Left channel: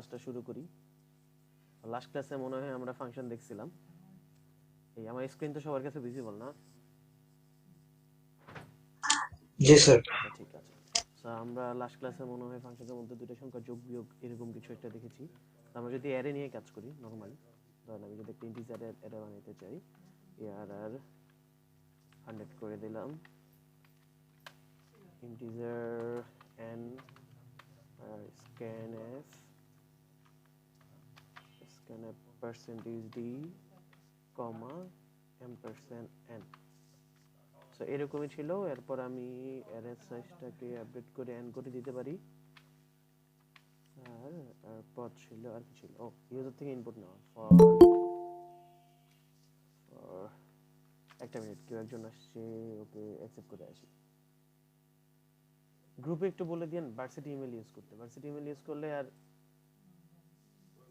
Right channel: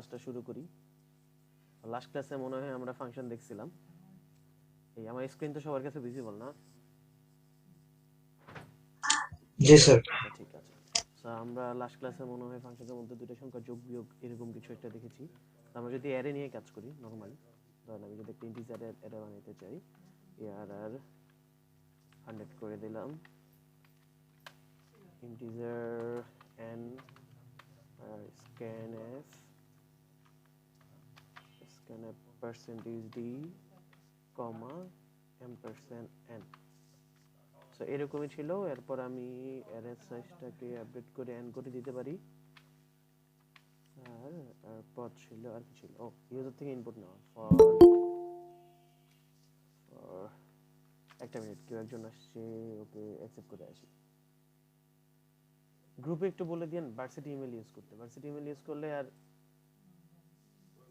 ক্লাসটা শুরু করি। লাস্ট ক্লাসে মনে হয় আমরা ফাংশন দেখছিলাম। এই আমার স্ক্রিন তো সবার কাছে ভিজিবল না? জি স্যার। আচ্ছা ঠিক আছে। সো আমরা লাস্ট ক্লাসে মনে হয় ফাংশনের মধ্যে দুটো সংখ্যা যোগ বিয়োগ এরকম কিছু একটা দেখেছি। আমরা যদি অ্যারে নিয়ে কাজ করি নরমালি, ধরেন আমি যদি একটা ইন্টিজারের অ্যারে বানাতে চাই, আর 100 করে দিলাম, ইন্টিজার n আর scanf percentage d কমা %n। সো এরকমই ছিল। এরপর আমি অ্যারে সাইজটাকে আপডেট করে n করে দিতে পারি। আর তারপর ছিল আর কি ছিল, ও ইউজার থেকে ইনপুট নেওয়া ফর একটা মিনিট, কেউ একজন আসছে, ওকে অ্যাকসেপ্ট করে আসি। গ্রুপে একটু বলে দিন ভার্সিটি ইমেল ইউজ করতে। ভার্সিটি ইমেল ইউজ করলে আর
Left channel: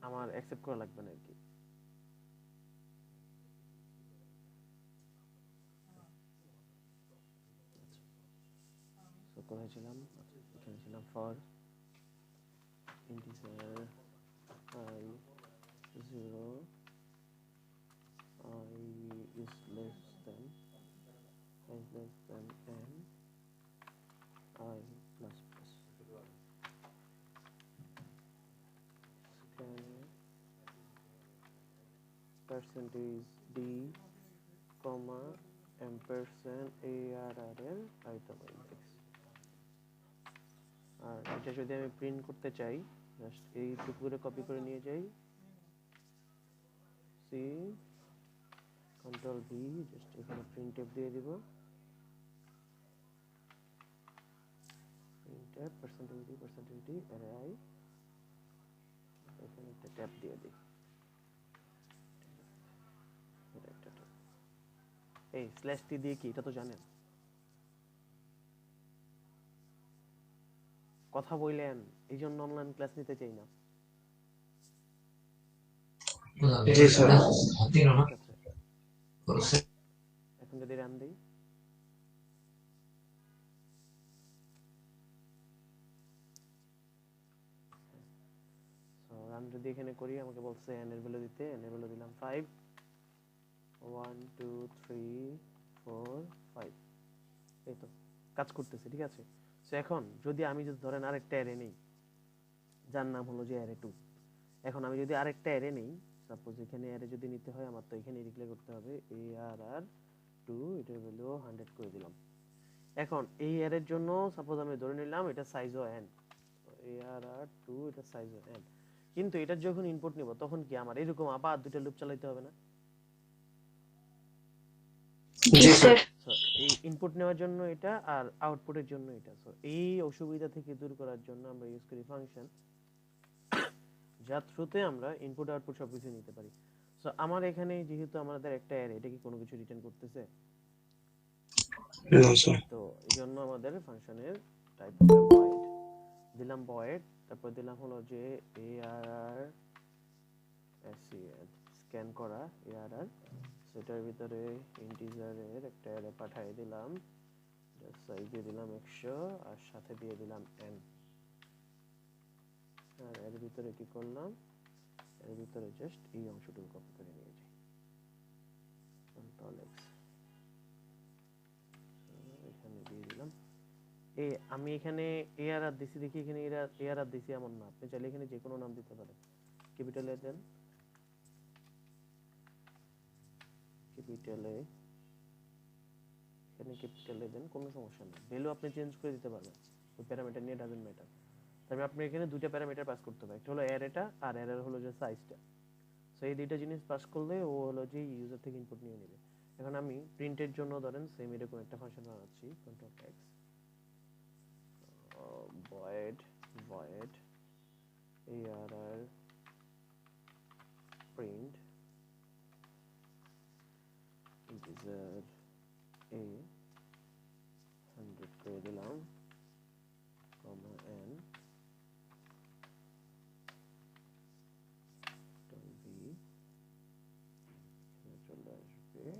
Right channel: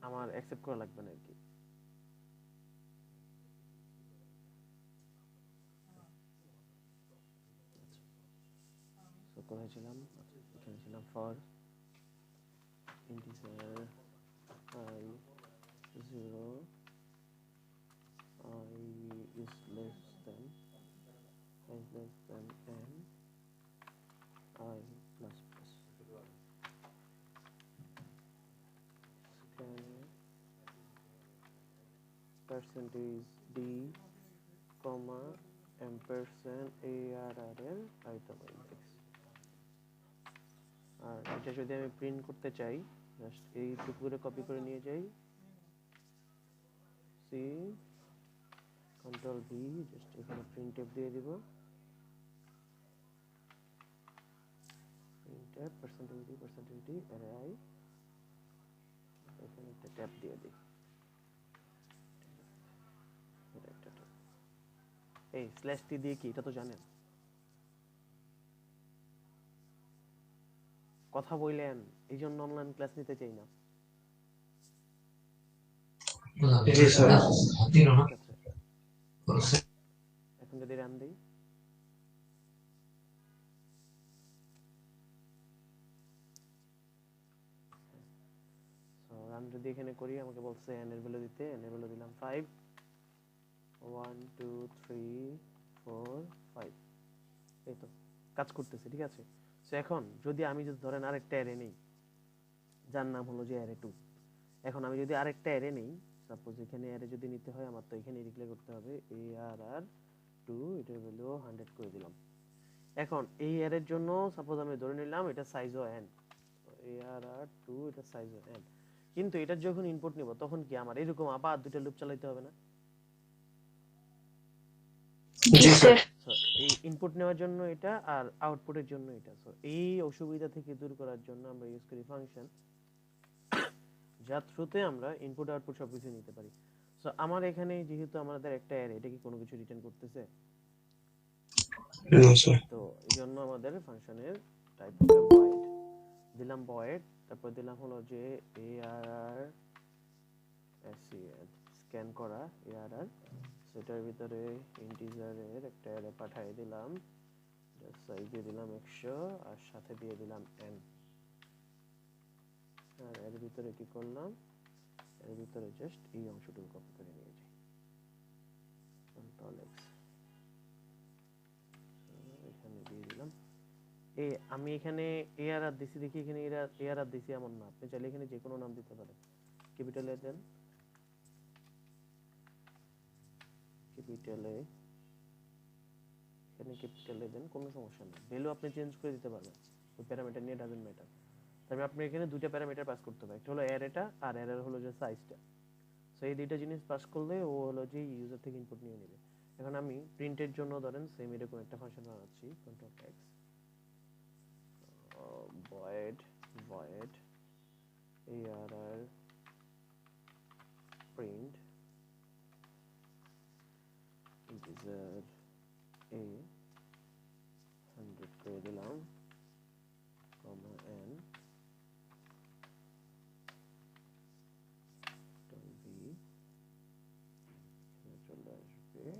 আমার অ্যাকসেপ্ট করা লাগবে না আর কি। সো কোথায় ছিলাম? এখানে ছিলাম। For integer I 0 I is less than n I plus plus percentage d comma ampersand arr item index। আর এটা যদি আমি প্রিন্ট করতে চাই, জাস্ট এইটুকু করে কপি করে নিয়ে যাই, সি কন্ট্রোল ভি, জাস্ট এখানে প্রিন্টএফ দিয়ে দিব, printf percentage D array I, এখানে একটা ট্যাব দিয়ে দিই, এটা একটা ট্যাব। এই স্ল্যাশ টি দিয়ে কি, এটা তো জানেন। কথা বললেন, এই জন্য অনলাইন ক্লাস নিতে চাই না। জি স্যার। ঠিক আছে, এখন যদি রান দিই, রান যদি এখানে করি, আমাকে বলছে n এর ভ্যালু দিতে, n এর ভ্যালু দিলাম 5, 1 2 3 4 5। এই তো কাজ করতেছে, ঠিক আছে। সো এখন যদি আমি যদি ধরেন আরেকটা অ্যারে নেই, যার নাম হলো যে অ্যারে 2। এখন আমি যদি আরেকটা অ্যারে নেই, সাপোজ এখানে অ্যারে যদি নিতে হয় আমার, তো এখানে ডিক্লেয়ার করতে হবে arr2, এটার ভ্যালু 100 করে দিলাম। এখন এই অ্যারের জন্য সাপোজ আমি ধরে নিলাম এটা সাইজও n, arr2 এটা সাইজও n, কিন্তু এটার যখন ইনপুট নিব তখন কি আমার এরকম আবার দুটো লুপ চালাতে হবে না? জি স্যার। সো এই ইনপুট নেওয়ার জন্য এটা, আর আউটপুটের জন্য এটা। সো এই অসুবিধা থেকে দূর করার জন্য আমরা ইউজ করি ফাংশন, যার থ্রুতে আমরা ইনপুট আউটপুট সবকিছু নিতে পারি। সো আমার এখানে যেহেতু আমাদের একটা অ্যারে, এটা কি কোনো কিছু রিটার্ন করতেছে? না স্যার। তো এই জন্য আমাদের ফাংশনের টাইপ হবে ভয়েড। দিলাম ভয়েড, তারপর দিলাম হলো যে arr স্ক্যান করা arr, সেটার ভিতরে ইন্টিজারের একটা অ্যারে পাঠিয়ে দিলাম, সাইজ দিয়ে দিলাম 100, আর সাথে দিয়ে দিলাম n। আর এর ভিতরে কি করলাম, এর ভিতরে জাস্ট এই অংশটুকু কপি করে নিয়ে যাই, কন্ট্রোল এক্স, এখানে দিয়ে দিলাম। আমি এখানে arr দিছি, দেখি এখানে arr দিছি এমন না, আপনি চাইলে এখানে যে কোনো নাম দিতে পারেন। ক্যাপিটালে দেন, ক্যাপিটালে, এখানে ক্যাপিটালে দেন, কোনো সমস্যা নেই। ভ্যালু আপনি চেঞ্জ করে দিতে পারবেন, ওই প্যারামিটার নিয়ে ডাজন্ট ম্যাটার। তবে আপনি এখানে দুইটা প্যারামিটার পাস করতে হবে, একটা হলো অ্যারেটা আর অ্যারের হলো যে সাইজটা। সো এই দুইটা জিনিস পাস করলে ও হলো যে ইউজার থেকে ইনপুট নিয়ে নেবে। এখন আমি প্রিন্টের জন্য ধরেন সেম এরকম একটা ফাংশন বানাচ্ছি, control x, void void arr print integer a 100 করে দিলাম, কমা n b, চলে আসবে a,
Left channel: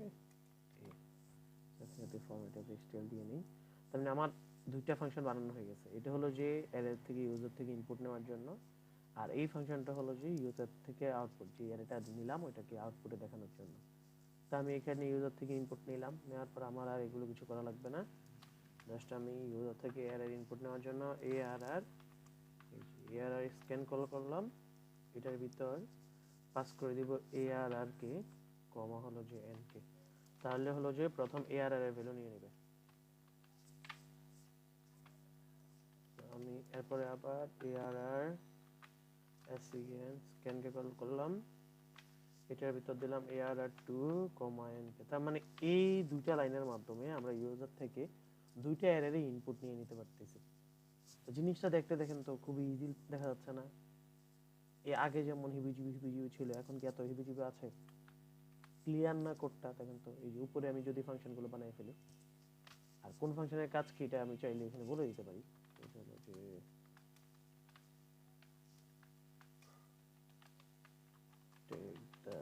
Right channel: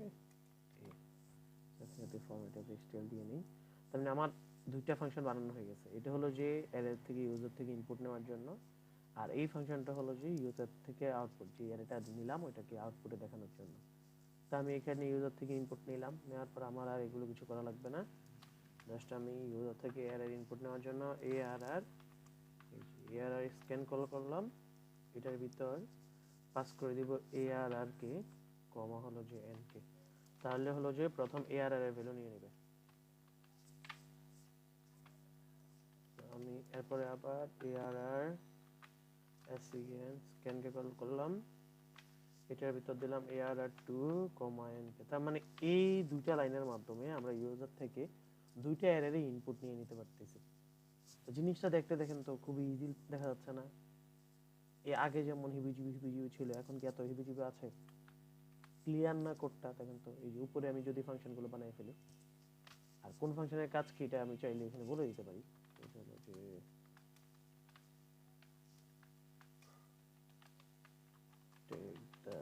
সাথে ফরম্যাট অফ stl দিয়ে নেই। তার মানে আমার দুইটা ফাংশন বানানো হয়ে গেছে। এটা হলো যে অ্যারে থেকে ইউজার থেকে ইনপুট নেওয়ার জন্য, আর এই ফাংশনটা হলো যে ইউজার থেকে আউটপুট, যে অ্যারেটা নিলাম ওইটাকে আউটপুটে দেখানোর জন্য। তো আমি এখানে ইউজার থেকে ইনপুট নিলাম, নেওয়ার পর আমার আর এগুলো কিছু করা লাগবে না। জাস্ট আমি ইউজার থেকে অ্যারের ইনপুট নেওয়ার জন্য ARR স্ক্যান কল করলাম, এটার ভিতর পাস করে দিব ARR কে কমা হলো যে n কে। তাহলে হলো যে প্রথম ARR এর ভ্যালু নিয়ে নেবে। আমি এরপরে আবার ARR স্ক্যান কে কল করলাম, এটার ভিতর দিলাম ARR2, n কে। তার মানে এই দুইটা লাইনের মাধ্যমে আমরা ইউজার থেকে দুইটা অ্যারের ইনপুট নিয়ে নিতে পারতেছি। তো জিনিসটা দেখতে দেখেন তো খুবই ইজি দেখা যাচ্ছে না? এর আগে যেমন হিবিজিবি ছিল, এখন কি এত হিবিজিবি আছে? ক্লিয়ার না কোডটা দেখেন তো। এই যে উপরে আমি যদি ফাংশনগুলো বানাই ফেলি, আর কোন ফাংশনের কাজ কি এটা আমি চাইলে এখানে বলে দিতে পারি। এটা হলো যে take the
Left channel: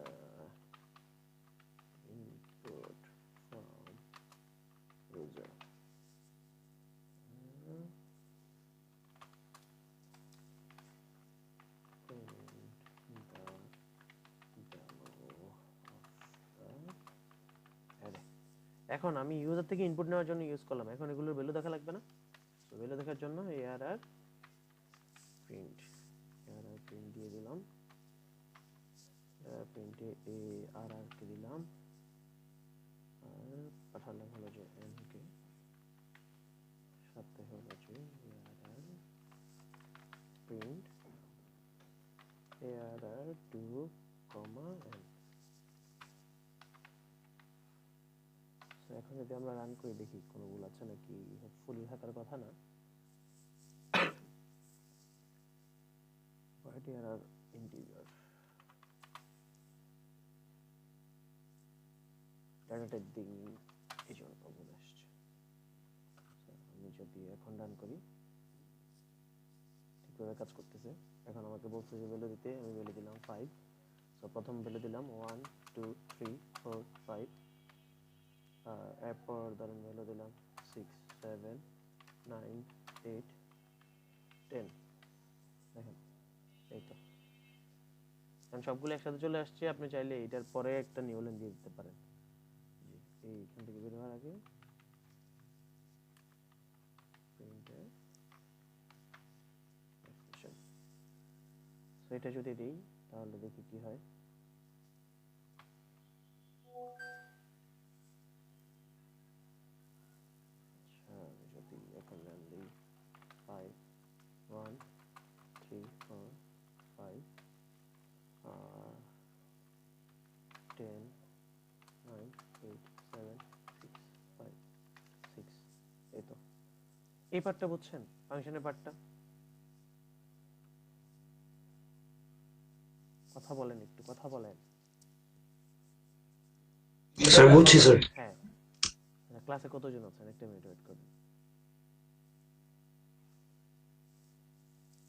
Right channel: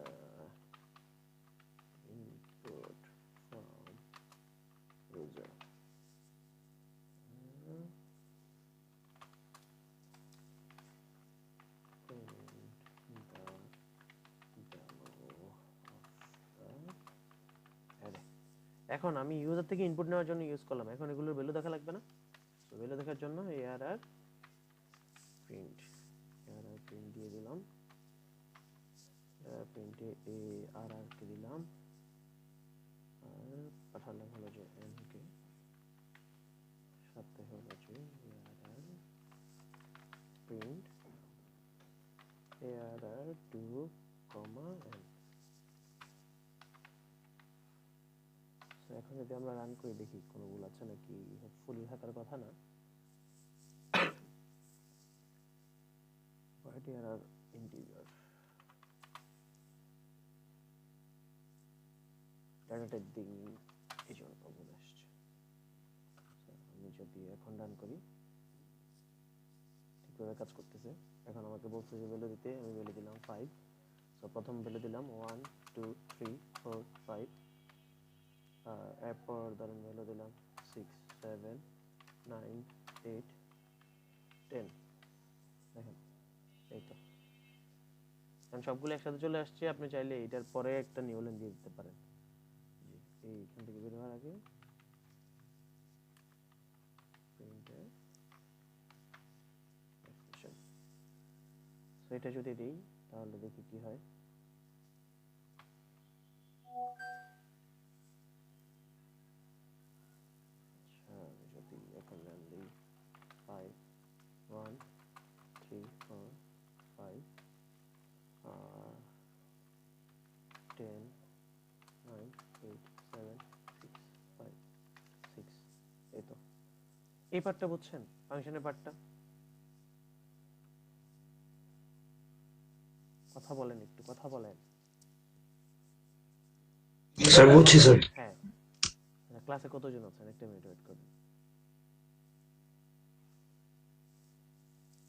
input from user, print the value of the array। এখন আমি ইউজার থেকে ইনপুট নেওয়ার জন্য ইউজ করলাম, এখন এগুলোর ভ্যালু দেখা লাগবে না? তো ভ্যালু দেখার জন্য ARR প্রিন্ট দিয়ে দিলাম, প্রিন্টে ARR কে দিলাম, আর পাঠালাম হলো যে n কে, সাথে হলো যে ARR প্রিন্ট ARR2, n। এখন যদি আমরা রান করে দেখি কোনো ভুল আছে নাকি, হোপফুলি থাকার কথা না। ARR ইন্টিজার ডাটা টাইপ দিন, এই জন্য প্রবলেম আসছে। আমি যদি এখন রান করি ঠিকভাবে কাজ করতেছে। এখন আমাকে বলছে যে ভ্যালু দিতে, আমি ভ্যালু দিলাম 5। সো প্রথম ভ্যালু দিলাম 1 2 3 4 5, এরপর ধরেন ভ্যালু দিলাম 6 7 9 8 10। দেখেন এই তো কারণ সবগুলো একসাথে চলে আসছে। আপনি চাইলে এটার পরে একটা নিউ লাইন দিয়ে দিতে পারেন। এইখান থেকে বের হওয়ার আগে প্রিন্টে এক্সপ্রেশন, সো এটা যদি দিই তাহলে দেখি কি হয়। আচ্ছা আমি যদি এখন রান দিই 5 1 3 4 5 10 9 8 7 6 5 6, এই তো। এই পার্টটা বুঝছেন, ফাংশনের পার্টটা? কথা বলেন, একটু কথা বলেন। স্যার বুঝছি স্যার। হ্যাঁ, ক্লাসে কতজন আছেন? একটা মিনিট ওয়েট করুন।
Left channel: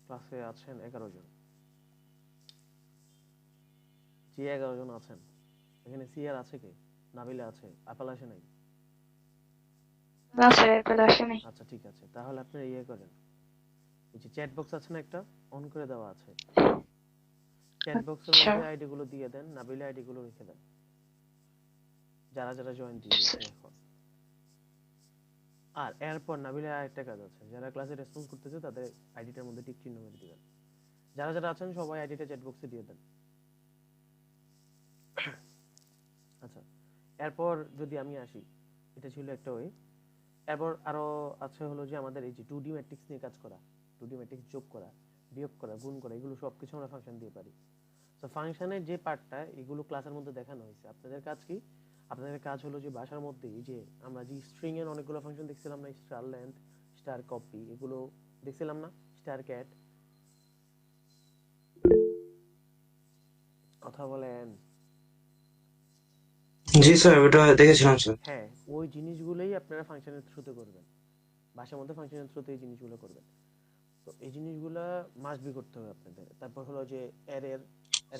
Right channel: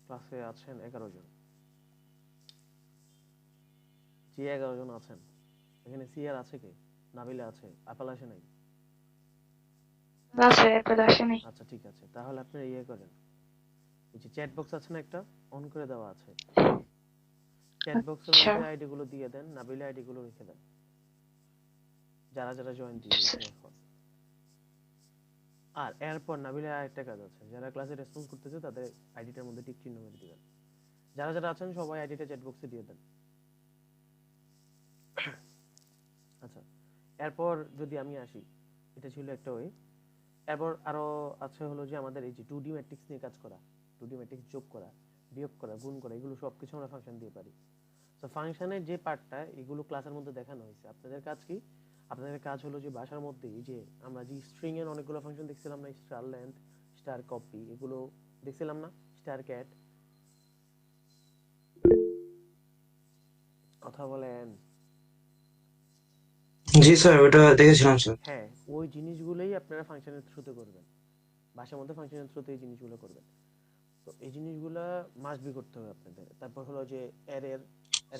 ক্লাসে আছেন 11 জন। যে 11 জন আছেন এখানে সিআর আছে কে? নাবিলা আছে, আপাল আসে নাই? না স্যার, এরপরে আসে নাই। আচ্ছা ঠিক আছে, তাহলে আপনি ইয়ে করেন, এই যে চ্যাট বক্স আছে না, একটা অন করে দেওয়া আছে, চ্যাট বক্সের মধ্যে আইডি গুলো দিয়ে দেন, নাবিলা আইডি গুলো রেখে দেন, যারা যারা জয়েন দিয়েছে এখন। আর এরপর নাবিলা একটা কাজ আছে, যারা ক্লাসে রেসপন্স করতেছে তাদের আইডিটার মধ্যে টিক চিহ্ন মেরে দিবেন। যারা যারা আছেন সবাই আইডিটা চ্যাট বক্সে দিয়ে দেন। আচ্ছা, এরপর যদি আমি আসি, এটা ছিল একটা ওয়ে। এরপর আরো আছে হলো যে আমাদের এই যে 2D ম্যাট্রিক্স নিয়ে কাজ করা, 2D ম্যাট্রিক্স যোগ করা, বিয়োগ করা, গুণ করা, এগুলো সবকিছু আমরা ফাংশন দিয়ে পারি। তো ফাংশনের যে পার্টটা, এগুলো ক্লাসের মধ্যে দেখানো হয়েছে। আপনাদের কাজ কি? আপনাদের কাজ হলো যে ভাষার মধ্যে এই যে আমরা যে স্ট্রিং এর অনেকগুলো ফাংশন দেখছিলাম না, স্টার লেন্থ, স্টার কপি, এগুলো দেখছিলাম না, স্টার ক্যাট, কথা বলেন। জি স্যার, ওটা দেখেছিলাম স্যার। হ্যাঁ, ওই জিনিসগুলোই আপনারা ফাংশনের থ্রুতে করবেন, ভাষার মধ্যে ফাংশনের থ্রুতে এই জিনিসগুলো করবেন। তো এই জিনিসগুলো মাস্ট বি করতে হবে আপনাদের। তারপর হলো যে অ্যারের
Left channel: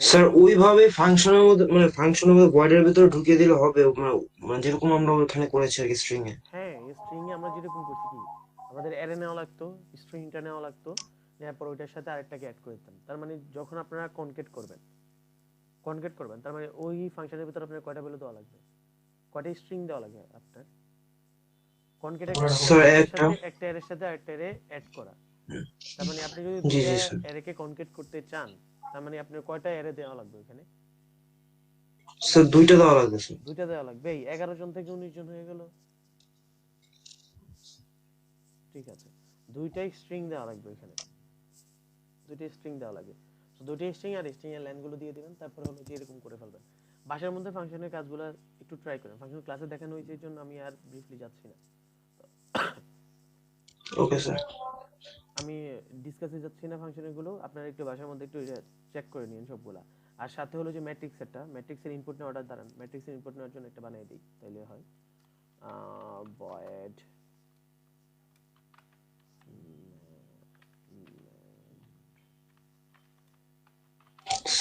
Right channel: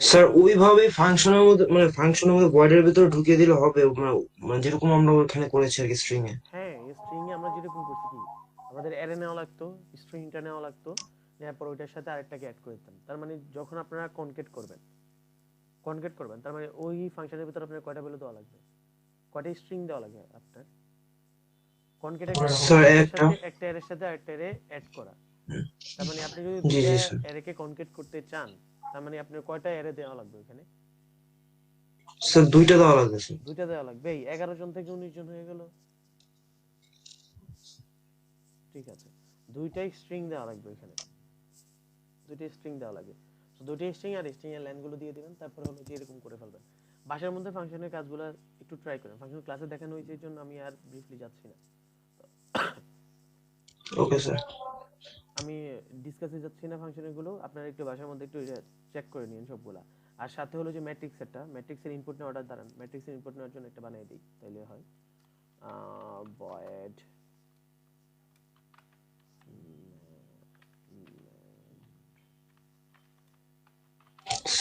স্যার ওইভাবে ফাংশনের মধ্যে মানে ফাংশনের মধ্যে ভয়েডের ভিতরে ঢুকিয়ে দিলে হবে, মানে মানে যেরকম আমরা ওখানে করেছি আর কি স্ট্রিং এ। হ্যাঁ, স্ট্রিং এ আমরা যেরকম করছি কি, আমাদের অ্যারে নেওয়া লাগতো, স্ট্রিংটা নেওয়া লাগতো, নেওয়ার পর ওইটার সাথে আরেকটাকে অ্যাড করে দিতাম। তার মানে যখন আপনারা কনকেট করবেন তার মানে ওই ফাংশনের ভিতরে আপনার কয়টা ভ্যালু দেওয়া লাগবে, কয়টা স্ট্রিং দেওয়া লাগবে আপনার। কনকেট একটা স্যার কনকেটের একটা। সাথে একটা অ্যারের সাথে আরেকটা অ্যারে অ্যাড করা। তার মানে আপনি যদি জি দুইটা জি স্যার। অ্যারেকে কনকেট করতে চান, তার মানে আপনার কয়টা অ্যারে দেওয়া লাগবে ওখানে? স্যার দুইটা দেওয়া লাগবে স্যার। দুইটা দেওয়া লাগবে। এই 11 জন থেকে 19 জন হয়ে গেল। ঠিক আছে, দুইটাই স্ট্রিং দেওয়া লাগবে এখানে, দুইটাই স্ট্রিং দেওয়া লাগবে। তো দুইটাই স্ট্রিং আর স্ট্রিং এর লাইনগুলো দিয়ে দিবেন, তারপর হলো যে এরকম করে ফেলবেন। বাসার মধ্যে ফাংশনের কাজগুলো একটু ট্রাই করেন, ফাংশন ক্লাসে দেখানো হয়েছে এই জন্য আমি আর ব্রিফলি যাচ্ছি না। Okay sir. আমি ডিসকাসে যাচ্ছি না ফাংশনের গুলো, আপনারা একটু বাসার মধ্যে একটু চেক করে নিন সবগুলা। আর সাথে হলো যে ম্যাট্রিক্সেরটা, ম্যাট্রিক্সের ইনপুট নেওয়াটা দাঁড়ান, ম্যাট্রিক্সের ইনপুট নেওয়ার জন্য একটা বানিয়ে দিই, তাইলে হয় void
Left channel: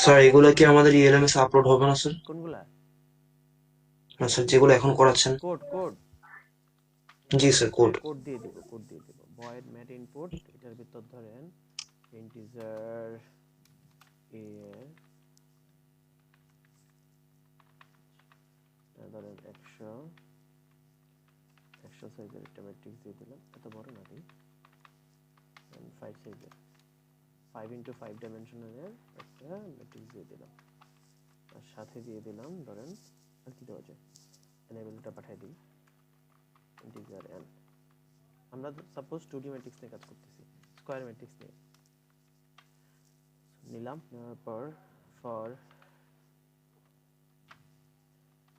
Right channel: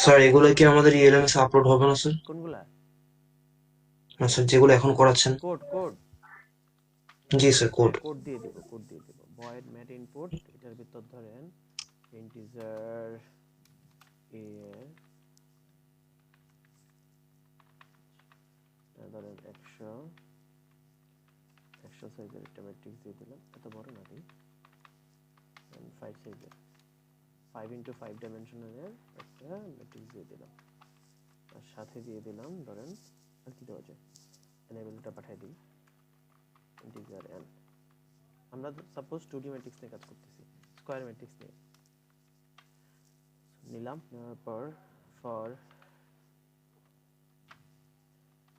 স্যার এগুলো কি আমাদের ইএলএমএস আপলোড হবে না স্যার? কোনগুলা? না স্যার, যেগুলো এখন করাচ্ছেন। কোড কোড জি স্যার, কোড। কোড দিয়ে দিব, কোড দিয়ে দিব। void mat input, এটার ভিতর ধরেন ইন্টিজার a ধরেন 100 সাইজের একটা ম্যাট্রিক্স দিয়ে দিলাম, এত বড় না দিই, 5 সাইজের 5 into 5 ডাইমেনশনালের একটা ম্যাট্রিক্স দিয়ে দিলাম। আর সাথে দিয়ে দিলাম ধরেন আর কি দেওয়া যায়, n ভ্যালুটা পাঠিয়ে দিই ইন্টিজার n। আমরা সাপোজ 2D ম্যাট্রিক্স নিয়ে কাজ করতেছি, স্কয়ার ম্যাট্রিক্স নিয়ে নিলাম। নেওয়ার পর for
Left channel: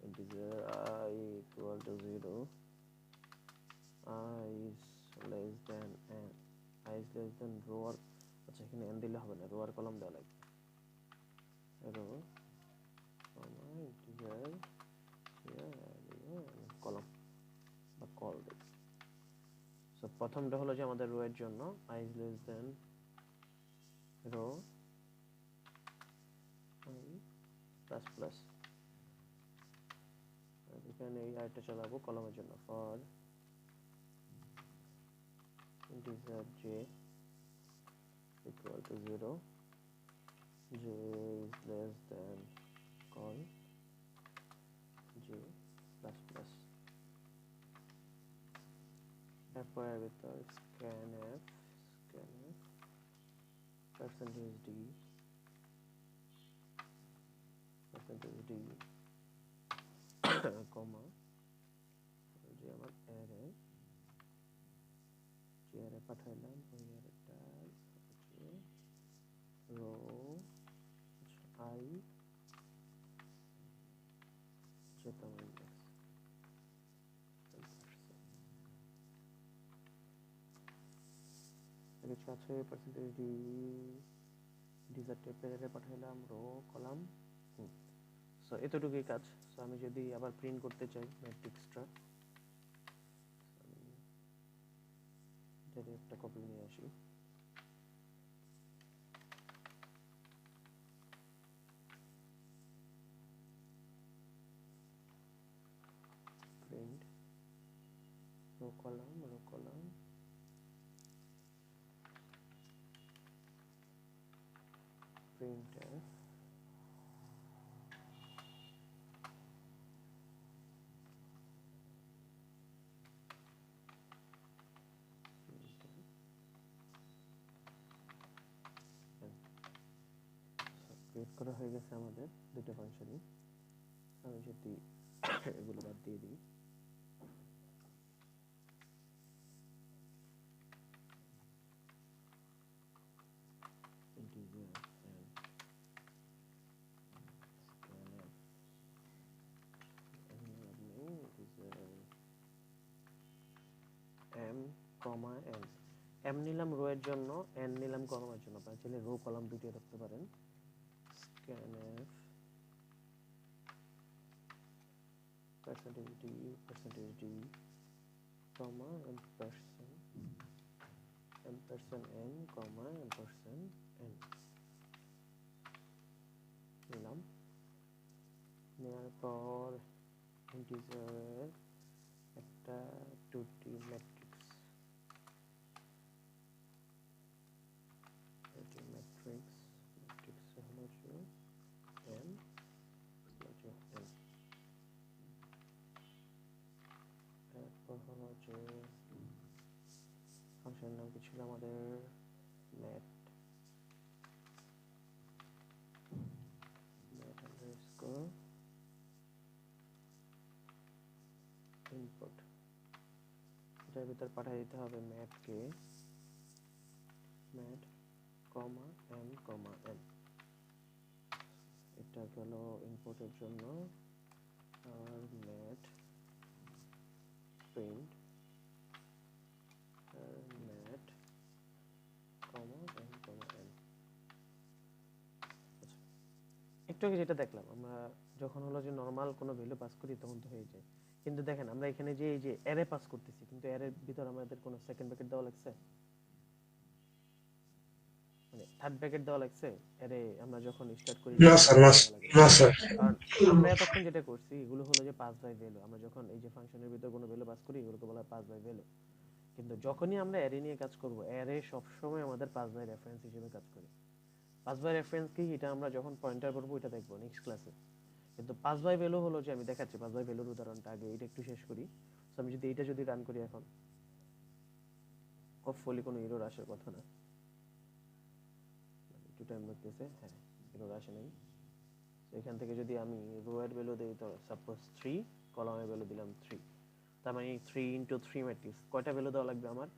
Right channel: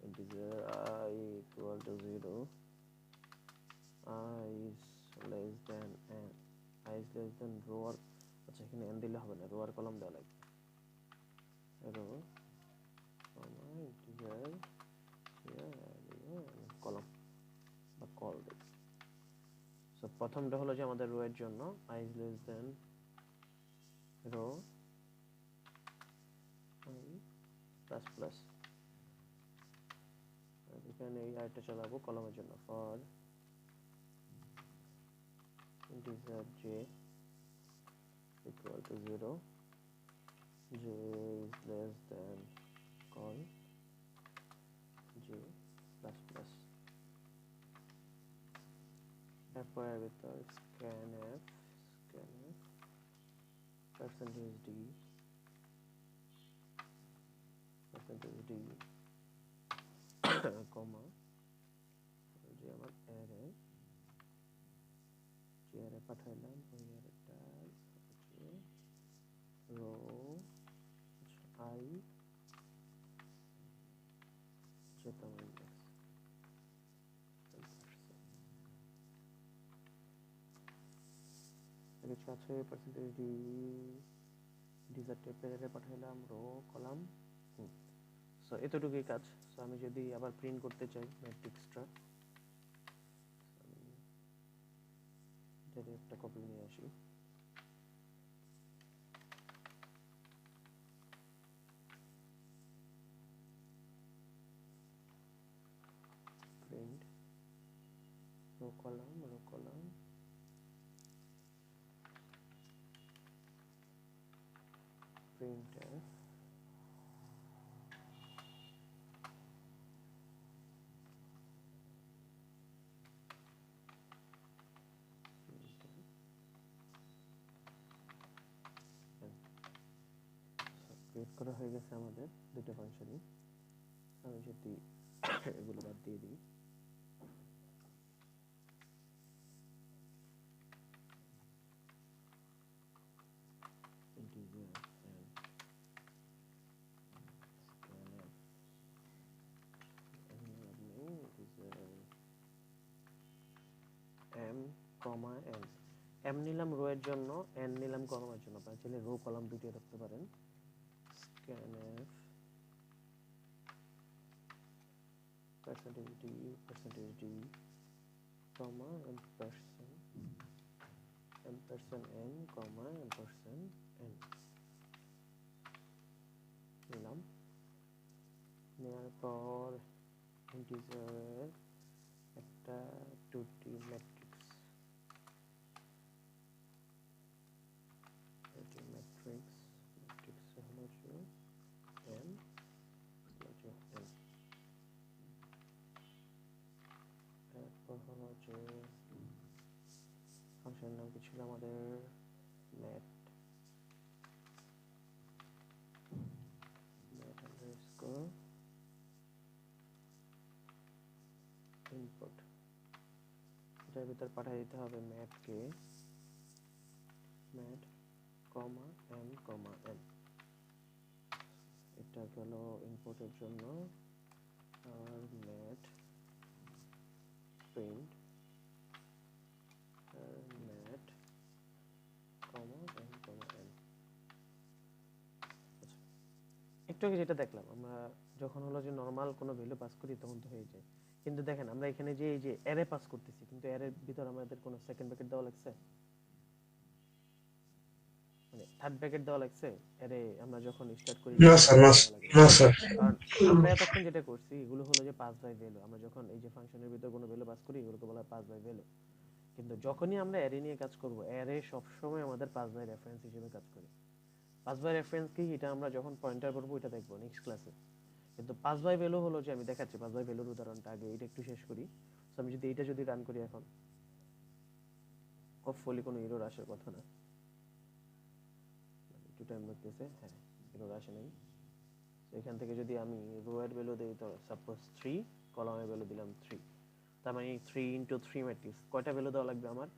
integer I equal to 0, I is less than n, I is less than row আর, আচ্ছা এখানে n দিলে হবে না, রো আর কলাম দেওয়া লাগবে। রো integer কলাম বা কল দেই। সো প্রথমটা হলো যে আমাদের রো এর জন্য I is less than row I plus plus, এখানে এই আইটা চালাবো কলামের জন্য, for integer j equal to 0, j is less than call j plus plus, তারপর ভিতর scanf percentage d কমা যে আমার অ্যারে, যে অ্যারে পাঠাইলাম ওই অ্যারেটা হচ্ছে রো I যেটা ইন্ডেক্স কিছু আছে, পার্সেন্টেজ ডি ডিজার টাইপের অ্যারে পাঠাইলাম, রো কলাম। সো এতটুকুই কাজ। সো আমি যদি আবার প্রিন্ট করতে চাই ম্যাট্রিক্সটা, যদি একটা কপি নিয়ে আসি, print rho column printf create করা হয়ে গেছে আমাদের দুটো ফাংশনই। আমি যদি এগুলো বাদ দিয়ে দিই, integer m কমা n, m নিলাম রো এর জন্য, n নিলাম কলামের জন্য। আপনারা চাইলে রো কলাম দুটোই রাখতে পারেন। scanf percentage d comma ampersand n comma ampersand n নিলাম। নেওয়ার পর ইন্টিজার একটা 2D ম্যাট্রিক্স তারপর হলো যে ফাংশনের নাম কি ছিল আমাদের, ম্যাট আন্ডারস্কোর ইনপুট, এটার ভিতর পাঠিয়ে দিতে হবে ম্যাটকে ম্যাট কমা এন কমা এন, এটা গেল ইনপুটের জন্য। আর ম্যাট প্রিন্ট ম্যাট কমা এন কমা এন। একটু আগে যেটা দেখলাম আমরা যখন হলো যে নরমাল কোনো ভ্যালু পাস করি তখন তো হয়ে যায়, কিন্তু দেখেন আমরা এখানে যে এই যে অ্যারে পাস করতেছি, কিন্তু অ্যারের ভিতর আমাদের কোনো সেকেন্ড ব্র্যাকেট দেওয়া লাগছে, মানে থার্ড ব্র্যাকেট দেওয়া লাগছে অ্যারে আমরা যখন স্টার্ট করি না তখন স্যার, দেওয়া লাগে। না স্যার। কারণ আমরা এতক্ষণ যেটা করছি এগুলো হলো যে পাস বাই ভ্যালু, আমরা যখন এই যে ফাংশনের ভিতর কোনো ভ্যালু পাস করি এগুলোকে বলা হয় পাস বাই ভ্যালু। কিন্তু যখনই আমরা অ্যারে নিয়ে কাজ করব, অ্যারে সবসময় আমাদের পাস বাই রেফারেন্স হিসেবে কাজ করে। পাস বাই রেফারেন্স কি, এটা আমরা যখন পয়েন্টার করব এটা দেখবো নেক্সট ক্লাসে। কিন্তু পাস বাই ভ্যালু হলো যে আমি দেখাচ্ছি পাস বাই ভ্যালুর উদাহরণটা আগে, এটা একটু শেষ করি। সো আমি যদি এটা যদি রান করি এখন, হোপফুলি কোনো এরর আসার কথা না, একটু টাইম লাগতেছে, হ্যাঁ এরর আসে নাই। তো এখান থেকে যদি আমি রো এর ভ্যালু দেই, তো সাপোজ 3, কলামের ভ্যালু দিলাম 3, তার মানে 3 ইনটু 3 ম্যাট্রিক্স কয়টা ভ্যালু দেওয়া লাগবে আমার?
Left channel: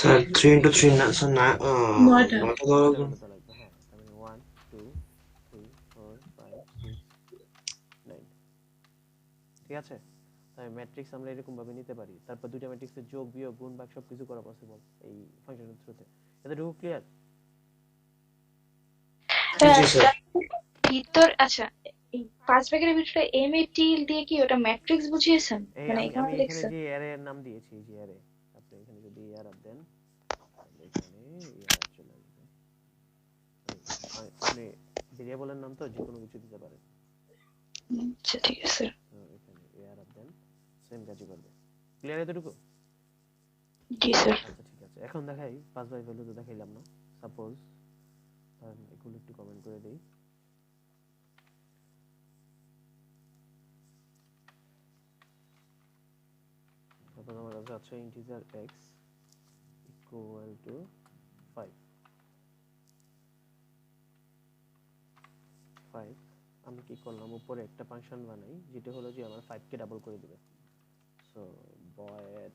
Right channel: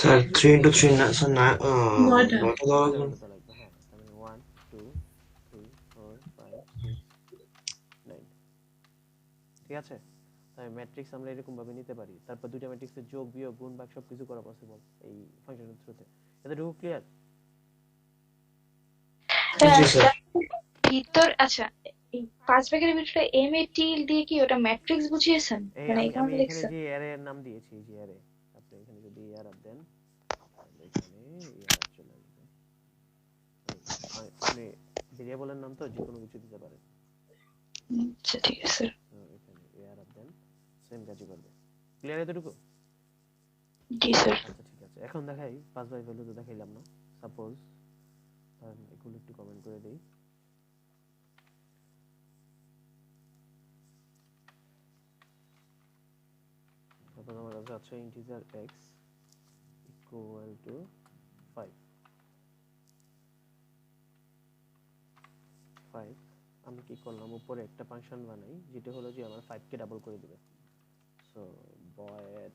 স্যার 3 into 3 না স্যার, না নয়টা। 9টা দেওয়া নয়টা লাগবে। ভ্যালু দেওয়া লাগবে, হ্যাঁ তার মানে 1 2 3 4 5 6 9, ঠিক আছে? তাই ম্যাট্রিক্স আমরা এরকম ভাবে নিতে পারি, তারপর দুইটা ম্যাট্রিক্সের যোগ বিয়োগ গুণ ভাগ সবকিছু করা পসিবল এই ফাংশনের থ্রুতে। এতটুকু ক্লিয়ার? জি স্যার। ভিতর আচ্ছা, এই পাঁচ ব্র্যাকেটের ভিতরে এম এ টি দিয়ে কি ওটা ম্যাট্রিক্স বুঝিয়েছেন? এই মানে আমি এখানে আমি তো এখানে লিখছেন। যে অ্যারে এর নাম দিয়েছি, এই যে অ্যারে, আপনি এখানে যদি এআর আপ দেন তাহলে এখানে এআর চলে আসবে। আপনি ভেরিয়েবলের নাম তো যে কোনো কিছু দিতে পারেন। আচ্ছা ঠিক আছে। তো এখানে এআর আপ দেন, সেম কাজই করবে। ক্লিয়ার এতটুকু? জি স্যার। আচ্ছা ঠিক আছে, এখন দেখাই পাস বাই ভ্যালু তো দেখাইলাম না। সাপোজ এগুলো একটু কমেন্ট করে দেই। তারপর আমার কাছে আছে ইন্টিজার x ইকুয়াল টু 5। আমি কি করলাম, উপরে একটা ফাংশন বানাই যেটা হলো যে আমার 5 কে ডাবল করে দিবে। So void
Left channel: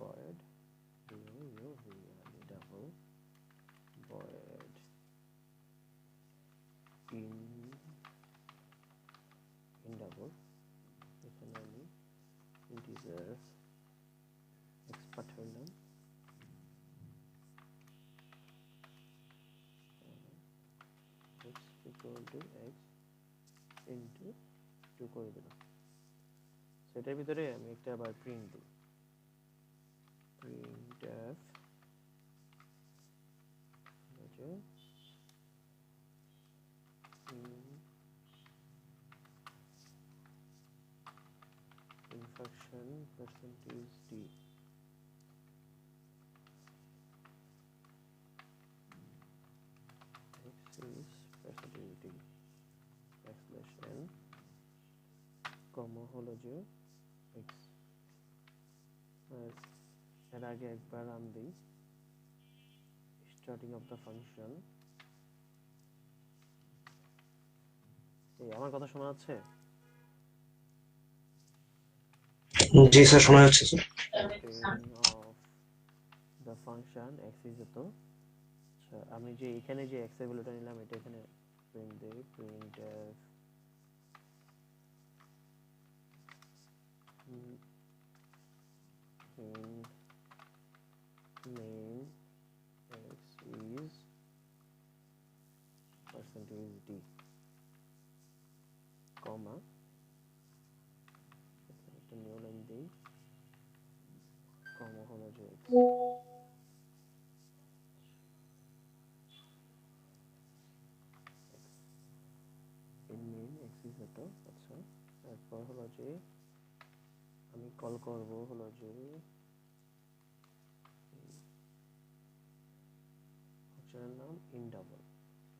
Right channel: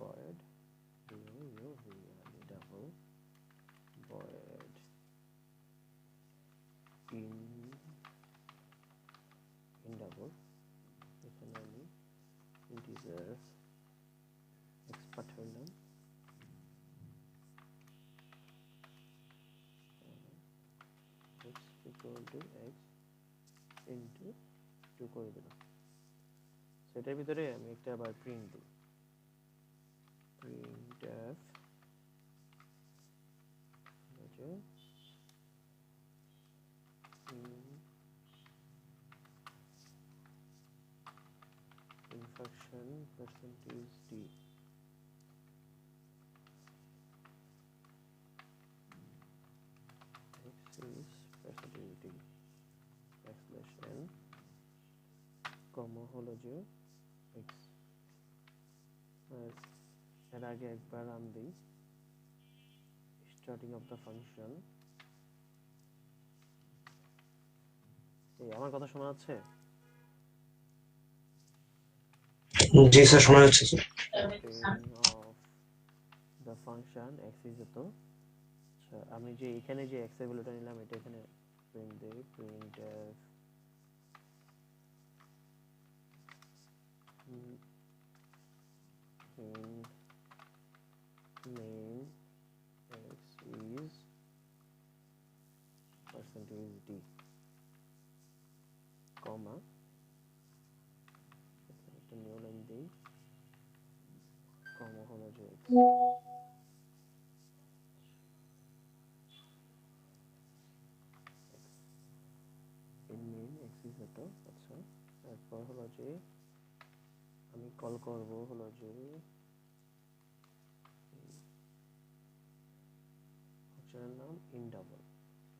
void double void in double, এখানে আমি integer x পাঠাইলাম, x equal to x into 2 করে দিলাম। সেটার ভিতরে আমি একটা আবার প্রিন্ট দিই, printf হচ্ছে function percentage d, x is percentage d backslash n, কমা হলো যে x, আর এর আগে একবার রান দিই স্টার্টিং অফ দ্য ফাংশন। এই আমার কথা শোনা যাচ্ছে? জি স্যার, শোনা যাচ্ছে sir. starting of the function x is এত, আচ্ছা আমি যে এখানে যে x এর ভ্যালুটা নিলাম এটা এখানে প্রিন্ট দেই, printf in main x is percentage d, কমা একটা নিউ লাইন দেই, কমা হলো যে x in main x is এত। আচ্ছা তারপর হলো যে আমি কল করব হলো যে ফাংশনের নাম ইন ডাবল,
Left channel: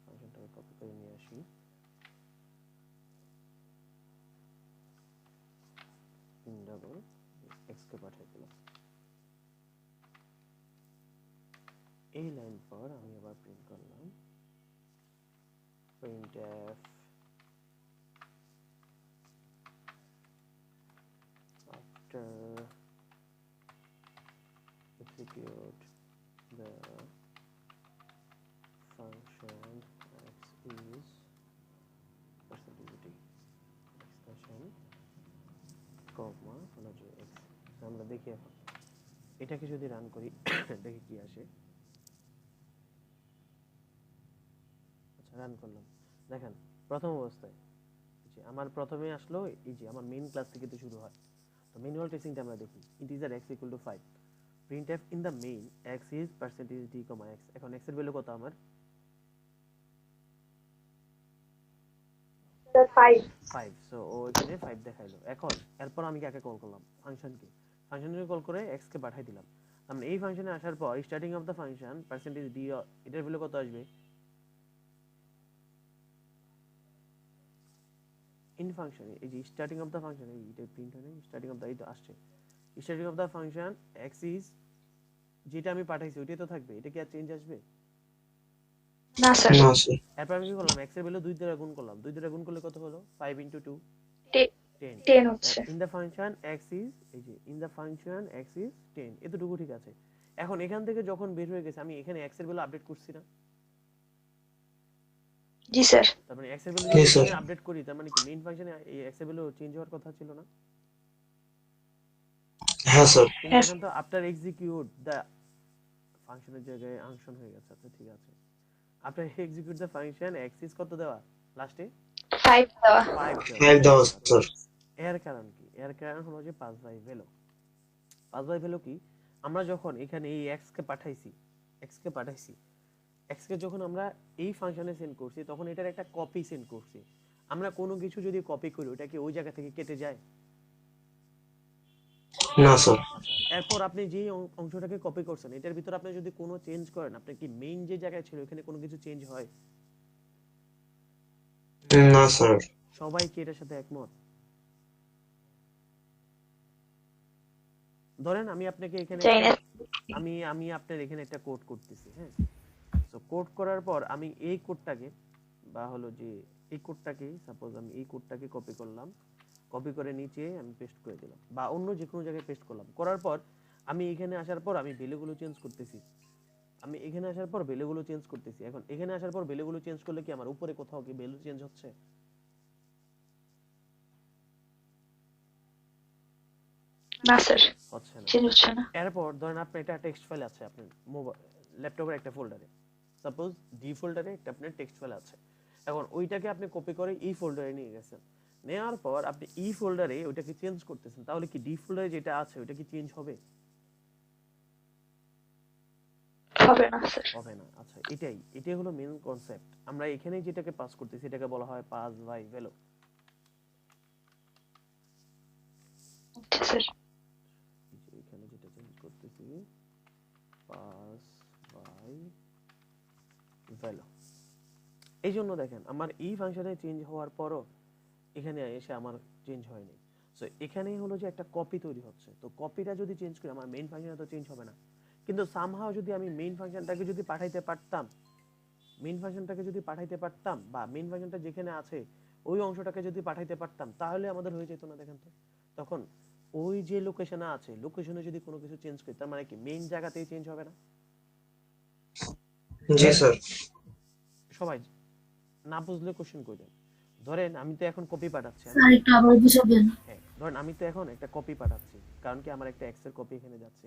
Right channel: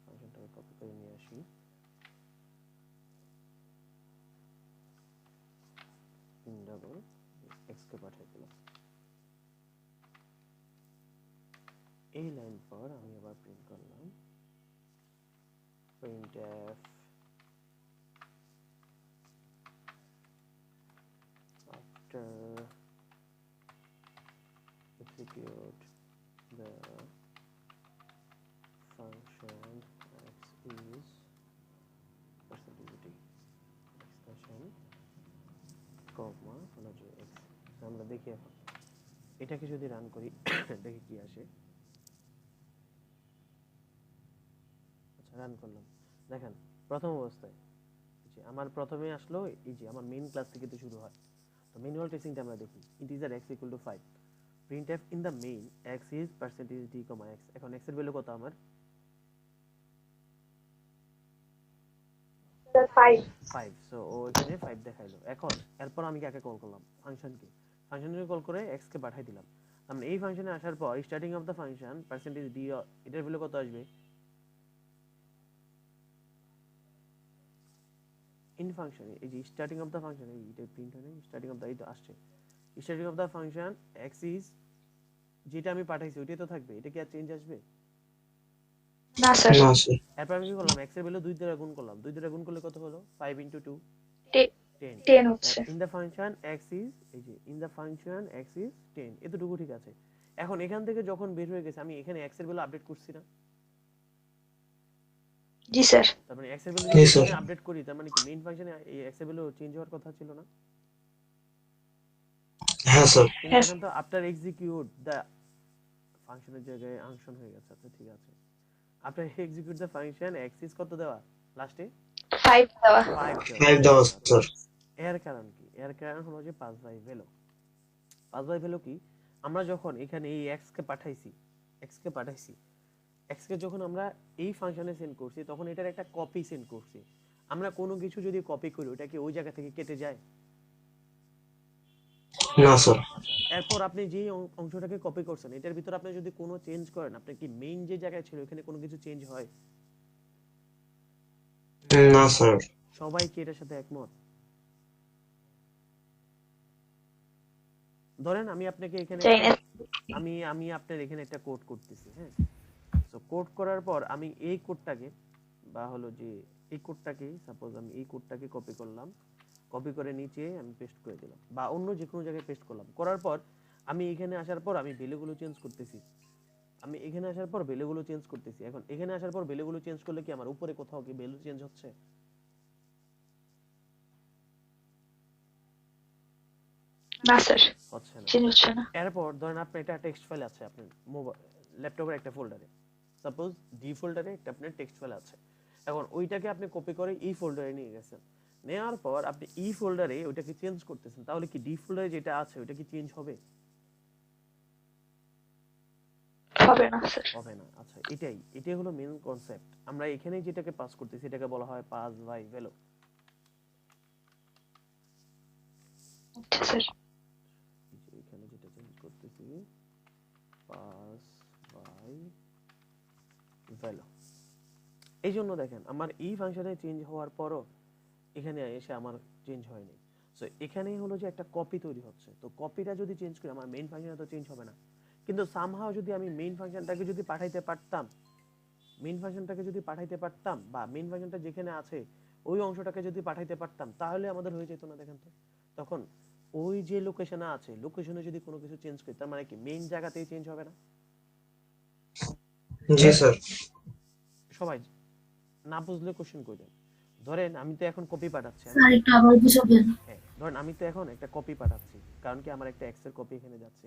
ফাংশনটাকে কপি করে নিয়ে আসি, কে পাঠিয়ে দিলাম। এই লাইন পর আমি আবার প্রিন্ট করলাম printf after execute the function x is percentage expression comma যে x আমরা দেখি এখন এটাকে যদি রান করি দেখি কি আসে। আচ্ছা রান করলাম, দেখেন প্রথম অবস্থায় যে আমার প্রথমে আসলো এই যে আমার মেইন ক্লাস থেকে তো শুরু হয়। তো ম্যানুয়াল টেস্টিংটা আমরা দেখি integer x = 5 printf in the main x is percentage d, x। এখন x এর ভ্যালু কত আমার 5, সো ও এখানে 5 দেখাইলো। এখন এরপর আমি কাকে কল করলাম ফাংশনকে, ফাংশনকে কল করে x কে পাঠিয়ে দিলাম। আমরা এই ফাংশনে আসার পর starting of the function percentage d এটার ভ্যালু কত আসবে ইন ফাংশন, এই যে স্টার্টিং অফ দা ফাংশন এইটা প্রিন্ট হয় না, স্টার্টিং অফ দা এই তো আসছে starting of the function x is যেটা আমি পাঠাইছি ওইটাই তো থাকবে, এটা কি আর চেঞ্জ আসবে না স্যার, না স্যার। এরপর আমি কি করলাম x এর ভ্যালু 2 দ্বারা গুণ করলাম, 2 দ্বারা গুণ করলে কত হলো 5 * 2 10 10 হচ্ছে। In the function x is এই যে in the function x is 10 এতটুকু ঠিক আছে। এখন এখান থেকে যখন বের হয়ে গেছে আমি এখানে x এর ভ্যালু আপডেট করছি না, জি স্যার, তার মানে x এর ভ্যালু জি যদি স্যার। এখানে আপডেট করি তার মানে কি মেইন ফাংশনে এই x এর ভ্যালু চেঞ্জ হওয়ার কথা ছিল না। হ্যাঁ স্যার। কিন্তু এখন তো আফটার এক্সিকিউট দা ফাংশনের জায়গায় ফাংশন হয়ে গেছে। আচ্ছা ঠিক আছে, after execute the function x is কত দেওয়া লাস্টে 5 দেওয়া। 5 দেওয়া। 5 দেওয়া স্যার। এর কারণ কি, এর কারণ হলো যে 5 বাই ভ্যালু। 5 বাই ভ্যালু কি, আমরা যখন এখানে এই x কে পাঠাইছি x কে যখন আমরা এই ফাংশনে সেন্ড করছি তখন এটার একটা কপি সেন্ড করছি। আমরা কোনো কিছু যদি কপি করি ওটা কি ওই জায়গা থেকে কেটে যায় না স্যার। আচ্ছা এরপর আপনি যে অংশটাকে কপি করছেন এটার ভিতর আপনি যদি কোনো চেঞ্জ করেন আপনি কি মেইন যে জায়গায় ছিল এখানে কোনো কিছু চেঞ্জ হয়? না স্যার। সবাই কি এটার সাথে একমত? ধরেন আমি আপনাকে এখানে চাই না। আমি আপনার এখানে একটা কোড করতেছি, হ্যাঁ। সো কোড করার পর আমি এই কোডটাকে বা হলো যে এই কোডটাকে সাপোজ আমি এই কোডটাকে কপি করলাম, কপি করে নিচে আমি পেস্ট করে দিলাম বা অন্য যে কোনো জায়গায় পেস্ট করলাম, করার পর আমি এখানে আসার পর আমি ভ্যালুগুলো চেঞ্জ করতেছি। আমি এখানে আসার পর ভ্যালুগুলো চেঞ্জ করতেছি। এখন এখানে আসার পর ভ্যালুগুলো চেঞ্জ করলে কি আমার উপরে কোথাও কি ভ্যালু চেঞ্জ হচ্ছে? না স্যার, হচ্ছে না। চেঞ্জ হচ্ছে না। এরপর ধরেন আপনার এটা টেক্সট ফাইল আছে আপনার মোবাইল ল্যাপটপের একটা ফোল্ডারে, সাপোজ ডি ফোল্ডারে একটা আপনার টেক্সট ফাইল আছে। এখন ওইটাকে আপনি কপি করে ই ফোল্ডারে নিয়ে গেছেন, নেওয়ার পর আপনি ই ফোল্ডারে ওইটাকে চেঞ্জ করতেছেন, তাহলে কি ডি ফোল্ডারে যেটা আছে ওইটা কি চেঞ্জ হবে? হবে না স্যার। হবে না। আচ্ছা এটাই হলো মেইন কনসেপ্ট। আমরা এখানে যেটাকে পাস করতেছি এটাকে বলা হয় পাস বাই ভ্যালু। আচ্ছা স্যার, এখানে যেটা চেঞ্জ করতেছি পাস বাই ভ্যালু। এই জন্য দেখেন আমার এই ফাংশনে চেঞ্জ হওয়ার পরও এখানে এসে আমার চেঞ্জ হয়নি। সো এখানেই হলো যে একটা কপি তৈরি হচ্ছে, তো কপিটা যদি চেঞ্জ করি আমার মেইন ফাংশনে তো চেঞ্জ হবে না। কিন্তু সামহাও যদি আমি মেইন ফাংশনটাকে যদি পাঠাইতে পারতাম, বা মেইন ফাংশনটা যেখানে আছে ওই অংশটাকে যদি পাঠাইতে পারতাম তাহলে আমাদের হয়ে যেত না। দেখেন তো তখন ওই যে লোকেশনে আছে লোকেশনে যদি কোনো কিছু চেঞ্জ করি তার মানে কি মেইন জায়গাতেই চেঞ্জ হবে না? জি স্যার। সবাই না বুঝলে কোশ্চেন করবেন। ধরেন আমি তো এখন কপি পাঠাচ্ছি, স্যার একটু আবার বুঝাবেন। হ্যাঁ ধরেন আমি তো এখন একটা কপি পাঠাচ্ছি, কারণ কি আমার একটা এক্স এর কপি এখানে যাচ্ছে।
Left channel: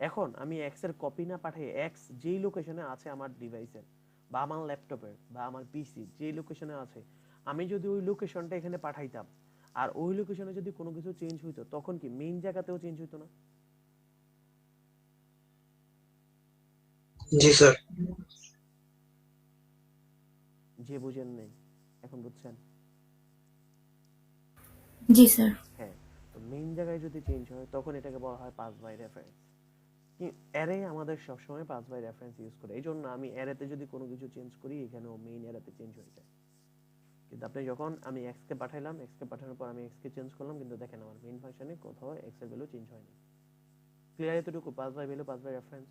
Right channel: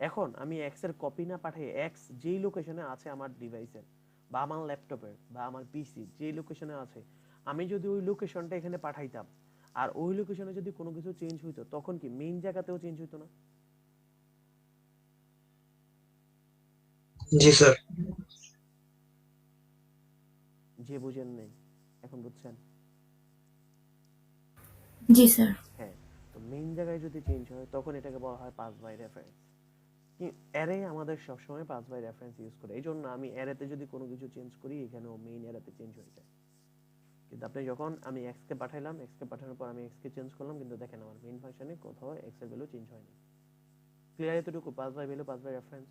এখন আমি এক্স এর কপি না পাঠিয়ে এক্স যেই লোকেশনে আছে আমার ডিভাইসের বা আমার ল্যাপটপের বা আমার পিসি যেই লোকেশনে আছে আমি যদি ওই লোকেশনটা এখানে পাঠাইতাম আর ওই লোকেশনে যদি কোনো কিছু চেঞ্জ হইতো তখন কি মেইন জায়গাতেও চেঞ্জ হইতো না? জি স্যার। যে বুঝেন নাই এখন বুঝছেন? জি স্যার। হ্যাঁ, তো মেইন জায়গায় যদি চেঞ্জ হয় তখন এটাকে বলা হয় পাস বাই রেফারেন্স। অ্যারে আমাদের সবসময় পাস বাই রেফারেন্স ইউজ করে, এই জন্য আমি অ্যারেতে যদি কোনো কিছু চেঞ্জ করি এখানেও মেইন অ্যারেতে চেঞ্জ হয়ে যায়। কিন্তু আপনি যখন আমি এক্স কে পাঠাইলাম, এক্স কে পাঠানোর পর আমি এক্স কে চেঞ্জ করলাম, কিন্তু দেখেন আমার মেইন ফাংশনে কোথাও এক্স এর ভ্যালু চেঞ্জ হয়নি। ক্লিয়ার এতটুকু? 5 বাই ভ্যালু, 5 বাই রেফারেন্স।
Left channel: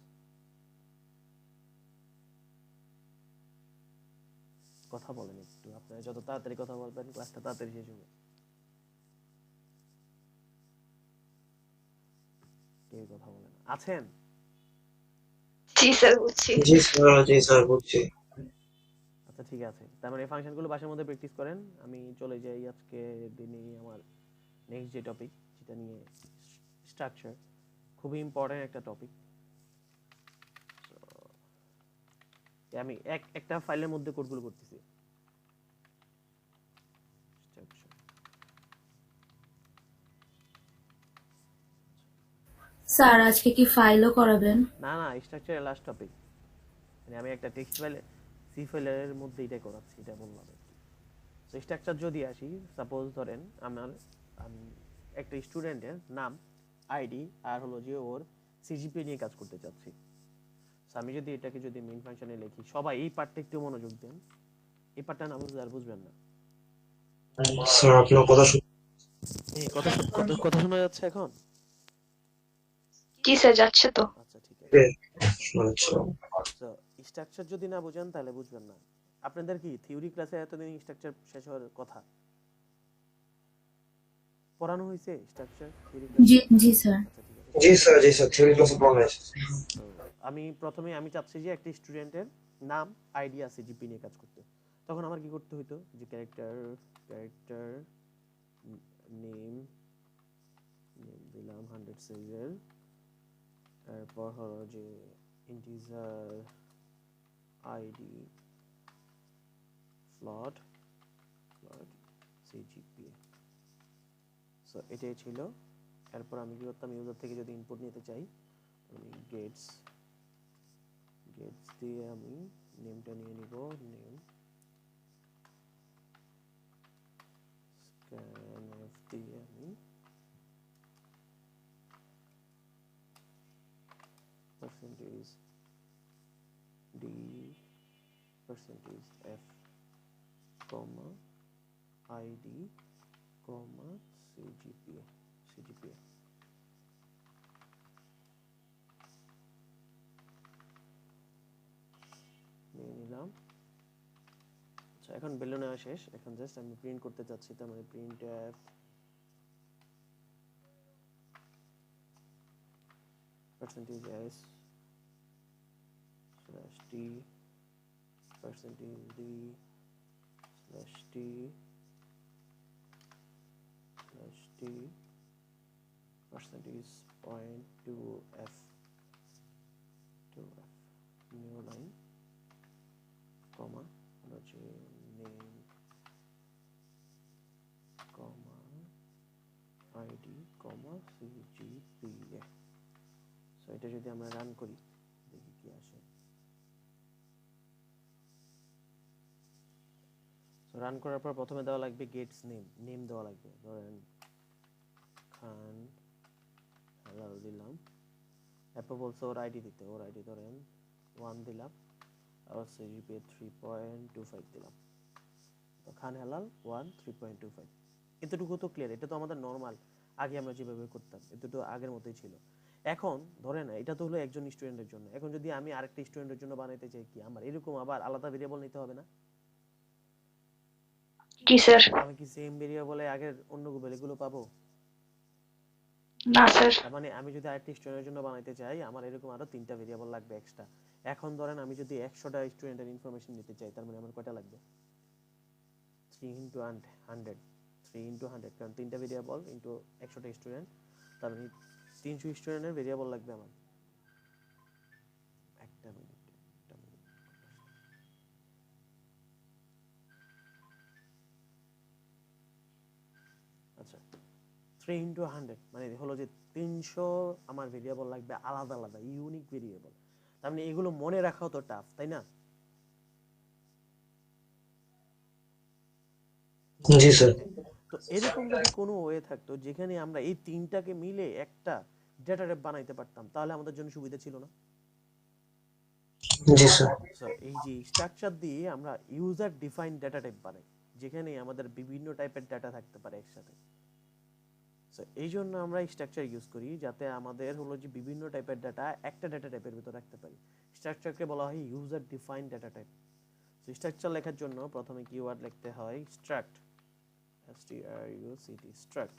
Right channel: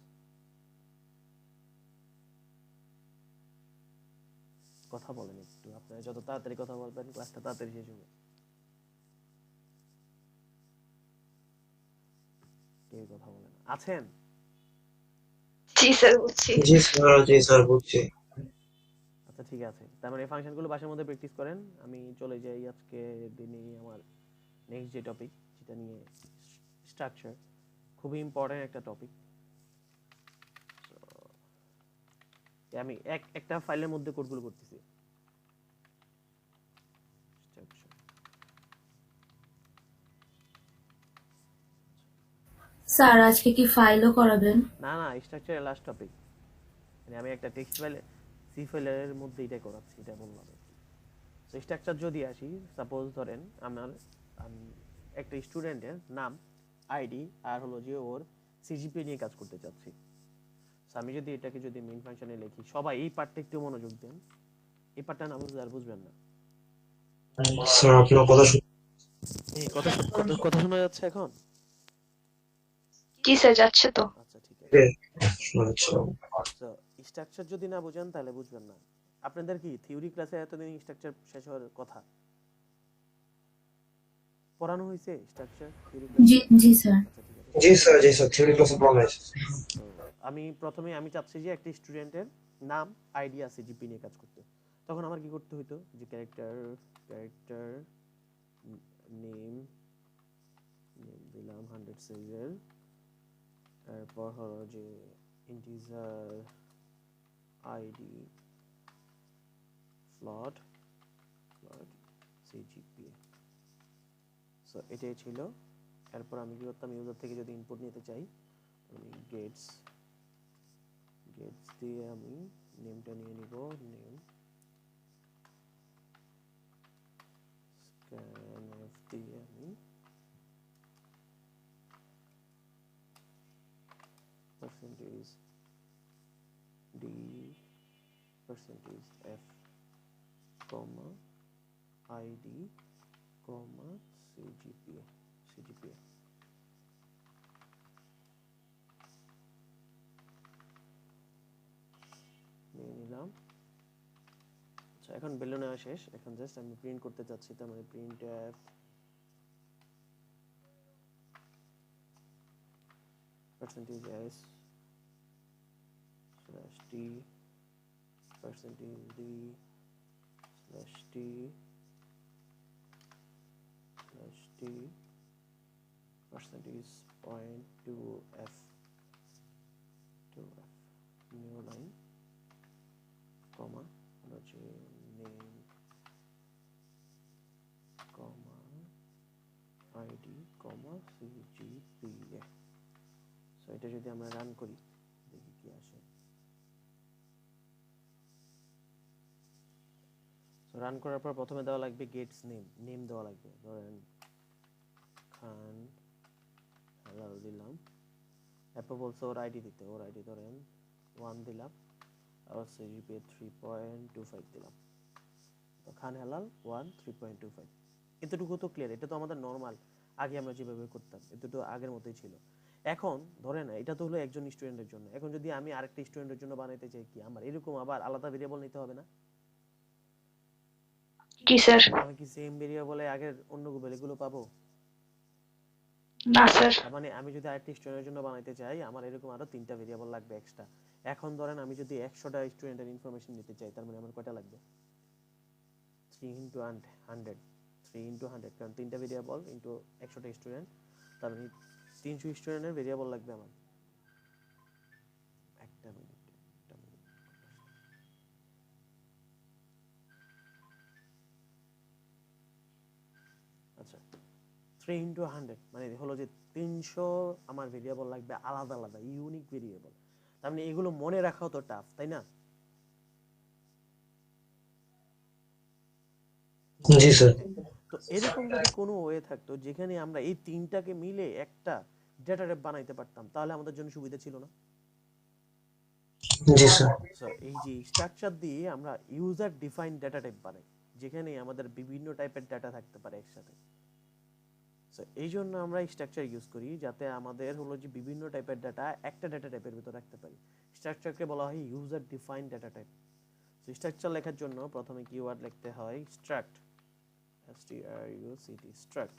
কথা বলেন একটু, আপনারা যত তাড়াতাড়ি কথা বলবেন ক্লাসটা তাড়াতাড়ি শেষ হবে। কেউ কথা বলেন আছেন? জি স্যার, বুঝছি। জি স্যার বুঝছি। আচ্ছা ঠিক আছে, তার মানে এই ফাংশনগুলো বাসার মধ্যে প্র্যাকটিস করেন। আমি চলে যাই আজকে দিনে আমার নেক্সট যে টপিক, যেটা নিয়ে স্ট্রাকচার, খুবই ইম্পর্টেন্ট একটা টপিক। আমি একটা ফাইলের মধ্যে কোডগুলো করতেছি। Structure. স্যার আজকে কি ফাইলও করাবেন? না না, স্ট্রাকচারের লাস্ট টপিক, মানে আমি একটা টেক্সট ফাইলে সি ফাইলের মধ্যে এটা করাচ্ছি, এটা বললাম আর কি। সো স্ট্রাকচার যদি আসি, সাপোজ ধরেন আমার একটা স্টুডেন্টের নাম, আইডি আর হলো যে ওর সিজিপিএ নিয়ে কাজ করতে চাচ্ছি। সো আমি যদি এটাকে যদি মেইন ফাংশনে লিখি, সবাই এই পার্টটা একটু মনোযোগ দেন, এই পার্টটা না বুঝলে আর বুঝবেন না। স্যার আপনার কথা এই কথা কথা শোনা যাচ্ছে এখন? জি স্যার, যাচ্ছে তো। আচ্ছা ঠিক আছে। শোনাচ্ছিল। সো স্ট্রাকচার যদি না বুঝেন তাহলে বুঝবেন না। আপনাদের কি থিওরি ক্লাসে এতদিন স্ট্রাকচার শেষ হওয়ার কথা? পড়ানো হয়েছে স্ট্রাকচার থিওরি ক্লাসে? জি জি স্যার। আচ্ছা ঠিক আছে। জি স্যার থিওরি ক্লাসে পড়ানো হয়েছে। তো আমি চাচ্ছি যে একটা স্টুডেন্টের নাম, আইডি আছে জিপি নিয়ে কাজ করতে। তখন আমার কি করতে হতো, যে ক্যারেক্টার নেম দিলাম 100 সাইজের, তারপর হলো যে integer ID float CGPA. So এটাই ছিল। এরপর আমি কি করতাম, ইউজার থেকে যদি ইনপুট নিতে চাই, আমি গেটস দিয়ে আমি নেমটা নিয়ে নিব, নেম scanf দিয়ে আমি percentage d percentage f comma id comma cgpa নিয়ে নিলাম। আচ্ছা এখন ভ্যালু নেওয়া শেষ, এখন জাস্ট আমি প্রিন্ট করতে চাচ্ছি, তার মানে print F percentage s slash t percentage d slash t slash t percentage point 2f new line comma হচ্ছে name comma id comma cgpa। So এটা যদি আমরা রান করি দেখি কি আসে। সো রান করার পর প্রথমে দেওয়া লাগবে গেটস নেম দেওয়া লাগবে, ধরেন খান হেলাল দিলাম। এরপর বলছে ওর আইডি দিতে, ওর আইডি ধরেন 1 দিলাম, আর সিজিপিএ 3.25 দিলাম। তো খান হেলাল 1 3.25। এতটুকু তো ক্লিয়ার, এটা তো আমাদের নর্মাল, আগে আমরা যেভাবে করতাম এতটুকু আগের মতোই ছিল। এখন ধরেন এটা তো হলো একজন স্টুডেন্টের জন্য, এখন যদি আমি আরেকটা স্টুডেন্টের জন্য বানাইতে চাই, কি আমার এরকম আবার আলাদা ভেরিয়েবল নিতে হবে না? জি স্যার। আমি কি সেম ভেরিয়েবলে আগের অন্য ভ্যালুগুলো পাবো? না স্যার। তার মানে আমি যদি আরেকটা স্টুডেন্টের জন্য বানাইতে চাই, আমার এরকম আরো 3টা ভেরিয়েবল লাগবে এক্সট্রা। এখন ধরেন আমি যদি 100টা স্টুডেন্টের ইনফরমেশন নিতে চাই, তার মানে আমার কয়টা লাগবে? 3 into 100, 3 into 100, কারণ 3টা ভেরিয়েবল ইনটু 100টা স্টুডেন্ট, তার মানে 300 স্টুডেন্টের ভেরিয়েবল লাগবে আমার। একটা মিনিট। আচ্ছা 3 into 100 মানে হলো যে 300 আমার ভেরিয়েবল লাগবে, আলাদা আলাদা ইউনিক ভেরিয়েবল। তার মানে এগুলো মনে রাখাও তো টাফ, তাই না? জি স্যার। তো এরকম যদি কোনো ওয়ে থাকতো যেখানে আমরা এই 3টাকে মিলে একটা ডেটা টাইপ বানাইতে পারতাম, তাহলে আমাদের জন্য সুবিধা ছিল না? জি স্যার। সো এই যে স্ট্রাকচার দিয়ে আমরা ইউজার ডিফাইন ডেটা টাইপ বানাই, যেখানে আমাদের বিভিন্ন টাইপের ডেটা থাকতে পারে একসাথে। সো এই জন্য আমরা স্ট্রাকচার ইউজ করি, যাতে আমাদের হলো যে বিভিন্ন টাইপের ডাটা একটা ডাটা টাইপের ভিতর রাখতে পারি। স্ট্রাকচারকে বলা হয় user defined data type. So structure লেখার জন্য প্রথমে কিওয়ার্ড লিখতে হয় স্ট্রাক্ট, স্ট্রাক্ট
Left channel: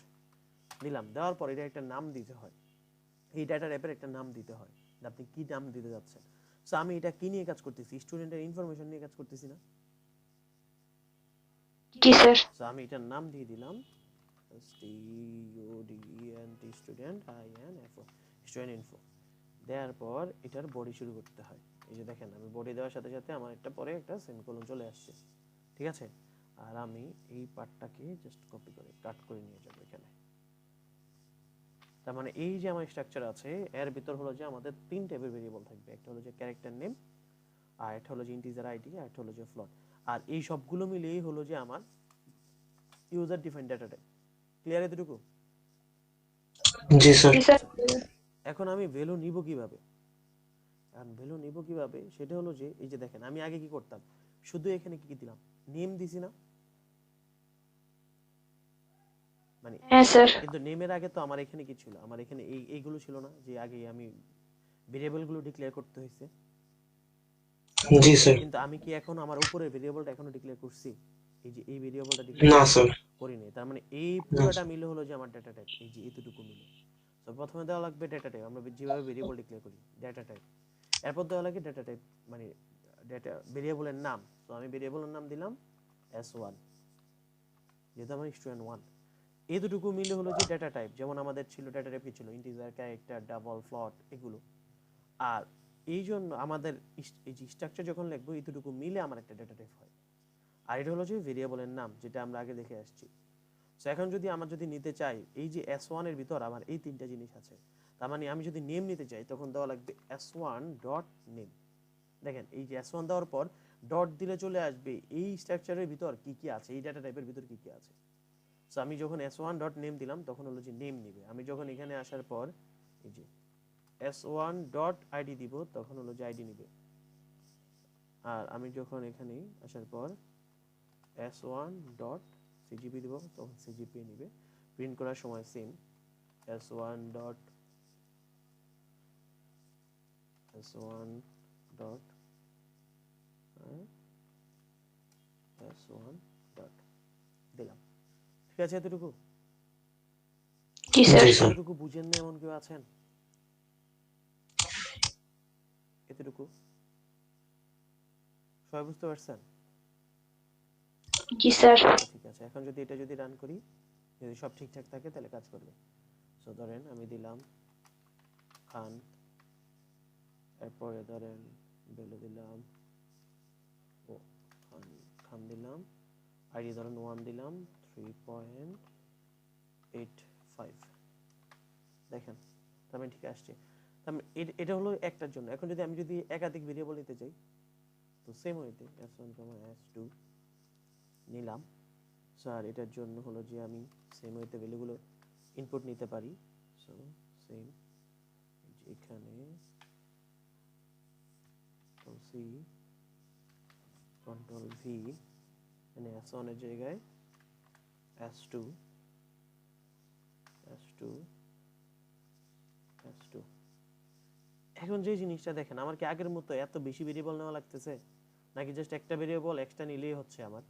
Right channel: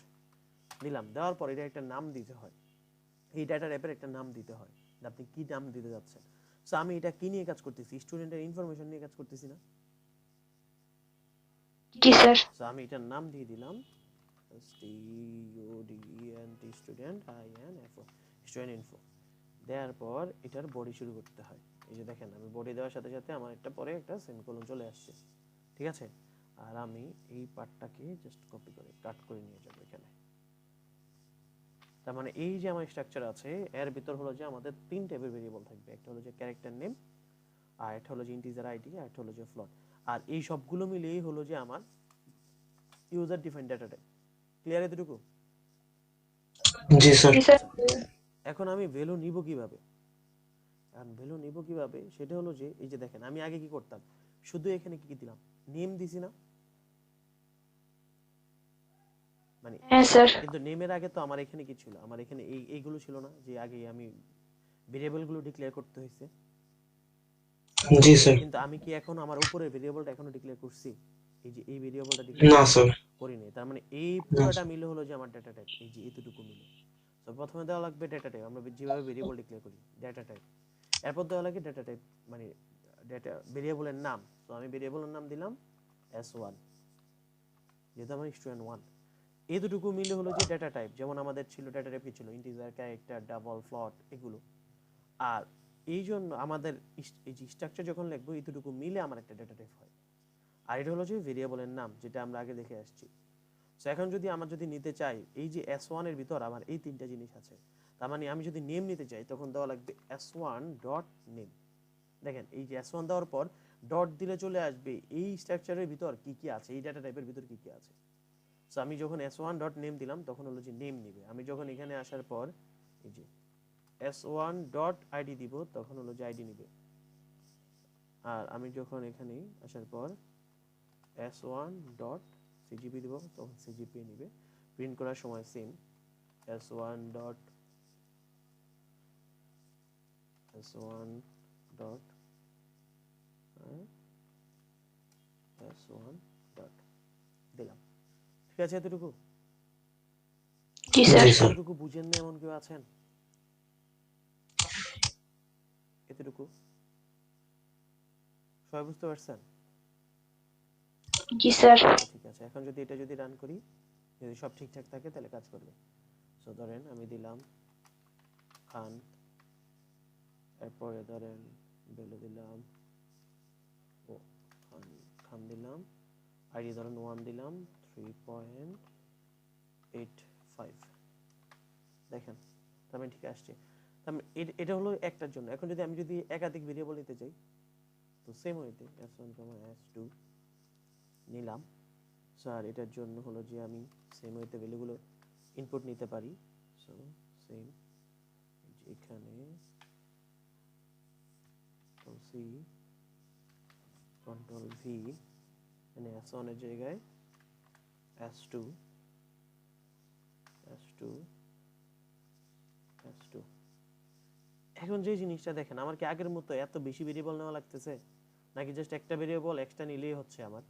দিলাম। দেওয়ার পর এটা একটা নাম দিতে হয়, এই ডাটা টাইপের একটা নাম দিতে হয়, আপনি কি নাম দিতে যাচ্ছেন। সো আমি এটা কি নিয়ে কাজ করতেছি, স্টুডেন্টের ইনফরমেশন নিয়ে কাজ করতেছি না। জি স্যার। সো আমি এটার নাম দিয়ে দিলাম স্টুডেন্ট স্টুডেন্ট ইনফো। দেওয়ার পর এটার বডি শুরু করতে হয়। এই যে দেখেন আমি বডি দেওয়ার সাথে সাথে আমার একটা পরে একটা সেমিকোলন চলে আসছে, ঠিক আছে। আর আমি এই পার্টটাকে জাস্ট কপি করে কাট করে নিয়ে যাব এখানে। তার মানে এই যে আমার স্ট্রাকচার আছে এর ভিতর হলো যে আমাদের তিন টাইপের ভেরিয়েবল থাকবে, একটা হলো যে ক্যারেক্টার নেম, আর একটা হলো যে ইন্টিজার আইডি, আর একটা হলো যে ফ্লোট। আর এই সবগুলো মিলিয়েই হলো যে আমার user defined data type. Clear এতটুকু? জি স্যার। জি স্যার। এখন আমি ভ্যালু নিব কিভাবে, কারণ ভ্যালু নিব কিভাবে সেটা হলো যে এই যে দেখেন আমি আগে কি করতাম, শুধু এখানে কি কি দিলাম, নেম দিছি না, মানে হ্যাঁ স্যার। কিন্তু নেমের আগে তো আমার এখানে কি ছিল, আমার এখানে এইগুলো ছিল না, যে আগে আমি ভেরিয়েবল গুলো ডিক্লেয়ার করতে হয়েছে। জি স্যার। কিন্তু আমি কি এখন আমার উপরের ভেরিয়েবলটা এখনো ডিক্লেয়ার করছি, এই যে এই ভেরিয়েবলটা না ডিক্লেয়ার স্যার। করিনি। তার মানে এই না পুরোটা স্যার। মিলে হলো যে আমার ডেটা টাইপ, এই যে এতটুকু মিলে। তো প্রথমে দেওয়া লাগবে ডেটা টাইপ, আমরা যেভাবে ভেরিয়েবল ডিক্লেয়ার করি ডেটা টাইপ। এরপর দেওয়া লাগে ডেটা টাইপ মানে ডেটা ভেরিয়েবলের নাম। তো আমি ভেরিয়েবলের নাম দিলাম s1, যেহেতু আমার স্টুডেন্ট 1। এতটুকু মিলে হলো যে ডেটা টাইপ। যেমন আমাদের ছিল ডেটা টাইপ কি ছিল, ইন্টিজার, ক্যারেক্টার, ডাবল, ফ্লোট, এগুলো। আর এই জন্য আমাদের এই যে স্ট্রাকচার যখন লিখবো এতটুকু মিলে আমার একটা ডেটা টাইপ হয়। আর এটা হলো যে ভেরিয়েবলের নাম, যেটা আমরা আগে দেখে আসছি। সো এখন যদি আমার যদি নিতে চাই, এই যে s1 এর ভিতর আমার এই তিনটা জিনিস আছে, তার মানে আমি যদি নেম নিতে চাই তখন দেওয়া লাগবে s1 ডট নেম। দেখেন এই যে s1 দেওয়ার পর ডট দিলে চলে আসবে এই স্ট্রাকচারের ভিতর কি কি আছে, এই ডাটা টাইপের ভিতর কি কি আছে। সো আমি যখন s1 ডট নেম দিলাম তখন হলো যে নেম নিবে। আমি যখন এখানে আসার পর এই যে s1 ডট আইডি দিব তখন হলো যে আইডি নিবে। আর আমি যখন এখানে আসার পর s1 ডট সিজিপি দিব তখন সিজিপি নিবে। প্রিন্ট করার সময় same s1 dot s1 dot s1 dot দিলাম। ঠিক আছে এতটুকু? জি স্যার। জি স্যার। এতটুকু বুঝেন না এমন কেউ আছেন? এতটুকু সবাই বুঝতে পারছেন? জি স্যার। ঠিক আছে, এখন যদি এটা যদি রান করি, যদি সব ঠিকঠাক থাকে তাহলে কাজ করবে। সো ধরেন আমি দিলাম খান, এরপরে ধরেন ভ্যালু দিলাম ও খান, খান দিলাম, আইডি ধরেন 1 দিলাম, 3.85। দেখেন তার মানে ঠিক আসছে। তার মানে এটা হলো একটার জন্য। এখন যদি আমি যদি একাধিক ভেরিয়েবল নিতে চাই তো সেম ওয়েতে s1, s2 নিলাম। সো আর এটার জন্য হলো যে আমি সেম ওয়েতে ভ্যালুগুলো ইনপুট নিতে পারি। সো সেম এখানে c কন্ট্রোল v, মানে s1 এর জায়গায় s2 s2 s2। এখন যে জিনিসটা দেখেন, আমার কি আগের মতো এত বেশি ভেরিয়েবল নেওয়া লাগতেছে, নাকি জাস্ট একটা ভেরিয়েবল এক্সট্রা নিলেই হচ্ছে আমার?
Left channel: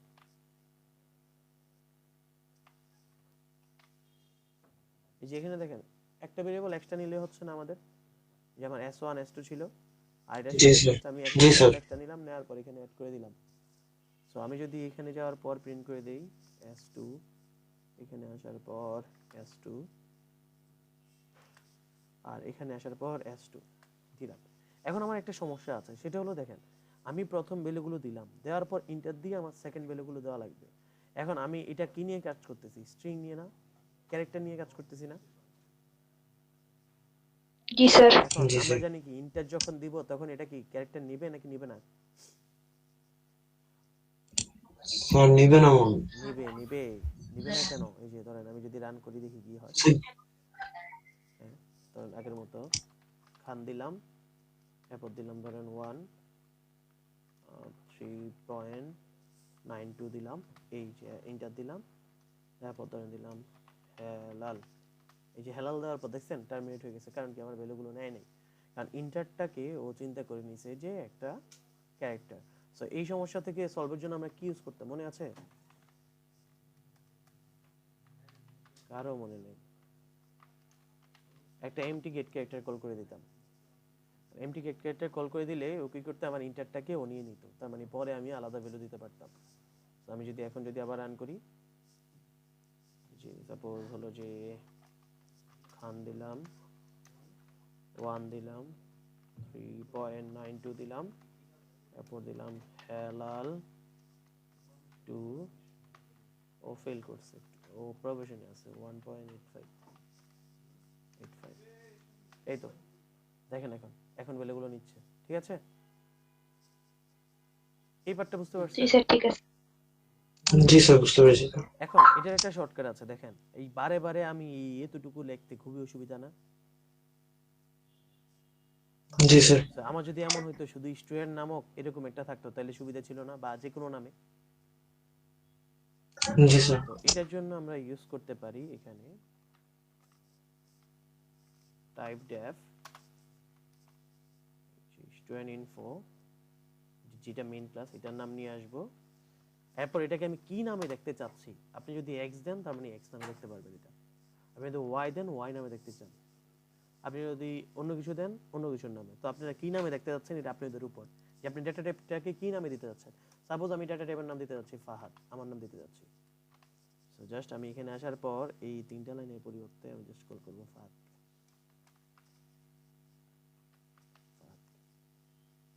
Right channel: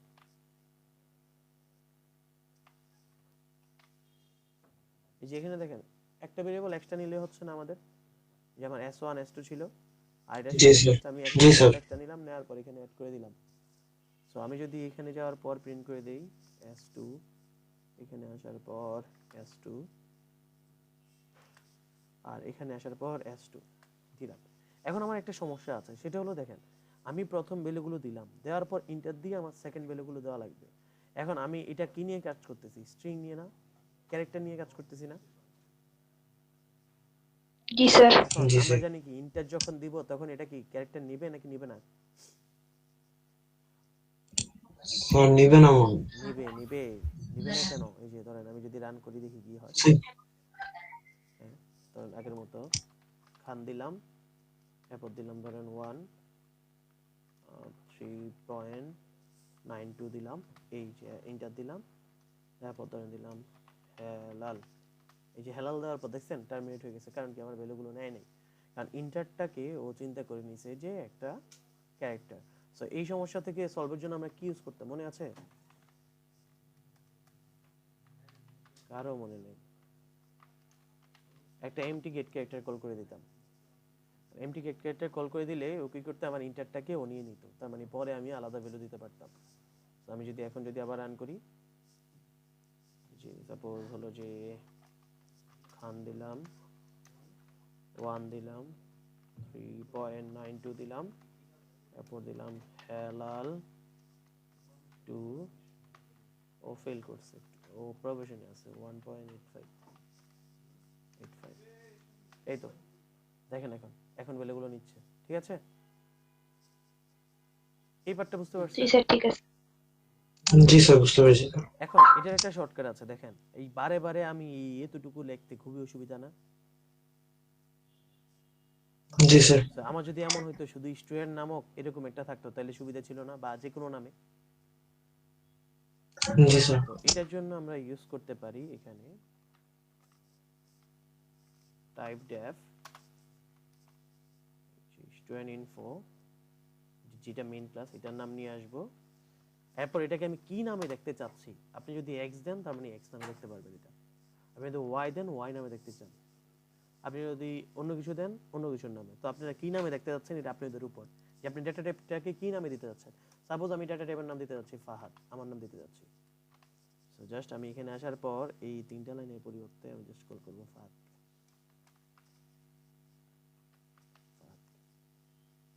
এই যে এখানে দেখেন একটা ভেরিয়েবল এক্সট্রা নিলেই হচ্ছে না আমাদের, যে আমার s1 s2 ছিল, আর এটার জি সাথে স্যার। জাস্ট আমি একটা জি ভেরিয়েবল স্যার। এক্সট্রা নিলাম, নেওয়ার পর এখানে অ্যাড করে দিলাম। সো আমি যদি এখানে যাওয়ার পর প্রিন্ট করে দেই s2, এখানে আসার পর s2, আর এখানে আসার পর s2 দিলাম। এখন আমার একটা সমস্যা আছে, সেটা হলো দেখেন আমি প্রথম ভ্যালুগুলো দিলাম, দেওয়ার পর ইন্টার দিয়ে আমার সেকেন্ড ভ্যালুগুলো দেওয়া লাগবে। এখন আমি এটা কি নিয়ে কাজ করতেছি, স্ট্রিং নিয়ে না, ক্যারেক্টার নিয়ে কাজ করতেছি না। জি স্যার। এখন জি আমরা স্যার। জানি কি ইন্টার যখন দিব তখন এটা কি ক্যারেক্টার নিবে নাকি নিবে না? স্যার নিবে না মনে হয়। নিবে নিবে। নিবে না কেন? এই যে ধরেন আমি যদি রান করি দেখি কি হয়। হ্যাঁ, ধরেন আগের মতো খান দিলাম, এরপর দিলাম ধরেন 3.92 দিলাম, এই যে ইন্টার দিলাম, তারপর ধরেন দিলাম লাল এই যে হেলাল দেওয়ার পর দেখছেন টার্মিনেট হয়ে গেছে, কারণ কি আমার ভ্যালুগুলো নেয় নাই, কারণ ইন্টারটাকে ও চিন্তা করে নিছে যে একটা ক্যারেক্টার। সো এই সমস্যা থেকে সলভের জন্য আমরা কি ইউজ করতাম মনে আছে? কারো মনে নেই? একটা এমটি গেট ক্যারেক্টার কল করে দিতাম। এমটি গেট ক্যারেক্টার কল করে দিলে ও কি করতে আমার ইন্টারটাকে ও নিয়ে নিত, তার মানে পরে আমি আলাদা ভ্যালু দিতে পারতাম। তো আমি যদি এখন যদি আবার রান করি, যে সাপোজ হলো যে খান দিলাম 1 দিলাম 3.92 দিলাম, তারপর দিলাম হেলাল 2, ও ফেল করছে, ও প্রবেশনে আছে 1.85। এই তো দেখেন এখন এখন ভ্যালুগুলো নিচ্ছে, ঠিক আছে? এই পার্টটা বুঝতে জি পারছেন? স্যার ঠিক আছে। জি স্যার, বুঝতে পেরেছি। এখন এটার একটা শর্টকাট আছে, দেখেন এই বারে বারে আমি এতটুকু লিখতে খুবই অসুবিধা না? জি স্যার। তো আমার যদি এমন হইতো শুধু স্টুডেন্ট নামক এরকম একটা থাকতো তাহলে সুবিধা ছিল না, বা যে কোনো নামে। জি স্যার। তো এটার জন্য আমরা ইউজ করতে পারি এখানে টাইপ ডেফ স্টুডেন্ট ইনফো, যেটা মেইন ক্লাস, এটার নাম নিয়ে আসবো। এরপর এটাকে আমি কি নামে দেখতে চাচ্ছি, আপনি যদি এক্স দেন তার মানে এক্স নামে দেখতে পারবেন এটা, আপনি যদি ওয়াই দেন ওয়াই নামে দেখতে চান, আপনি যদি অন্য কিছু দেন অন্য কিছুর নামে। তো আপনারা কি নামে দেখতে যাচ্ছেন এটা আপনাদের উপর, যে আপনি ডেটা টাইপটাকে কি নামে দিতে যাচ্ছেন। সাপোজ আমি ডেটা টাইপের নাম দিতে যাচ্ছি ফাহাদ, আমার নাম দিতে যাচ্ছি। সো জাস্ট আমি এখানে আসার পর এই তিনটা লাইনের পরিবর্তে আমি জাস্ট কল করব ফাহাদ,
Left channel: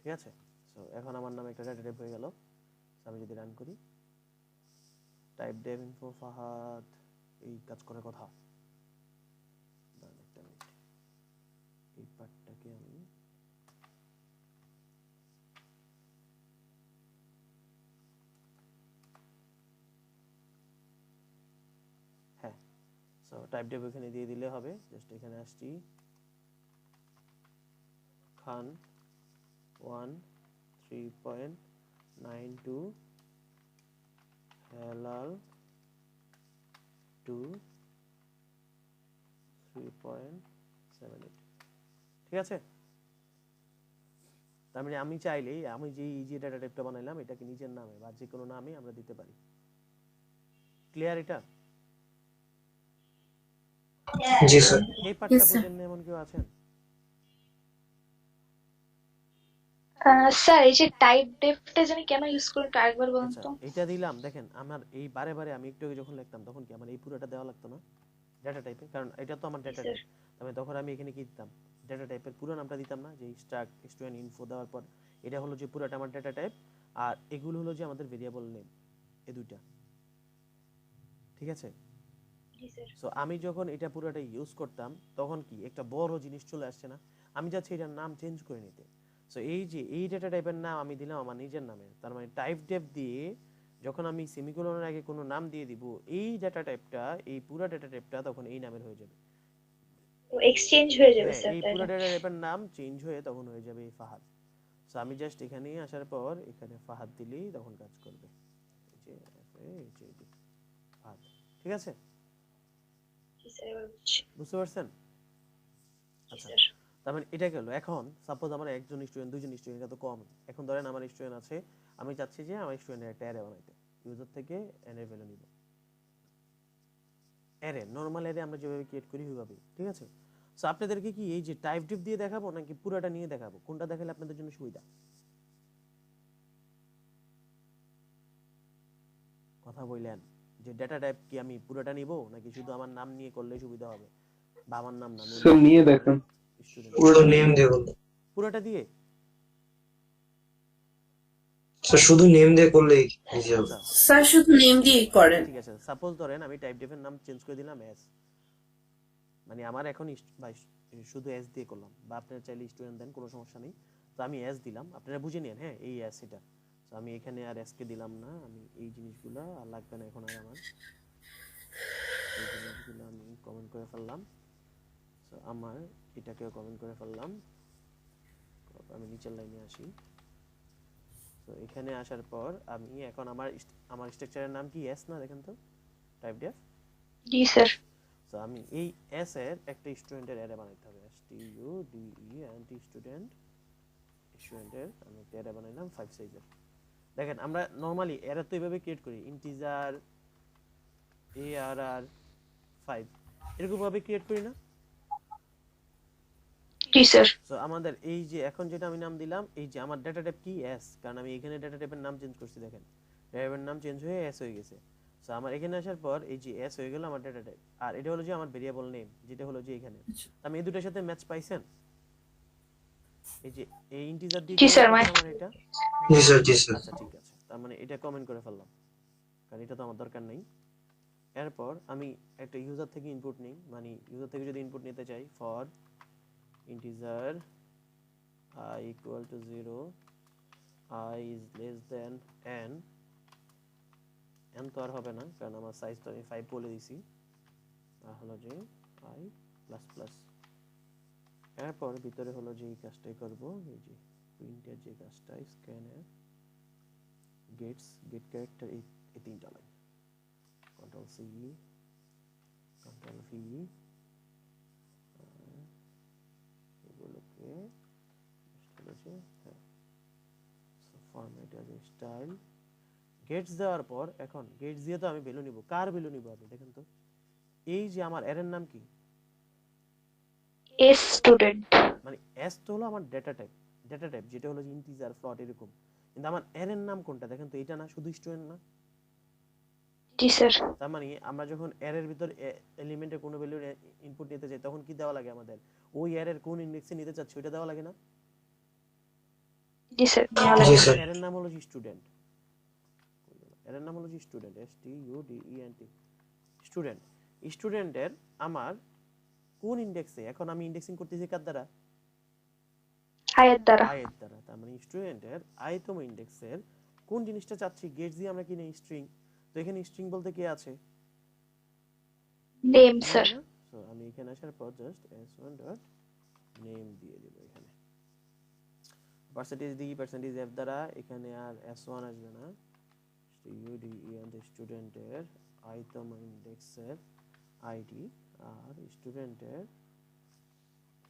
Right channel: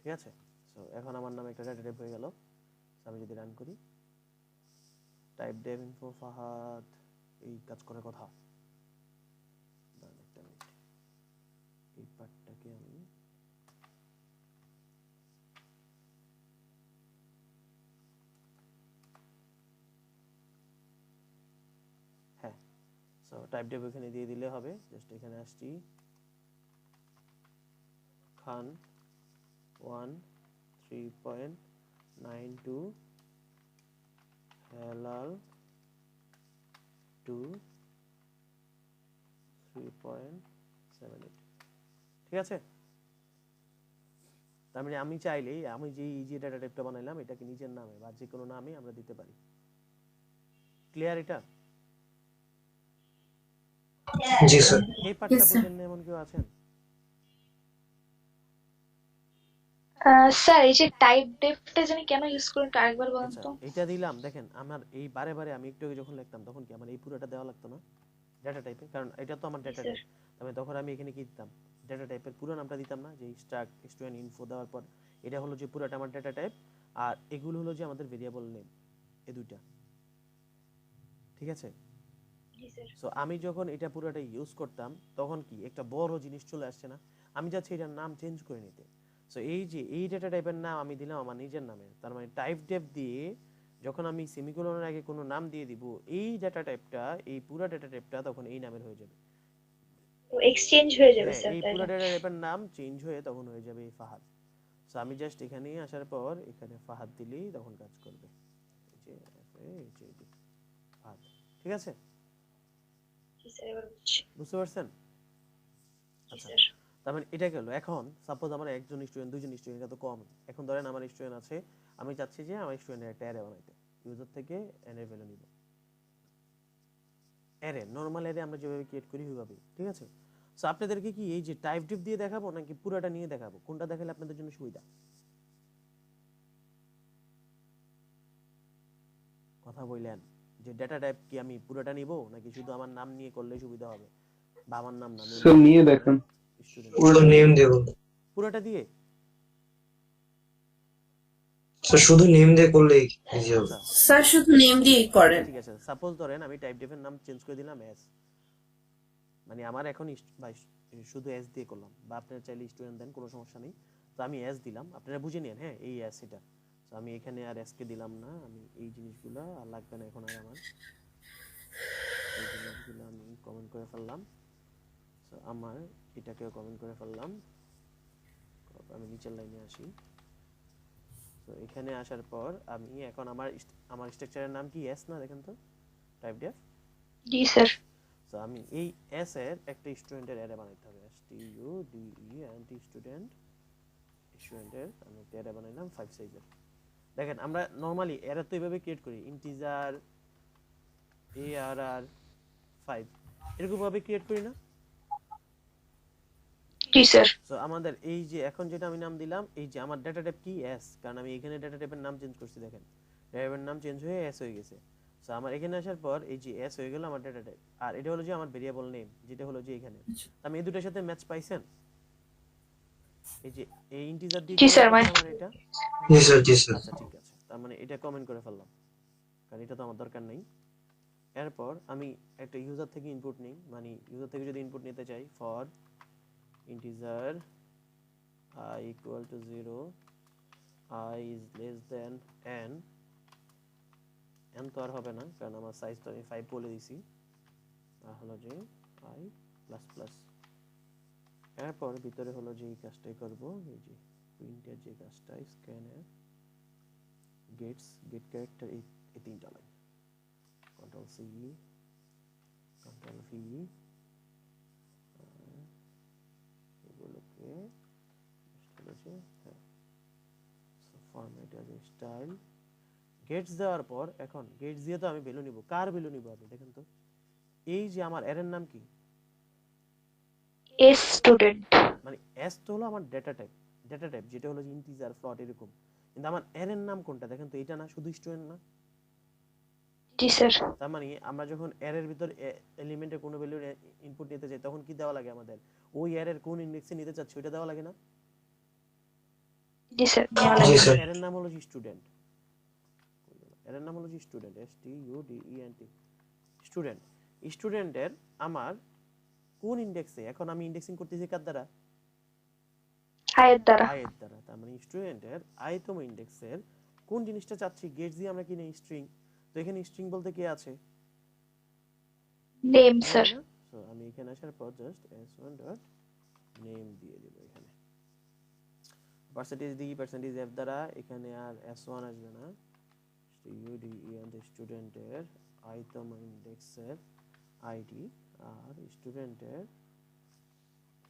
ঠিক আছে? সো এখন আমার নামে একটা ডেটা টাইপ হয়ে গেল। আমি যদি রান করি টাইপ ডেভ ইনফো ফাহাদ, এই কাজ করার কথা। দাঁড়ান একটা মিনিট, এই পার্টটাকে আমি হ্যাঁ, সো টাইপ ডেভ এখানে দিয়ে দিলে হবে। জাস্ট এখানে আসছি, খান 1 3.92 হেলাল 2 3.78, ঠিক আছে? তার মানে আমি চাইলেই আমি যে ইজি ডাটা টাইপটা বানাইলাম এটাকে নিজের নামে বা যে কোনো নামে আমরা দিতে পারি। ক্লিয়ার এটা? জি স্যার। এই পার্টটা Yes, sir. বুঝেন না এমন কেউ আছেন? স্যার এই যে টাইপ ডেফটা জানি কেন ইউজ করেন একটু আরেকবার বলুন আচ্ছা তো। এটা দিলাম, দেখেন আমার এই বারে বারে আমি একটু আগে যখন লিখতাম তখন কি আমার এই পুরোটা দেওয়া লাগতো না ডেটা টাইপে, কারণ এটা তো আমার জি ডেটা স্যার। টাইপ। তবে তখন আমি এখানে কি দিতাম, ডেটা টাইপের পুরো নামটা দিতাম না, যে স্ট্রাক্ট স্টুডেন্ট ইনফো দেওয়ার পর এটা হলো যে পুরোটা আমার ডেটা টাইপ, আর এগুলো হলো যে আমাদের ভেরিয়েবল নেম, এই দুইটা, ঠিক আছে? জি স্যার। সো আমি যখন এটা পুরোটা ইউজ করতাম তখন কি একটা বড় জিনিস চলে আসছে না, আমি যাচ্ছি এটার নাম চেঞ্জ করে নিতে। সো এই যে এই ডেটা টাইপের নাম আমি দিলাম আমার নিজের নামে, তার মানে টাইপ ডেপ দিয়ে যখন আমি সেমিকোলনের আগে কোনো নাম দিয়ে দিব, এই ডেটা টাইপটা এই পুরো ডেটা টাইপটা তখন এই নামের হয়ে যাবে। তো এক্সচেঞ্জ হয়ে যাবে হ্যাঁ, স্যার এই তাই পুরো না? ডেটা টাইপের নাম চেঞ্জ হয়ে তখন হয়ে যাবে এই ফাহাদ। সো আমি জাস্ট এখানে আসার পর এখানে ফাহাদ দিলেই তখন কাজ করবে, এই যে ফাহাদ, ঠিক আছে? জি স্যার এবার বুঝছি। বুঝতে পারছেন? জি আচ্ছা, স্যার। তার মানে এটা গেল। এখন সাপোজ আমার একজন স্টুডেন্ট দুইজন স্টুডেন্ট, এটা তো কম। এখন ধরেন আমার স্টুডেন্ট আছে, আমি চাচ্ছি যে আমার স্টুডেন্টের একটা অ্যারে বানাইতে, ইউজার থেকে এর ভ্যালু নিব, অ্যারে নরমাল অ্যারে আমরা যেভাবে ক্রিয়েট করি ওইভাবে, ঠিক আছে? সো আপনাদেরকে কি এই যে টাইপ ডিপ দিয়ে দেখাবো নাকি পুরোটা নিয়ে দেখাবো, কোনটা দেখালে আপনাদের জন্য সুবিধা? কথা বললেন যে ডেটা টাইপ কি আমি পুরোটা নিব নাকি শুধু আমার নাম নিয়ে করলে সুবিধা হবে, বা আমার নাম না স্যার নিয়ে দেখেন। স্টুডেন্ট পুরো নেম দিয়ে বলুন পুরোটা দিয়ে? স্যার, শুধু নেম দিয়ে করলেই ইজি হবে। আচ্ছা স্যার শুধু নেম দিয়েই করেন। ঠিক আছে, সাপোজ ধরেন আমি টাইপ ডিপের নাম চেঞ্জ করে দিলাম এস, মানে আমার এখন শুধু এস দিয়ে করলাম, বা আপনারা চাইলে স্টুডেন্ট দেন কোনো সমস্যা নেই। তো আমি এস দিলাম, আপনারা বুঝে নিন, হ্যাঁ এই এস এটা। তো আমি এখানে আর এস কে দিলাম না, আমি এই জিনিসগুলো আর লাগবে না এখন আর আমার, এই জিনিসগুলো আমি কমেন্ট করে ফেললাম। সো আমার এটাকেও কমেন্ট করে ফেললাম, আমি নিচের লাইনে আসি। তো এখানে আসার পর আমি এখন আমার স্ট্রাকচারের নাম কি এস না, দেখেন তো টাইপ ডেফ। জি স্যার। সো আমি এই এস এর একটা স্টুডেন্টের অ্যারে বানাইতে হবে, STUDENT স্টুডেন্টের আমি একটা অ্যারে বানাইলাম 5 সাইজের। দেখেন আমরা নরমালি অ্যারে তো এইভাবে ক্রিয়েট করি, ইন্টিজার ARR 5 এরকম ভাবে ক্রিয়েট করি না? জি স্যার। সো আমাদের এই যে এখন যেটা আমি নাম দিলাম, এই যে আমার ডেটা টাইপ কি এস, কারণ আমি এখানে ডেটা টাইপের নাম চেঞ্জ করছি, দেখেন ডেটা টাইপের নাম চেঞ্জ হয়ে এস হয়ে গেছে। সো আমার এখানে আসার পর এই যে এস হয়ে গেল আমার ডেটা টাইপ, আর এটা হলো যে আমার ভেরিয়েবল নেম, যেটা হলো যে এখানে। আমি এই দুটোর সাথে ম্যাচ পাইছেন? এই যে এই ইন্টিজার দিয়ে জি স্যার, আমার এটা। জি স্যার, জি স্যার। আচ্ছা ঠিক আছে, তার মানে এটা কমেন্ট করে ফেললাম, কারণ এটা তো আমার দরকার নেই। এরপর আমি একটা ইউজার থেকে ইনপুট নিই, মানে ইউজার থেকে যদি ইনপুট নিতে চাই, for integer I equal to 0, I is less than n, n তো আর হবে না কারণ আমার সাইজ তো আমি 5 বলে দিছি, আর হলো যে I প্লাস প্লাস। এরপর ভিতরে হলো যে এই কাজটাই করব, এই যে প্রিন্টের যে কাজটা, স্ক্যানের গেট ক্যারেক্টার, এই তিনটা line, control C control V, এগুলোকে ফরম্যাট অ্যাজ স্টাইল, গেটস দেওয়ার পর এখন গেটস দিয়ে তো আমি ভ্যালু নিব, কার ভ্যালু নিব আমি দেখেন তো, এই যে আমার অ্যারের নাম কি, এস স্টুডেন্ট। মানে এস তো হলো আমার ডেটা টাইপ যেটা হলো যে ইন্টিজার ফ্লোট এরকম, কিন্তু আমার অ্যারের নাম কোনটা দেখেন তো, এটা না শুধু স্টুডেন্ট না? জি স্যার। তার মানে আমরা যখন অ্যারের ভিতর এলিমেন্টের কোনো ভ্যালু ইনপুট নিতে চাই তখন কি দেওয়া লাগে আমাদের, ওই অ্যারের কোন ইন্ডেক্সে নিতে চাচ্ছি ওটা দেওয়া লাগে না? জি স্যার। জি স্যার। অ্যারের নাম হলো যে স্টুডেন্ট, এর নাম হলো যে স্টুডেন্ট, STUDENT, স্টুডেন্ট। স্টুডেন্টের আমার কোন ইন্ডেক্সে, এখন আমি ইন্ডেক্সিং করতেছি কার দ্বারা, আয়ের দ্বারা। আয়ের দ্বারা। তার মানে স্টুডেন্টের আয়তম ইন্ডেক্সের কোন জিনিসটা চাচ্ছি, গেটস দিয়ে আমরা কি নেই, স্ট্রিং। তো এখানে স্ট্রিং বলতে কি আছে, নেম স্যার। সো আমি এখানে আসার পর জাস্ট s1 ডট নেম দিয়ে দেব, এখানে পার্সেন্টেজ ডি পার্সেন্টেজ এফ দ্বারা এখানে আর s1 আসবে না, STUDENT স্টুডেন্টের আইতম ইন্ডেক্সের আইডি, আর স্টুডেন্টের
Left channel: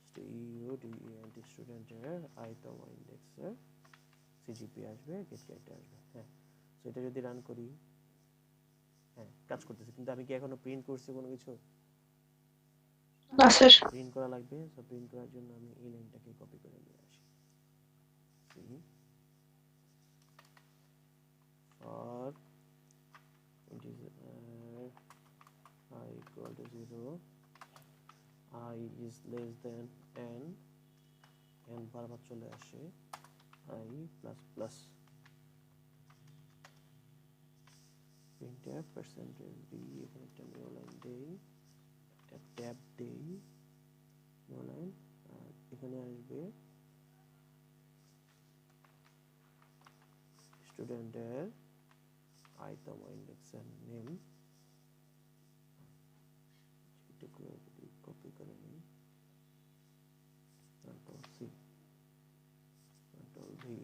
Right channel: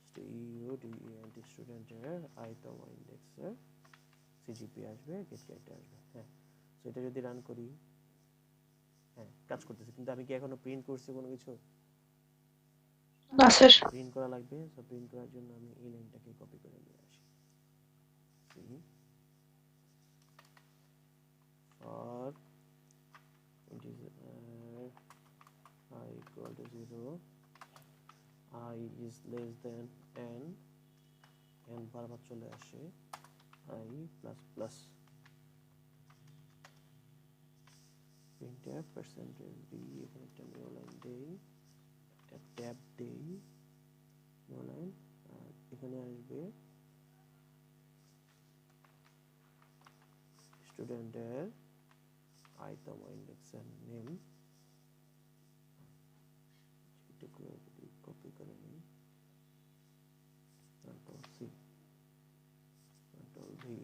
STUDENT স্টুডেন্টের আইতম ইন্ডেক্সের সিজিপি আসবে, গেট ক্যারেক্টার আসবে। হ্যাঁ, সো এটা যদি রান করি, হ্যাঁ কাজ করতেছে, কিন্তু আমি কি এখনো প্রিন্ট করছি কোনো কিছু? না স্যার। প্রিন্ট করা লাগবে। সো প্রিন্ট করার জন্য আমি এই লাইনটাকে কপি করে নিয়ে আসি, for integer I equal to 0, I is less than n, n বারবার চলে আসে, I plus plus printf percentage d, এখানে একটা নিউ লাইন দেই, একটা ট্যাব দেই, নিউ লাইন, আর এখানে আসবে স্টুডেন্টের আইতম ইন্ডেক্সের নেম, এটুকু যদি কপি করে নিই, control C control V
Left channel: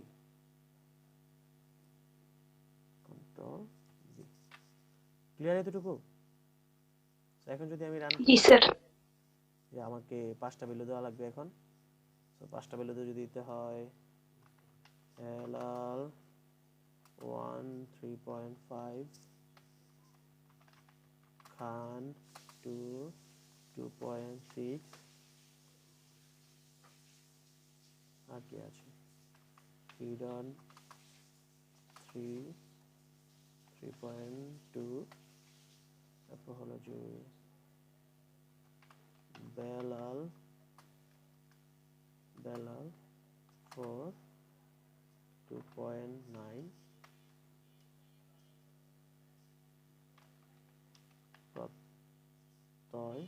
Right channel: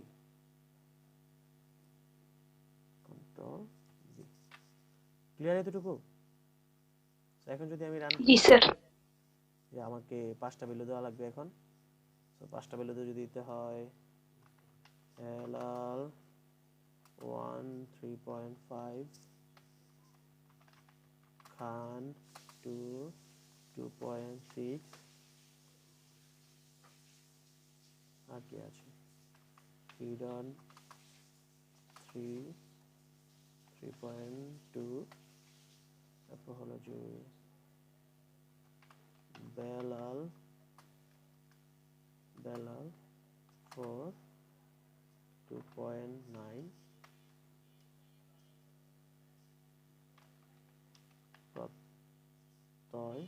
control V, clear এতটুকু? এখন যদি আমি রান জি করি, স্যার। যে আমাকে 5টা ভ্যালু দেওয়া লাগবে এখন। সো 5টা ভ্যালু যদি দিতে হয়, LL 1 3.5, খান 2 2.6, আর কি আছে, হিডন 3 3.2, তারপর হলো যে বেলাল 4 2.9, প্রত্যয়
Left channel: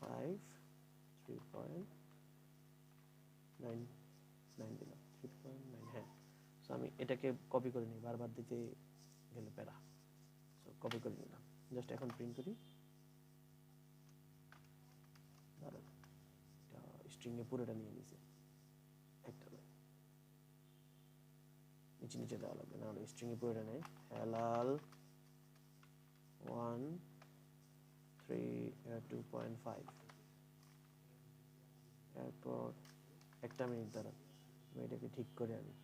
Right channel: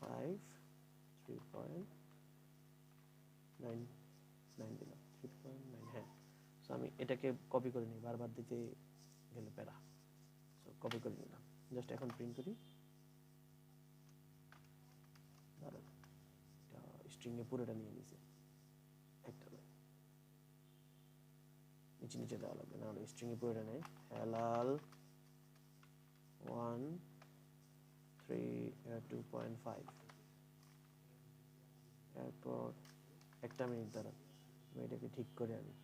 5 3.9 দিলাম, 3.9। হ্যাঁ, সো আমি এটাকে কপি করে নিই, বারবার দিতে গেলে প্যারা। সো কপি করে নিলাম, জাস্ট এখন প্রিন্ট করি, দাঁড়ান এটা স্ট্রিং এ পুরোটা নিয়ে নিছে, একটা লাইন নিচে নিচে দেওয়া লাগবে, না হলে স্ট্রিং এ পুরোটা নেই। হেলাল 1 2.5 এরপর একটা মিনিট দ্বারা আমি এটাকে ঠিক করে আনি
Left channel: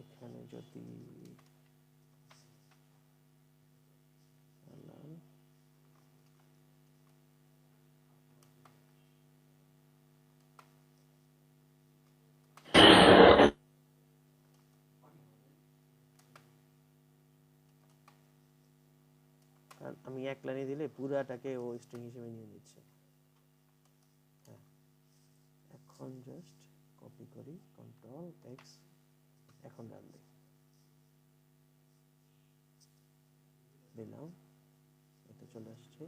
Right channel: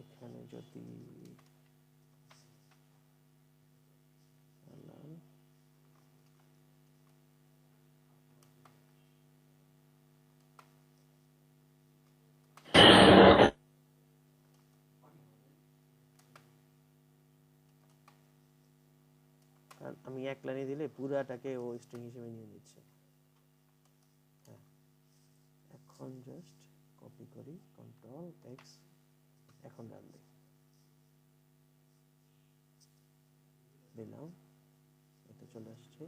এখানে যদি আমি এক লাইনে দিলে পুরাটাকে ও স্ট্রিং হিসেবে নিয়ে নিচ্ছে হ্যাঁ এখন জাস্ট কপি করি কন্ট্রোল এক্স এখন রান দিই দিলাম এটা চলে আসছে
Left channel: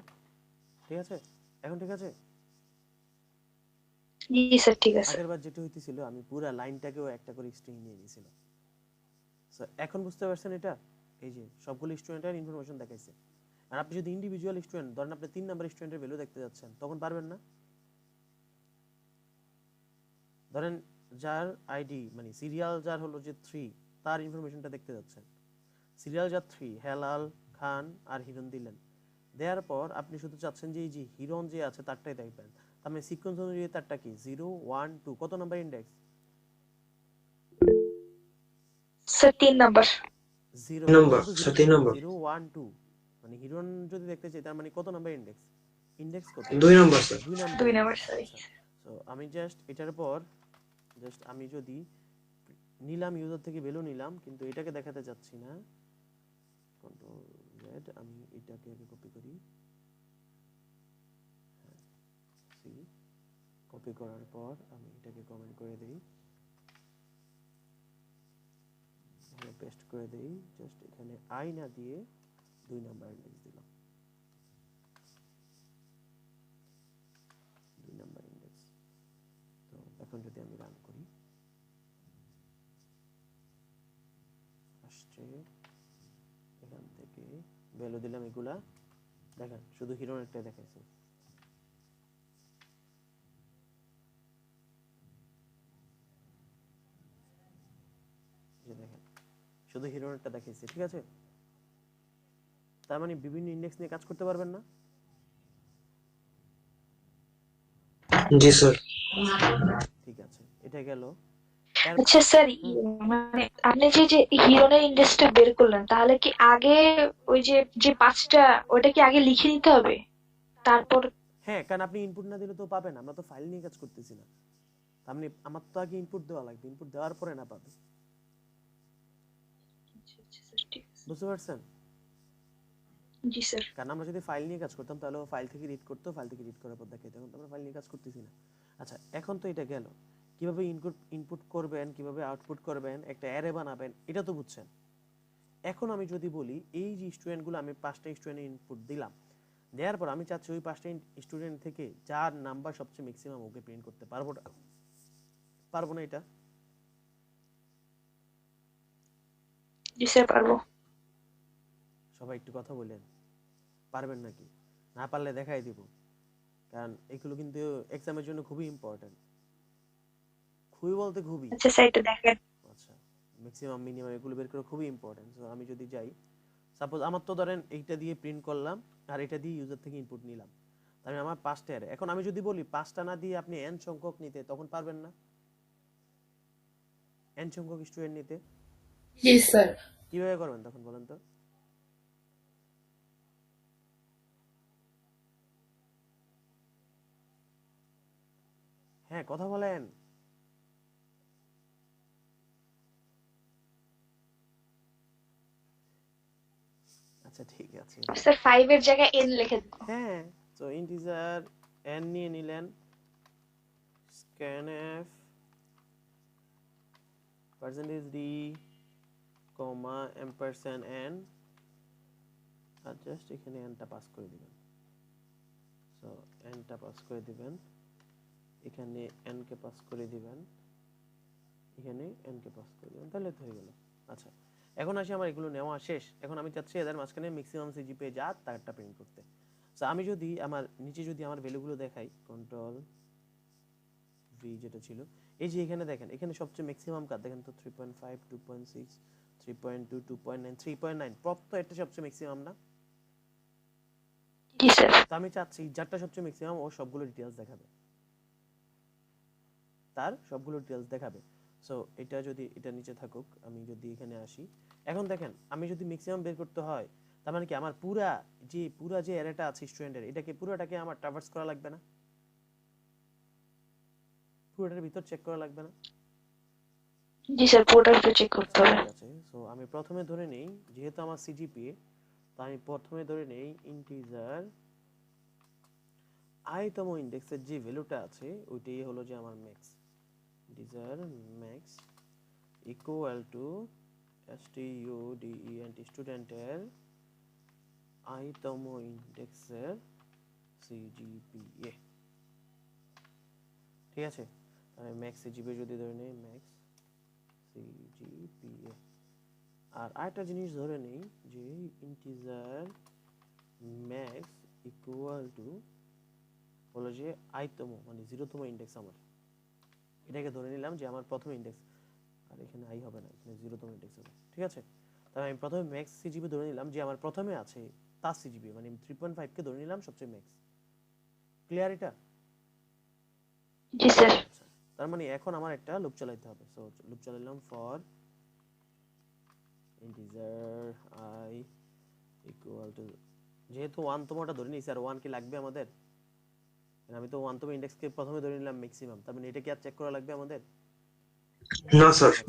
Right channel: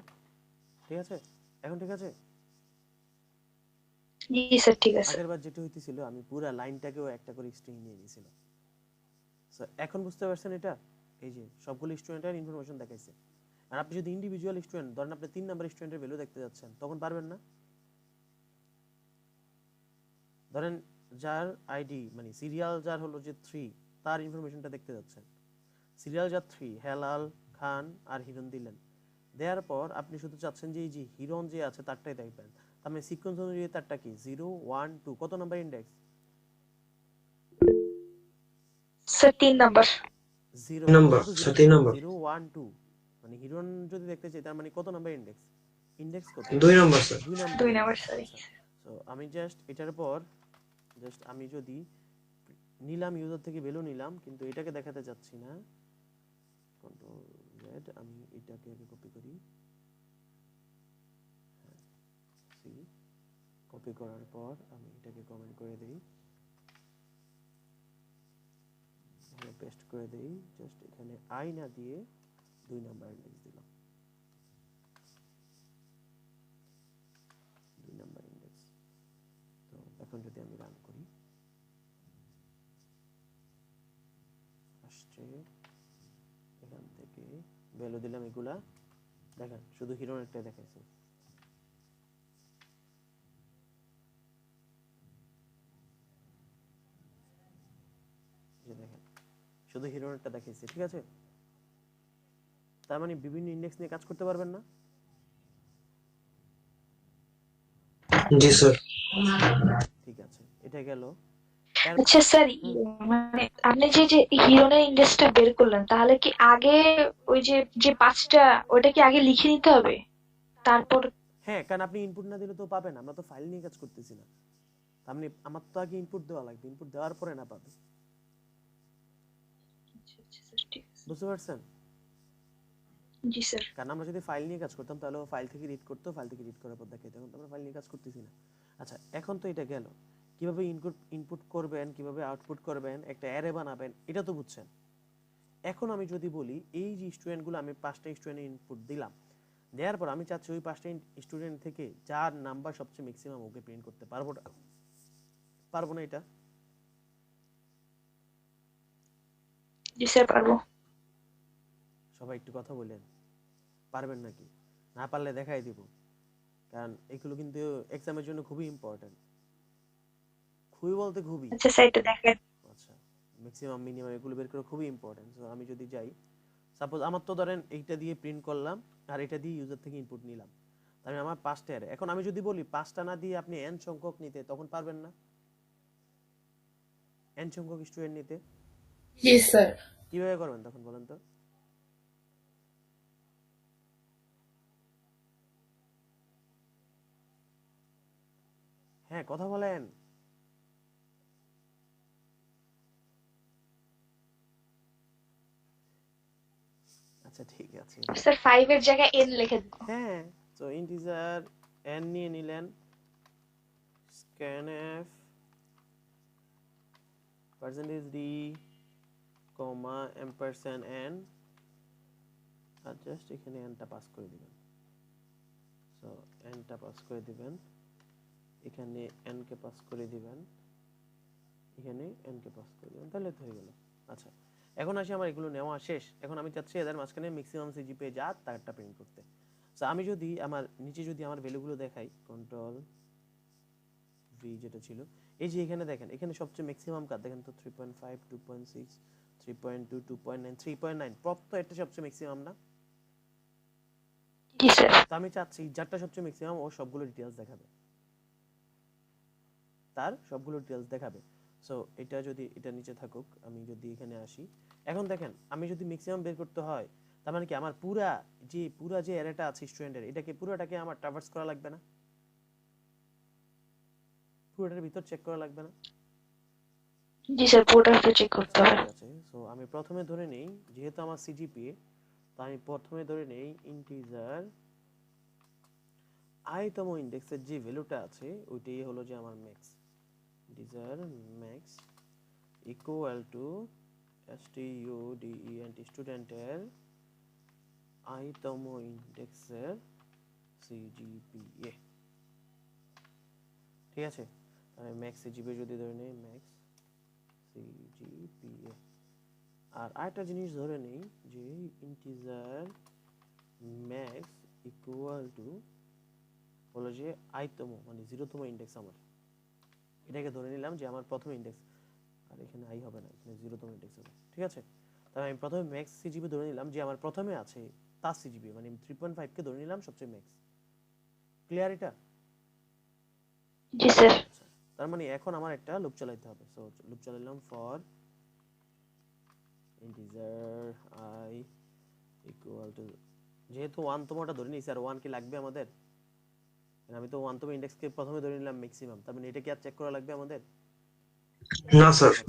ঠিক আছে এখন ঠিক আছে জি স্যার ঠিক আছে আগেরবার যেটা হইতেছিল আমি পুরা লাইনটাকেও একটা করে স্ট্রিং নিয়ে নিয়েছিলাম স্যার এখন বুঝতে পারছেন এটা এই যে সবগুলো স্টুডেন্টের ইনফরমেশন দেখাইছে আর আপনি যদি ইন্ডিভিজুয়াল স্টুডেন্ট ধরেন আপনি 3 নাম্বার স্টুডেন্টের ভ্যালু দেখতে যাচ্ছেন তখন পারবেন না ধরেন যার আইডি মানে সিরিয়াল যার হলো যে 3 তার ইনফরমেশনটা দেখতে যাচ্ছেন সিরিয়াল যার 3 হেলাল খান আর হিরণ দিলেন দেওয়ার পর আপনি শুধু চাচ্ছেন যে এই যে হিরণ যে আছে তারটাই দেখবেন তার মানে সিকোয়েন্স অনুযায়ী তারটা কি 0 1 2 কত number index sir 3 number 0 number 3 number 0 1 2 মানে হিরণ যদি দেখতে চাই তার মানে কত নাম্বার ইন্ডেক্স ইন্ডেক্স কত 2 number sir 2 number 2 number sorry so আমি জাস্ট এটার পর জাস্ট আমি যদি নিলাম ইউজার থেকে ভ্যালু নিলাম কিন্তু এটাকে দেখাতে যাচ্ছি না কন্ট্রোল জেড আমি এটাকে আগে কপি করি সি কপি করার পর আমি এটাকে কমেন্ট করে দেই এখানে পেস্ট করে দেই জাস্ট এখানে আই না দিয়ে 2 নাম্বার ইন্ডেক্স দিলাম 2 নাম্বার ইন্ডেক্স তো এখন যদি আমি রান করি আসছে এখান থেকে ভ্যালু দিলাম এগুলা দেখেন শুধু হিরোর একটা দেখাইছে যে দেখেন শুধু হিরোর একটা দেখাইছে ঠিক আছে তার মানে বিভিন্ন ইন্ডেক্স নিয়ে কাজ করতে পারবেন না জি স্যার ঠিক আছে এটা গেল আচ্ছা স্যার মানে আপনি যে হিরনের ইন্ডেক্সটা বের করলেন তাহলে কি আগে ওই যে পাঁচটা ওটা কি আগে লিখে নিতে হবে তারপর হ্যাঁ কারণ আপনি ইনপুট না দিলে তো পাবেন আমরা তো ফাইল নিয়ে কাজ করতেছি না আপনি আমার তো আগে ইনপুট দেওয়া লাগবে ইনপুট দেওয়ার পরে না পাবে বুঝতে পারছেন জি স্যার কারণ আমরা যদি ফাইল নিয়ে কাজ করতাম তাহলে ফাইল থেকে রিড করতে ফাইল থেকে রিড করার পর দেখাইতে এখন তো আমরা ফাইল নিয়ে কাজ করতেছি না আচ্ছা এখন তো এটা গেল কিভাবে ইনপুট করবেন কিভাবে আউটপুট করবেন একটা অ্যারে বানাবেন এটা তো বুঝছেন এখন আমি যদি বলি এই যে স্টুডেন্টগুলো আমি 5টা স্টুডেন্টের ইনপুট দিলাম দেওয়ার পর আমি চাচ্ছি ওই 5টা স্টুডেন্ট থেকে যার নাম্বার সবচেয়ে ম্যাক্সিমাম ওকে প্রিন্ট করতে পারবো না এটা জি স্যার পারবো সবাই একটু কথা বলেন পারবেন নাকি না পারলে দেখাই দিব কারণ এগুলো কিন্তু এক্সামের জন্য খুবই ইম্পর্টেন্ট খুবই বলতে খুবই আচ্ছা স্যার এটা দেখেন আচ্ছা ম্যাক্সিমাম মিনিমাম এগুলো বের করা খুবই ইম্পর্টেন্ট সো আমি যদি যাই সাপোজ আমার তো ধরেন এইটা দিয়ে প্রিন্ট করলাম আর এটা দিয়ে ইউজার থেকে ইনপুট নিলাম তাহলে আমার 5টা অ্যারে এখন আমি যদি বলি 5টা না দিয়ে আপনি n সংখ্যক নিতে তখন পারবেন না n সংখ্যক স্টুডেন্ট নিতে জি স্যার কিভাবে করবেন তখন বলেন তো হ্যাঁ কথা বলেন আচ্ছা ঠিক আছে স্যার 5 এর জায়গায় n লিখে দিন হ্যাঁ তো ইন্টিজার n নিয়ে নিলেন scanf %d কমা ampersand n আর জাস্ট এখানে n টা পাস করে দিবেন সো n টা পাস করে দিবেন এখানে n কে পাস করে দিবেন এখানে n কে পাস করে দিবেন তাহলে তো হয়ে গেল আচ্ছা এখন আসি আমার এগুলো নেওয়া শেষ এখন আমি চাচ্ছি এদের মাঝখানে ম্যাক্সিমাম সিজিপিএ যা তারটা প্রিন্ট করতে সো আমি যদি আমার নিচে যদি আমার ভ্যালুগুলো দেখাই কন্ট্রোল ভি যেটা ছিল এই যে এখানে দেখেন এখানে সবচেয়ে ম্যাক্সিমাম কার দেখেন তো 3.5 2.6 3.2 2.9 3.9 প্রত্যেকটা সবচেয়ে ম্যাক্সিমাম না জি স্যার। তো আমি চাচ্ছি যারটা সবচেয়ে ম্যাক্সিমাম ও সবগুলো ডিটেলস দেখাবে, তার সবগুলো ডিটেলস দেখাবে। সো এটা যদি এটা নিচে থাকুক, আমি যদি এখানে আসি, এখন দেখেন আমি যদি ম্যাক্সিমাম বের করতে হয়, তার মানে কি আমার পুরা যে অ্যারেটা আছে স্টুডেন্টের, এটাকে পুরোটাকে আমার ট্রাভার্স করা লাগবে না? পুরোটার ভিতর চেক করা লাগবে না? জি স্যার, পুরোটা চেক করতে হবে। ঠিক আছে। সো আমি প্রথমে ধরে নেই, যেহেতু আমার সিজিপিএ, তো আমি প্রথমে ধরে নেই ইন্টিজার আইতম ইন্ডেক্সের যে ভ্যালুটা আছে ওইটাই হলো যে আমার max. Integer max equal to student স্টুডেন্টের আইতম ইন্ডেক্সের সিজিপিএ। ঠিক আছে, আমি ম্যাক্স সিজিপিএ যদি ধরে নেই ম্যাক্স সিজিপিএ, আর আরেকটা জিনিস ধরে নেই যে ইন্টিজার ম্যাক্স ইকুয়াল টু হলো যে আইতম মানে 0তম ইন্ডেক্স আমার, এটাকে ধরে নিলাম যে আমার প্রথম ইন্ডেক্স, আর এখানে আই হবে না, এখানে 0তম ইন্ডেক্স হবে। ঠিক আছে, তাহলে আমি প্রথমে ম্যাক্স সিজিপি ধরে নিলাম যে আমার প্রথমে আছে তার সিজিপি, মানে 3.5 কে ধরে নিলাম সবচেয়ে ম্যাক্স। ক্লিয়ার এটা? জি স্যার। আচ্ছা, তার মানে এখন আমার একটা লুপ চালাইতে হবে। সো লুপ চালাইলাম for integer I equal to, যেহেতু 1তমটা ধরে নিয়েছি আর 1 কি লাগবে আমাদের? আমি তো 1তম ইন্ডেক্সকে প্রথমে ধরে নিলাম ম্যাক্সিমাম, তার মানে এটা কি আর চেক করা লাগবে আমাদের? না স্যার। আচ্ছা,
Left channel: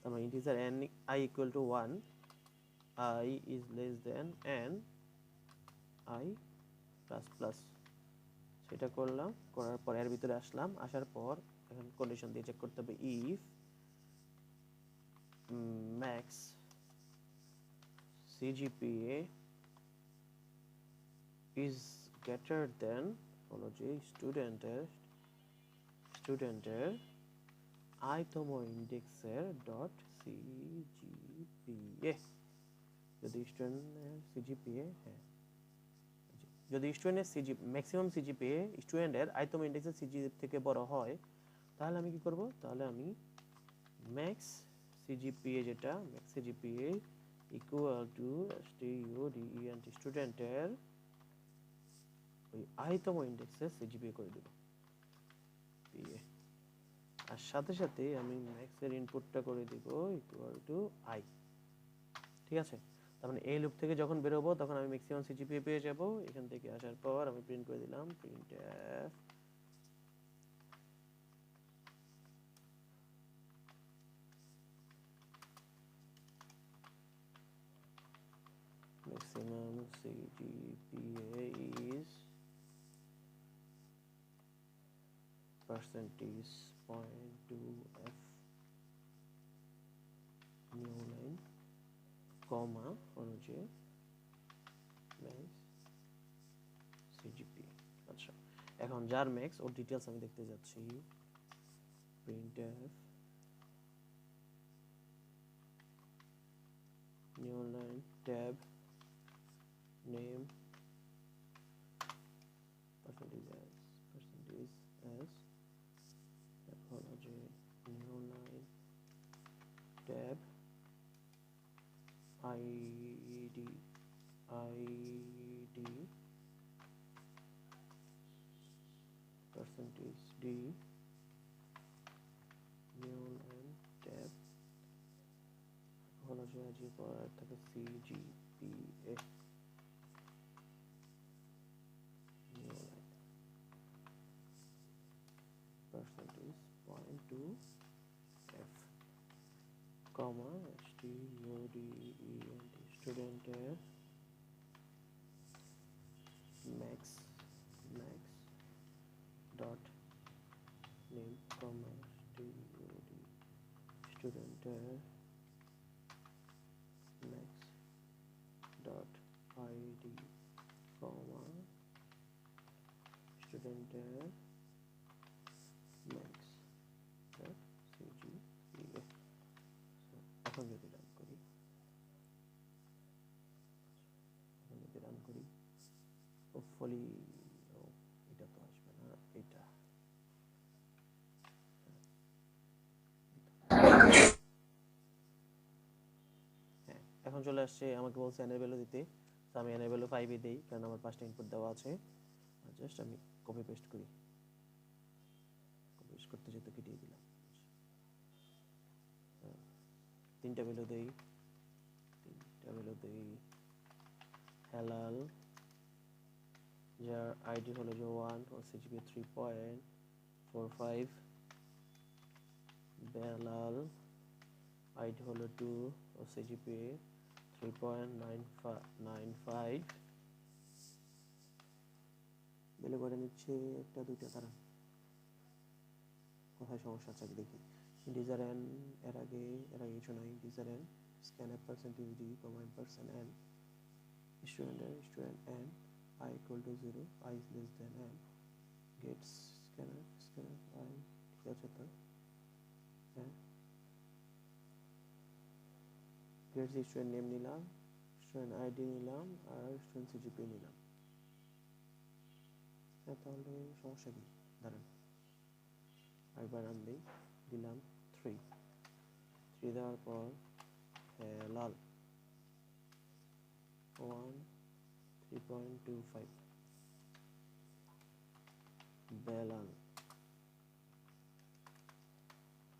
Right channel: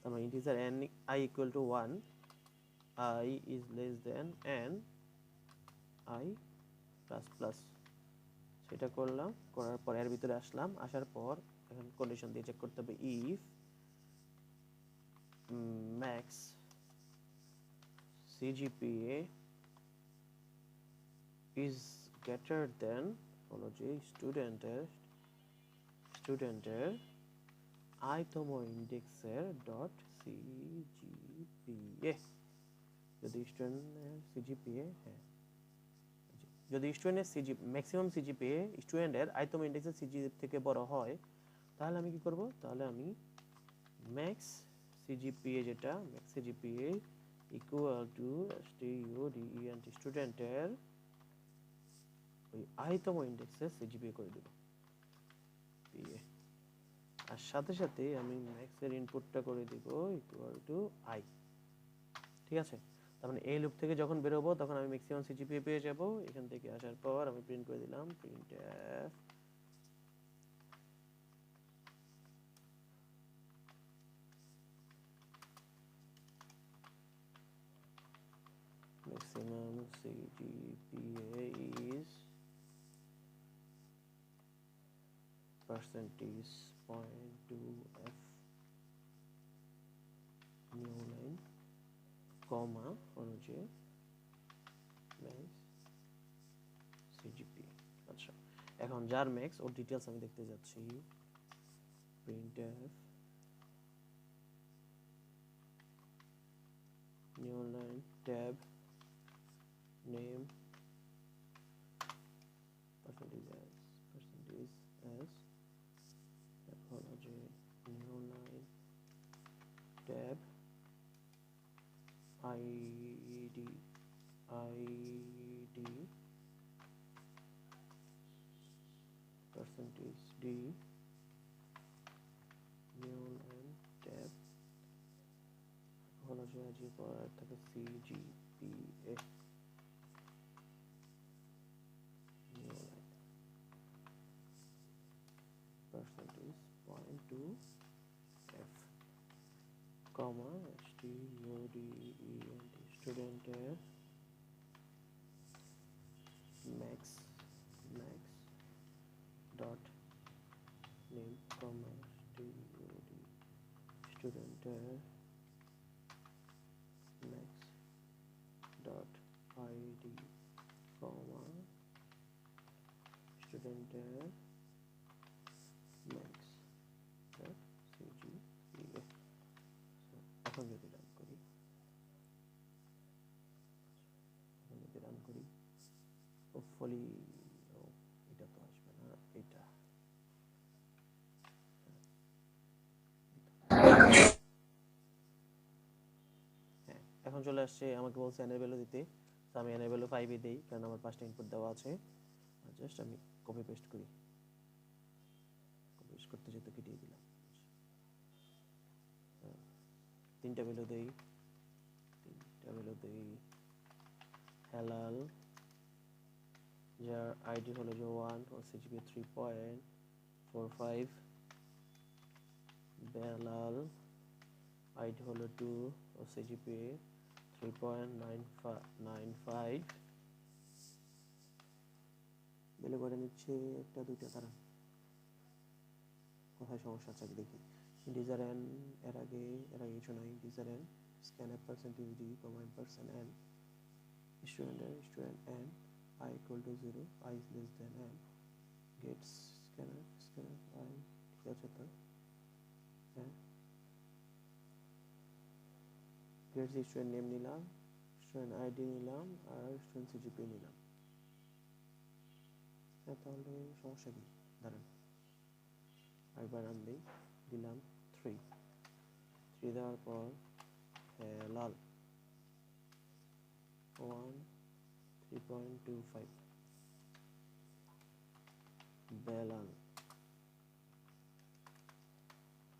তার মানে integer n I equal to 1, I is less than n I plus plus, সেটা করলাম, করার পর এর ভিতরে আসলাম, আসার পর এখন কন্ডিশন দিয়ে চেক করতে হবে if max CGPA is greater than হলো যে স্টুডেন্টের আইতম ইন্ডেক্সের ডট সিজিপিএ। যদি স্টুডেন্টের সিজিপিএ, হ্যাঁ, যদি স্টুডেন্টের ম্যাক্সিমাম সিজিপিএ স্টুডেন্টের আইতম ইন্ডেক্সের সিজিপিএ থেকে বড় হয়, তাহলে আমি কি করব? তাহলে আমি ম্যাক্স সিজিপিএ, যেটা ম্যাক্স সিজিপিএ ইকুয়াল টু স্টুডেন্টের ওই আইতম ইন্ডেক্সের সিজিপিএ করে দেব পিএ, আর সাথে সাথে আমি ম্যাক্সের ইনপুটটা করে দেব ইকুয়াল টু আই। ঠিক আছে, তার মানে এই লুপ থেকে যখন বের হবো তখন আমি ম্যাক্সিমাম সিজিপিএ পেয়ে যাব। এখান থেকে আসার পর আমি প্রিন্ট করে দিলাম printf maximum CGPA is percentage point 2f new line comma হলো যে max CGPA। আচ্ছা, এখন যার ম্যাক্স ওর ডিটেইলস আমি দেখতে যাচ্ছি, printf new line tab name percentage as হলো যে new line tab id percentage d new line tab হলো যে আজকে পড়ার থেকে CGPA new line percentage point 2 f comma student max dot name comma student max dot id comma student max dot cgpa। এখন যদি run করি, hopefully এটা তো আসবে না, এটা হ্যাঁ, এখন চলে আসছে, আমাকে বলছে এন এর ভ্যালু দিতে। তো আমি এন এর ভ্যালু 5 দেই কারণ আমার পাঁচটা ইনপুট দেওয়া আছে। জাস্ট আমি কপি পেস্ট করি, কপি পেস্ট করতে যেতে কেটে দিলাম। তিনটা ভ্যালু দেই, হালাল যার আইডি হলো যে 1 ও সিজিপি 3.45, বেলাল আইডি হলো 2 ও সিজিপি 3.95। বেলে করে নিচ্ছে একটা দুইটা, তারা কোথায় সমস্যা আছে দেখি। ইন্টিজার এন এর আগে কিছু নাই। Integer N scan F percentage D comma N percent N student N I equal to 0, I is less than n, gets scanner I, ঠিক আছে তো, হ্যাঁ, gets student name নিলাম, student ID নিলাম, আর student CGP নিলাম। হ্যাঁ, তাহলে সমস্যা কি? দাঁড়ান আরেকবার নাম দিই, দিলাম 3 দেওয়ার পর লাল 1 3.25, বেলাল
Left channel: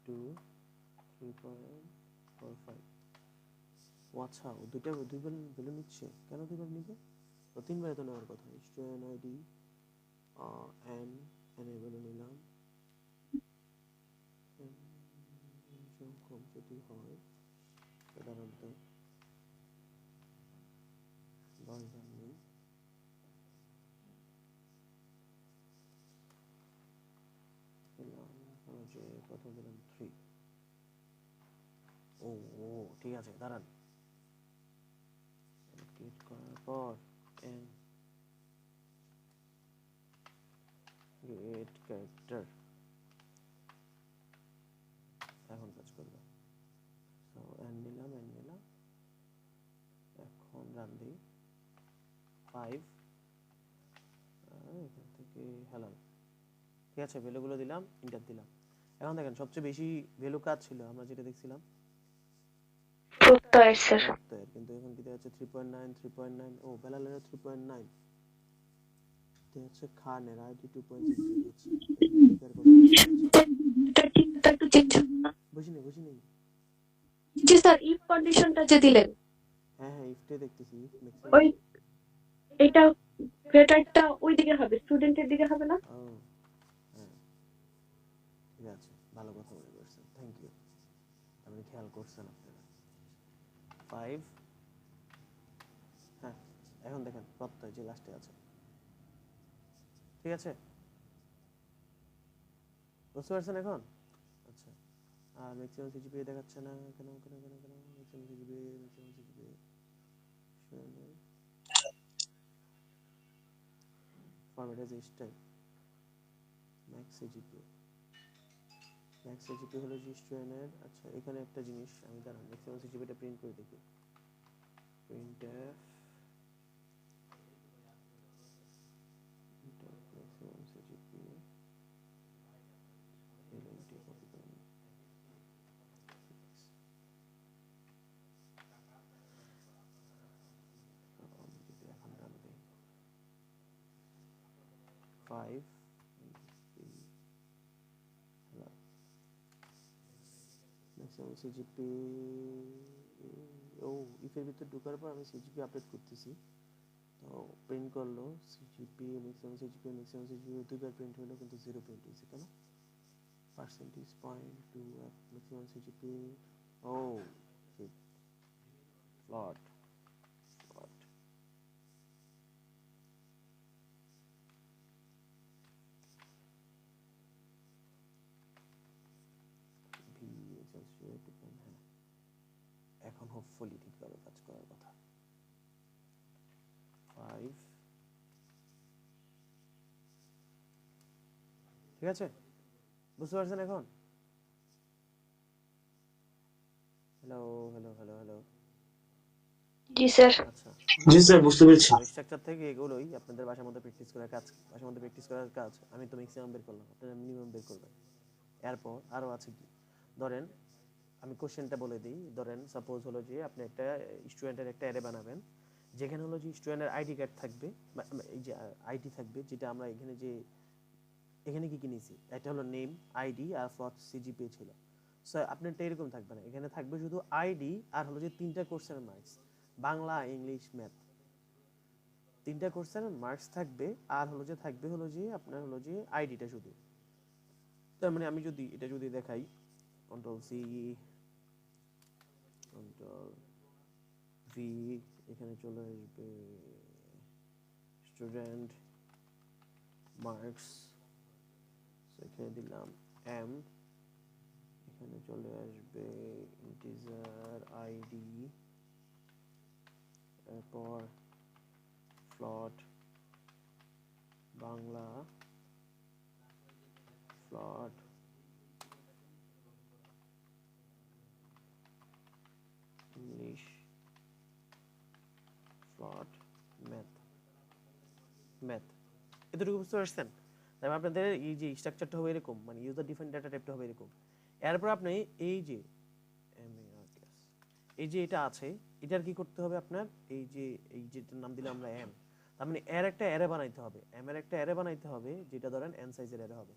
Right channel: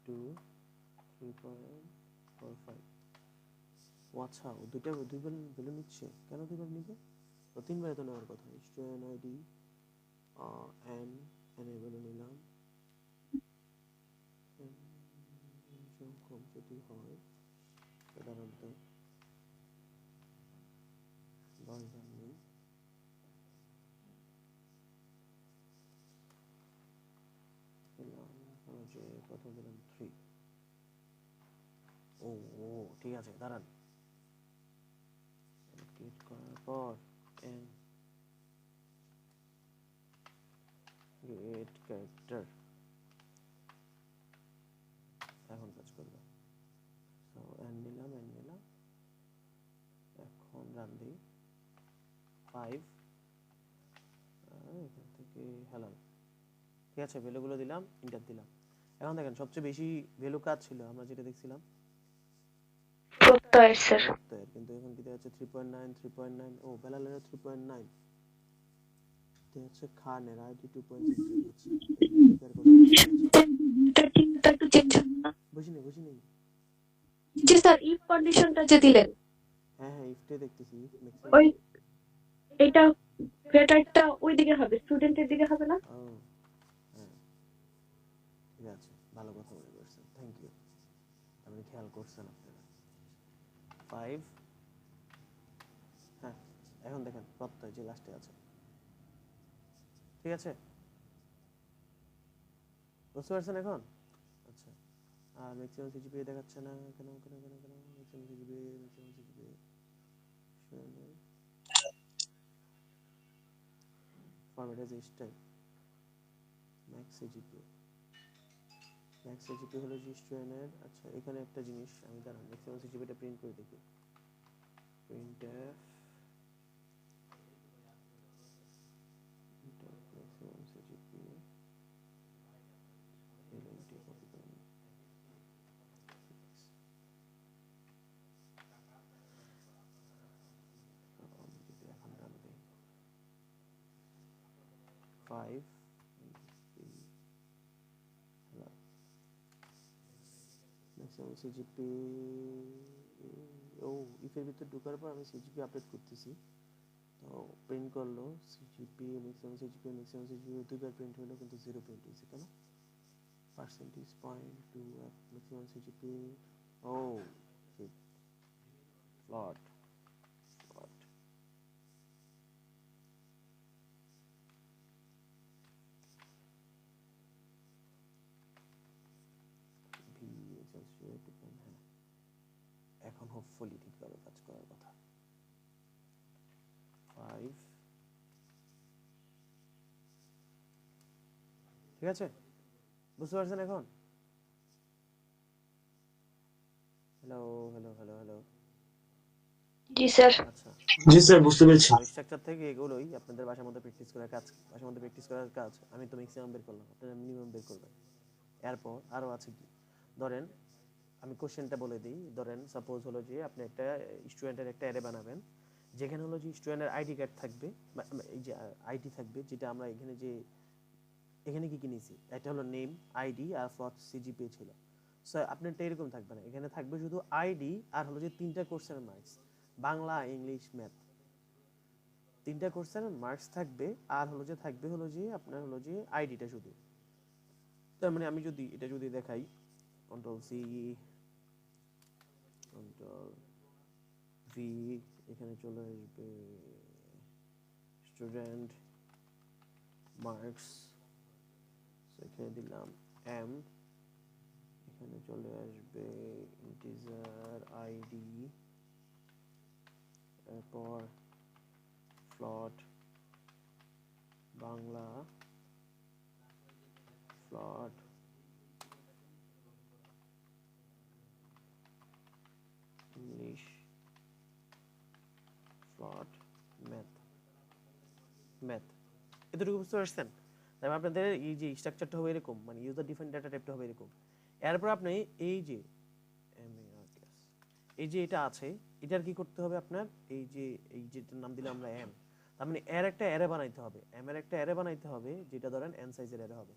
2 3.45। আচ্ছা, ও দুইবার ভ্যালু নিচ্ছে কেন? দুইবার নিবে তো, তিনবার তো নেওয়ার কথা। স্টুডেন্ট আইডি এন এর ভ্যালু নিলাম, কম যদি হয় সাধারণত 10 বার নেই। যে প্রথম দিলাম 3। ও ঠিক আছে, দাঁড়ান, ক্লিক করার পর এন গেট ক্যারেক্টার এখন কাজ করবে। সো এন নিলাম, এখন রান দিই 5, এখান থেকে হালাল। ঠিক আছে, ভ্যালুগুলো দিলাম, ইন্টার দিলাম। এখন দেখেন সবচেয়ে বেশি ভ্যালু কাজ ছিল আমরা যেটা দেখছিলাম প্রত্যয়ের স্যার। প্রত্যয়ের, কিন্তু এখন কি দেওয়া হচ্ছে 3.9। ও বেলালের 3.9 দেওয়া হচ্ছে, খানের আইডি 2.6 হচ্ছে। এর কথা একটু চেঞ্জ হবে না? বুঝিনি। জি স্যার, ইফ কন্ডিশনটা যে দিলেন, হ্যাঁ ইফটে দেখতেছি, ওই এটা গ্রেটারটা ওই দিকে হবে, স্টুডেন্টের দিকে হবে না? ও হ্যাঁ, ঠিক আছে, ভালো কথা মনে করছেন, থ্যাংক ইউ। আপনি খেয়াল করছেন আপনারা। 5, হ্যাঁ, এখন দেখেন প্রত্যয় যে লাস্টে আছে। ঠিক আছে, বুঝতে পারছেন এখন? আচ্ছা, আর ম্যাক্সিমাম সিজিপি দেখাচ্ছে না কেন? Maximum CGP format as style max CGP হলো জি স্টুডেন্টের। আচ্ছা, এখানে একটা জিনিস আমি দাঁড়ান ম্যাক্সিমাম সিজিপিটা প্রিন্ট করে দেখি। Print maximum CGPA L&T copy করে নিই। আমি যদি এখন রান দিই 5 ম্যাক্সিমাম সিজিপি। ও ইফের ভিতর ঢোকার পর আমি সিজিপি আপডেট করতেছি, তো প্রিন্ট করলো সিজিপি ম্যাক্সিমাম সিজিপি দুইবার প্রিন্ট হলো, কিন্তু 0 প্রিন্ট হয়েছে কেন? Percentage point to maximum CGP. ও ফ্লট এখন হোপফুলি ঠিকভাবে কাজ করার কথা। 5, ঠিক আছে, বুঝতে পারছেন এখন? হ্যালো। জি স্যার। আচ্ছা, জি স্যার, বুঝতে পেরেছি। স্ট্রাকচার থেকে এগুলোই আপনাদের বাসার মধ্যে প্র্যাকটিস করার কাজ। আমি তো ম্যাক্সিমাম বের করলাম, আপনারা মিনিমাম বের করবেন। এরপর আরো আছে কি, ধরেন আমি কোশ্চেনটা বলে দিই। ধরেন সাপোজ হলো যে আপনি একটা স্টুডেন্টের একটা অ্যারে বানাবেন, যেখানে হলো যে স্টুডেন্টের আইডি কার্ড থাকবে, এই যে আইডি থাকবে, যেটা আমরা এখানে যে এখানে কি কি নিয়েছি, একটা হলো নেম, আইডি আর ফ্লট সিজিপিএ ছিল। সো আপনারটা এরকম থাকবে না, এখানে থাকবে শুধু আইডি আর হলো যে তিনটা কোর্সের মার্কস, বাংলা, ইংলিশ, ম্যাথ, তিনটা কোর্সের মার্কস থাকবে। আর হলো যে থাকবে হলো যে আপনার হলো যে আইডিটা শুধু। তার মানে আমি যদি এটা যদি দেখাই, কন্ট্রোল সি, কন্ট্রোল ভি, এখানে চলে আসবে স্টুডেন্ট মার্কস, এখানে দিলাম এম, এখানে চলে আসবে ইন্টিজার আইডি, এরপর ফ্লট বাংলা, ফ্লট ইংলিশ, ফ্লট ম্যাথ। এতটুকু বুঝতে পারছেন? তারপর আপনাদের এই যে স্ট্রাকচারটা হবে এরকম, মানে ইউজার ডিফাইন্ড ডাটা টাইপটা হবে এরকম। এরপর আপনি এই যে এটা আছে, এটার কি করতে হবে আপনার, এই যেটার নাম দিলাম আমরা এম, তার মানে এর একটা অ্যারে বানাইতে হবে, এম এর একটা অ্যারে বানাইতে হবে, যেটা ধরেন এন সাইজের অ্যারে হবে।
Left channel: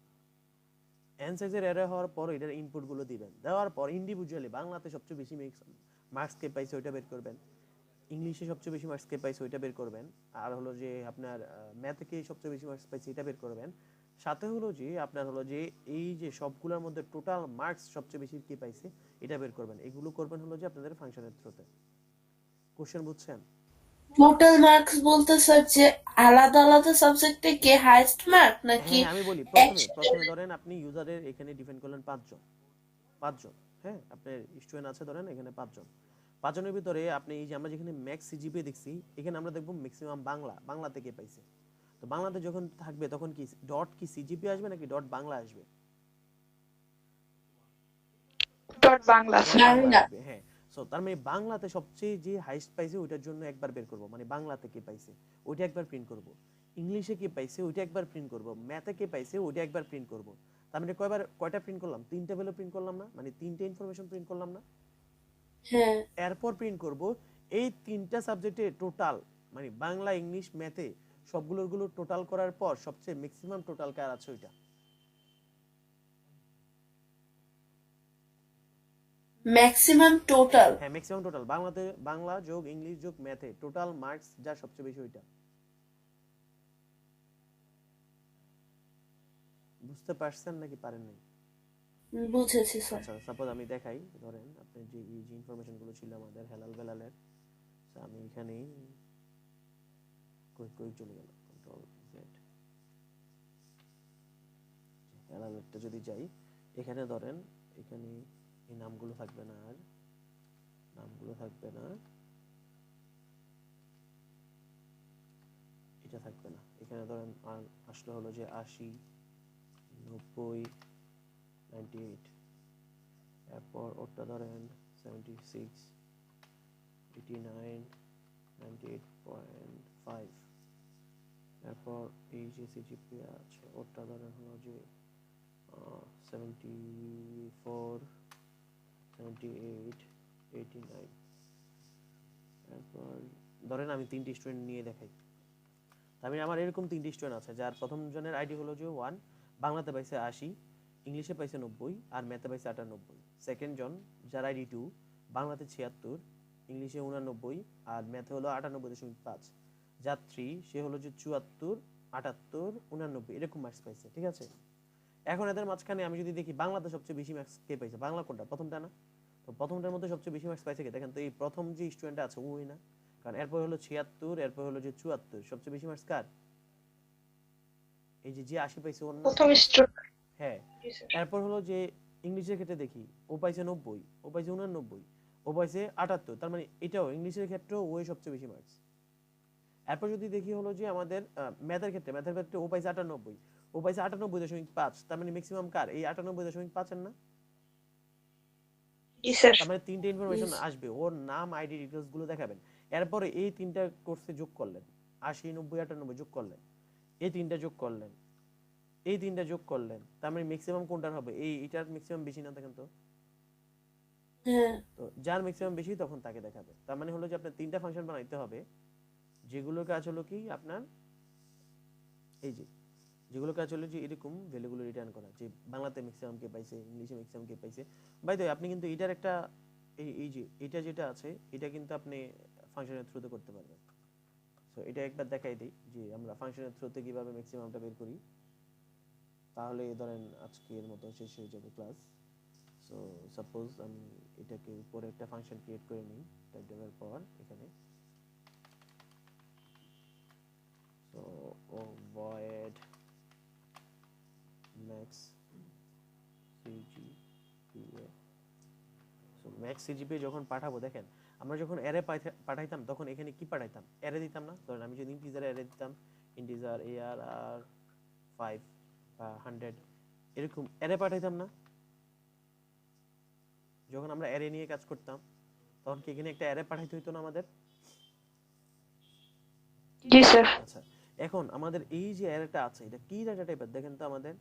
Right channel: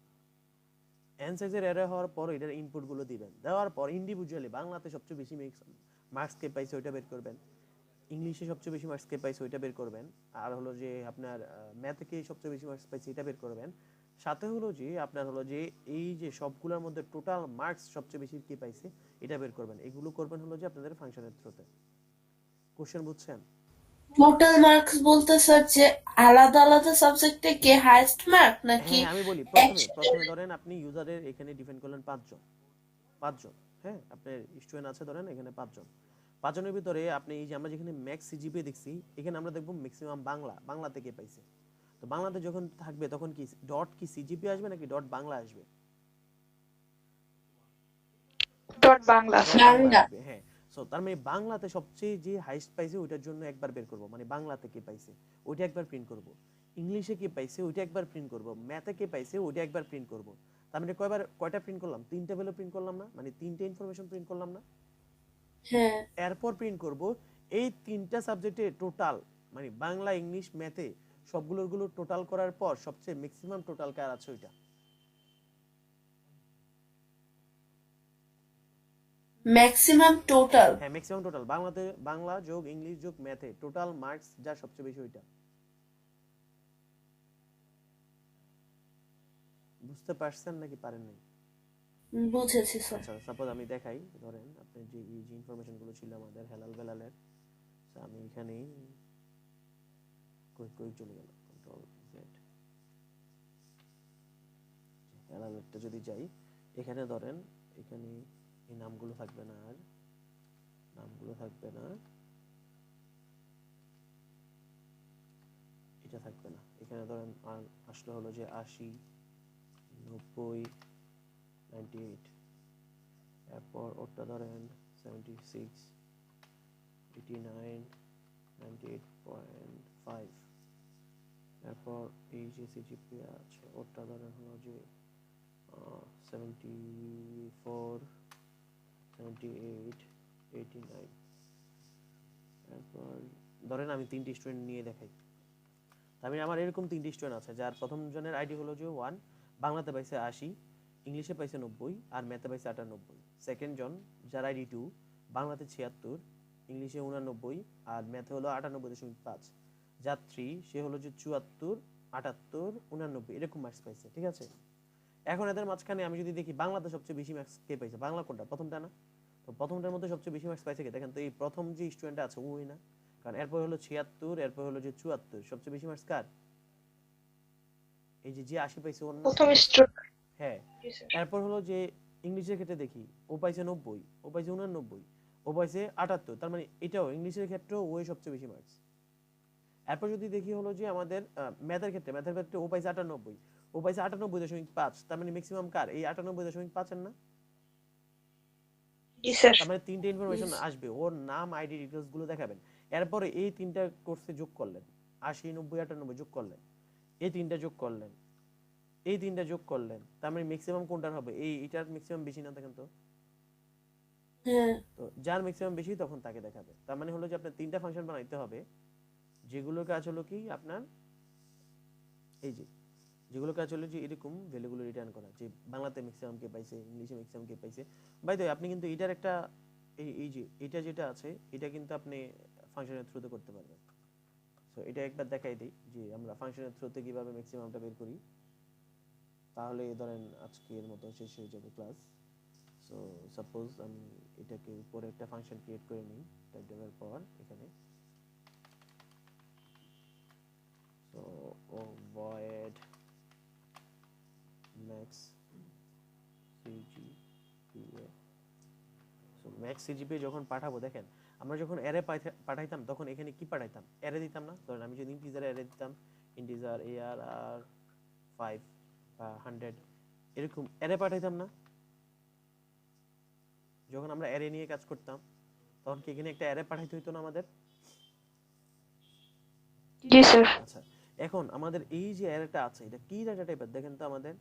এন সাইজের অ্যারে হওয়ার পর এটার ইনপুট গুলো দিবেন, দেওয়ার পর ইন্ডিভিজুয়ালি বাংলাতে সবচেয়ে বেশি মার্কস কে পাইছে ওইটা বের করবেন, ইংলিশে সবচেয়ে বেশি মার্কস কে পাইছে ওইটা বের করবেন, আর হলো যে আপনার ম্যাথে কে সবচেয়ে বেশি মার্কস পাইছে এটা বের করবেন। সাথে হলো যে আপনার হলো যে এই যে সবগুলোর মধ্যে টোটাল মার্কস সবচেয়ে বেশি কে পাইছে এটা বের করবেন। এগুলো করবেন হলো যে আপনাদের ফাংশনের থ্রুতে। কোশ্চেন বুঝছেন? টোটাল মার্কস বলতে স্যার যে আলাদা আলাদা সাবজেক্টে কে হাইয়েস্ট মার্ক নাকি হ্যাঁ আমি বলি, প্রথমে ধরেন আপনি ইউজারের এখানে ডিফাইন করলেন পাঁচজন, হ্যাঁ আপনার স্টুডেন্ট আছে ধরেন এখানে পাঁচজনের ভিতরে আপনি এই যে আমরা যেখানে ম্যাক্স সিজিপিএ দেখছি, এখানে আমরা দেখব ম্যাক্সিমাম বাংলা থেকে পাইছে। তো বাংলাতে যখন থাকবে তখন কি ডট কি সিজিপিএ আসবে নাকি ডট বাংলা আসবে? ডট বাংলা। ডট বাংলা বাংলা? আসবে, হ্যাঁ। সো তার মানে বাংলাতে সবচেয়ে যে হাইস্ট পাইছে ওইটার জন্য একবার বের করব, মানে বাংলাতে কে পাইছে ওইটা একবার প্রিন্ট করব, ইংলিশে কে পাইছে ওইটা একবার প্রিন্ট করব, ম্যাথে কে পাইছে ওইটা একবার প্রিন্ট করব। তার মানে কয়টা প্রিন্ট করলাম? তিনটা ভ্যালু প্রিন্ট করলাম না, মানে তিনটা ইনফরমেশন প্রিন্ট করলাম না। হ্যাঁ। এরপর প্রিন্ট করব এই তিনটা সাবজেক্টে টোটাল, মানে বাংলা, ইংলিশ, ম্যাথে সবগুলোর টোটাল করার পর সবচেয়ে ম্যাক্সিমাম টোটাল কার আছে ওইটা। Maximum total? হ্যাঁ ম্যাক্সিমাম টোটাল, বাংলা যোগ ইংলিশ যোগ ম্যাথে টোটাল মার্কস যা সবচেয়ে বেশি ওইটা। বুঝতে পারছেন নাকি পারেন নাই? বুঝেছি স্যার। আচ্ছা সাপোজ আমি দেখাই, ধরেন আপনি যে এই যে ইনফরমেশন গুলো ছিল আমাদের হেলাল বেলালের, আমি এখানে কই চলে গেল, কন্ট্রোল জেড, হেলালেরটা যদি যাই, এখানে ধরেন এখানে এই নামগুলো থাকবে না, আর নামগুলো থাকবে না, এটা থাকবে না। এখানে ধরেন আসলে হলো যে 80, 90, 98, এরপর ওটা ধরেন 76, 89, 98.5, এরপর এই যে সিজিপিএ আছে ওটা ধরেন হলো যে 74, 78, 89। এরপর ধরেন আমি তিনটি স্টুডেন্ট নিয়ে দেখাই, আমি আমার এরকম তিনটি স্টুডেন্ট আছে যার প্রথম জনের আইডি হলো যে 1, বাংলাতে পাইছে 80, ইংলিশে পাইছে 90 আর ম্যাথে পাইছে 98। সেকেন্ড জন যার আইডি 2, বাংলাতে 76, ইংলিশে 89 আর ম্যাথে হলো 98.5। যার 3 সে হলো যে 74, 78, 89 এরকম মার্কস পাইছে, ঠিক আছে। এখন এদের মাঝখানে আমি যদি দেখি বাংলাতে সবচেয়ে বেশি মার্কস কে পাইছে, বাংলা কোনটা, প্রথমটা না? তো প্রথমটার মধ্যে সবচেয়ে বেশি মার্কস পাইছে কে দেখেন তো, এই প্রথম যে স্টুডেন্টটা আছে ওই না, কারণ এরপর হলো 76, এরপর হলো যে 74, সবচেয়ে বেশি মার্কস কার? এই যে 80 পাইছে ওর না? প্রথম স্ট্রোক। হ্যাঁ। এরপর হলো যে ইংলিশের ক্ষেত্রে দেখি, ও পাইছে 90, ও পাইছে 89, ও পাইছে 78, তার মানে এটাও ইংলিশের ক্ষেত্রে ওই সবচেয়ে বেশি মার্কস। এরপর যদি দেখি হলো যে আমাদের ম্যাথের ক্ষেত্রে ও পাইছে 98, ও পাইছে 98.5, তার মানে ম্যাক্সিমাম কার? এই 98.5 এর না? তার মানে তিনটে ইনফরমেশন আসবে, ওর নাম, আইডি ডিটেইলস গুলো দেখাবেন। এরপরে এই তিনটা কোর্সে যোগ করলেন, 80, 90, 98 যোগ করলেন, এই তিনটা যোগ করলেন, এই তিনটা যোগ করলেন, তার মানে ম্যাক্সিমাম কোনটার হবে? এইটার ম্যাক্সিমাম বেশি না দেখেন তো? হ্যাঁ। তো যার ম্যাক্সিমাম বেশি তখন তাকে দেখাবে। তার মানে হলো যে আপনার তিনটা ফাংশন বানাইতে হবে, যেগুলো কাজ হলো কি আপনার এই যে যেগুলো কাজ হলো যে এরকম ভ্যালুগুলো রিটার্ন করা, যে বাংলাতে ম্যাক্সিমাম কে পাইছে, ইংলিশে ম্যাক্সিমাম কে পাইছে। বাই দ্য ওয়ে আপনি কিন্তু এটার একটা এই যে এটা যেটা আছে এটা কিন্তু আপনি ফাংশনের থ্রুতে করতে পারবেন। সো এটা একবার দেখাই দিই যে আমরা ফাংশনের থ্রুতে কিভাবে ম্যাক্সিমামটা বের করি। তাহলে ধরেন আজকের মতো শেষ হয়ে যাবে ক্লাস। সো সাপোজ আমি এটাকে উপরে একটা ফাংশন ক্রিয়েট করে নিই, টাইপ দেওয়ার পর এখানে so void max cgpa। So max cgpa যখন পাঠাবো, দেখেন আমরা যখন অ্যারে পাঠাইতাম তখন এখানে কি পাঠাইতাম, অ্যারে দিতাম না। ধরেন আমি যদি ইন্টিজার অ্যারে দিতাম, ইন্টিজার arr 5 বা 100 এরকম অ্যারে পাঠাইতাম না। যখন আমরা অ্যারে নিয়ে কাজ করতাম তখন কি এখানে একটা অ্যারে পাঠাইতে হইতো না আমাদের? জি স্যার। আচ্ছা, এখন আমাদের এই যে অ্যারেটা আছে এটা কি ডাটা টাইপের দেখেন তো আমাদের,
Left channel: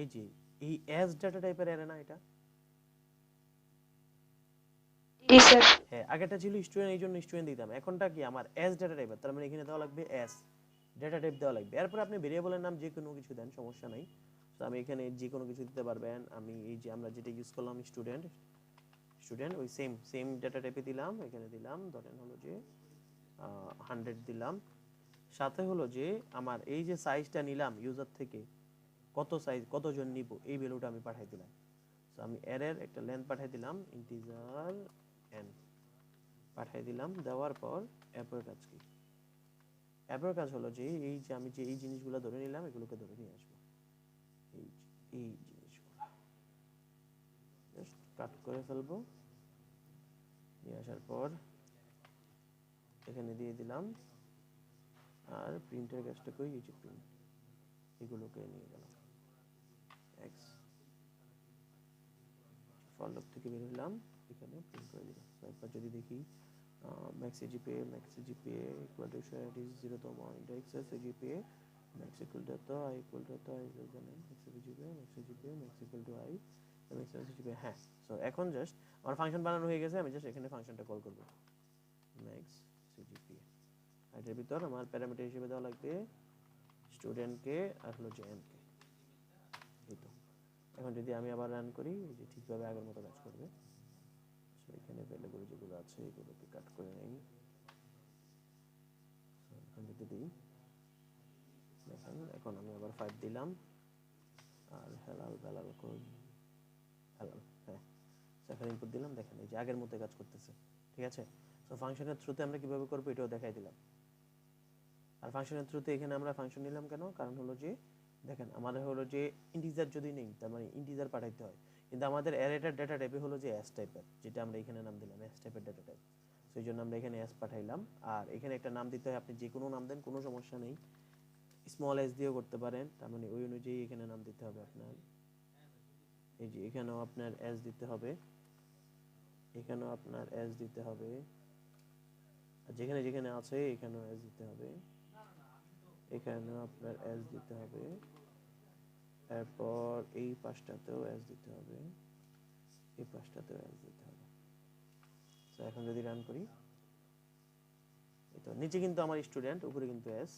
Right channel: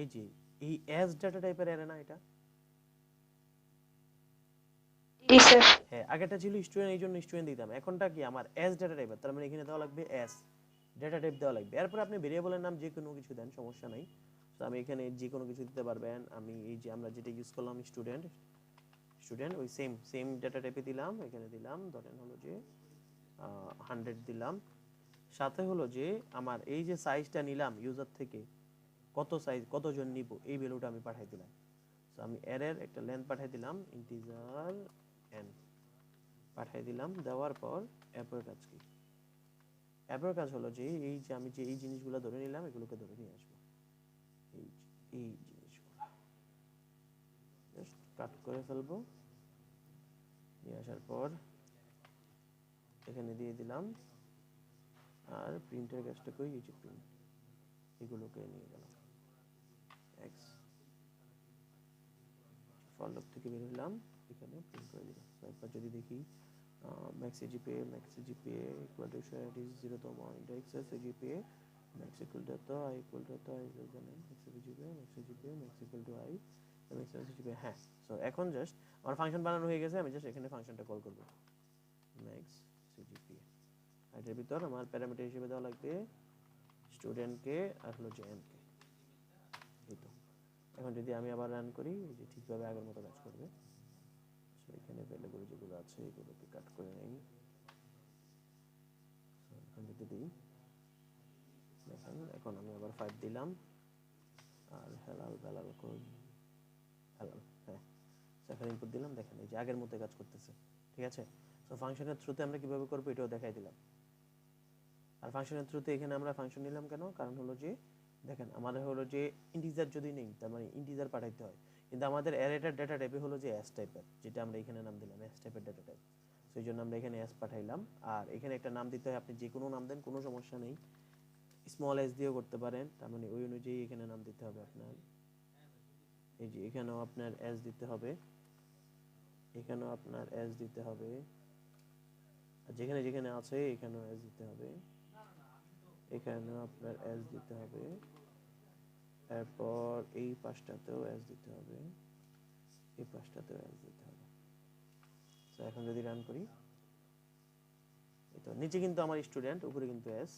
এই যে এই অ্যাজ ডাটা টাইপের অ্যারে না এটা? জি স্যার। হ্যাঁ, আগেটা ছিল স্টুডেন্ট, এই জন্য স্টুডেন্ট দিতাম। এখনটা কি আমার অ্যাজ ডাটা টাইপের, তার মানে এখানে দেওয়া লাগবে অ্যাজ ডাটা টাইপ দেওয়া লাগবে। এরপর আপনি ভেরিয়েবলের নাম যে কোনো কিছু দেন, সমস্যা নাই। তো আমি এখানে যে কোনো কিছু দিতে পারবেন। আমি এই যে আমরা যেটা ইউজ করলাম স্টুডেন্ট ওই সেম ডাটা টাইপে দিলাম, এখানে দিলাম ধরেন হলো যে 100 দিলাম। সাথে হলো যে আমার এই যে সাইজটা নিলাম ইউজার থেকে, কত সাইজ কতজন নিব এই ভ্যালুটা আমি পাঠিয়ে দিলাম। সো আমি অ্যারের একটা লেন্থ পাঠিয়ে দিলাম, ইন্টিজার n পাঠিয়ে দিলাম। দেওয়ার পর অ্যাপের কাজ কি? অ্যাপের কাজ হলো যে এই যে আমি যে এই জিনিসগুলো ধরে নিলাম এগুলোকে ধরে নিয়ে আসবো, এই জিনিসগুলো জাস্ট কাট করে ফেলবো। নিয়ে আসার পর এখানে দিয়ে দিলাম। আর প্রিন্টের কাজটা কই, এই যে প্রিন্ট, এগুলোকে নিয়ে গেলাম x ফর লুপ থেকে বের হলাম, এখানে প্রিন্ট করে দিলাম। তো একবার যদি দেখি max cgpa equal to it is 0 তম index cgpa max equal to i equal to i is less than n max cgpa max equal to i max cgpa। হ্যাঁ, সো এখন জাস্ট আমার ফাংশন বানানো হয়ে গেছে। আমি জাস্ট এখানে ফাংশনটা কল করব max cgpa। এটার ভিতর আমার প্যারামিটার হিসেবে দেওয়া লাগবে স্টুডেন্টকে আর হলো যে n কে। এই তো এখন যদি আমি আবার রান করি, এই যে ঠিকভাবে আগের মতো কাজ করবে। সো এখানে ভ্যালুগুলো যেগুলো আছে এগুলোকে কাট করে নেই। সো এখন যদি দিই, দেখেন এখন আমি আবার 5 দিলাম আর হেলাল বেলাল কই হেলাল, হ্যাঁ এখন ইনপুট দিলাম। দেখেন এই যে আগের মতো কাজ করতেছে, ঠিক আছে। সো ফাংশনের থ্রুতে আমরা কিভাবে করব এটাও দেখাই দিলাম। আর ফাংশনের থ্রুতে এখানে আমরা ফাংশন নিলাম কেন, কারণ হলো যে দেখেন আমাদের হলো যে ইন্টিজার যদি নেই তার মানে ইন্টিজার পাঠাইতে হয়, কিন্তু আমাদের অ্যারেটার ডেটা টাইপে হলো যে অ্যাস টাইপের, যেটা আমরা এখানে নাম দিলাম অ্যাস টাইপের ডেটা টাইপ। সেই জন্য আমরা এখানে অ্যাস পাঠাইলাম। আর এখানে একটা নাম দিতে হয়, আপনি যে কোনো নাম দেন কোনো সমস্যা নেই, স্মল এস দিয়েও করতে পারেন। তার মানে ওই অনুযায়ী এখানে নাম দিতে হবে আপনার। এই যে এখানেও আপনার এস দিতে হবে, এখানেও আপনার এস দিতে হবে, আর যেখানে যেখানে আছে এখানেও এস দিতে হবে, এখানেও আপনার এস দিতে হবে। এরপর এই পাঁচটাতেও এস দিতে হবে, এই পাঁচটাতেও এস দিতে হবে। তো এখন যদি রান করি, এই তো নিচে কিন্তু আমার স্টুডেন্ট, উপরে কিন্তু এস।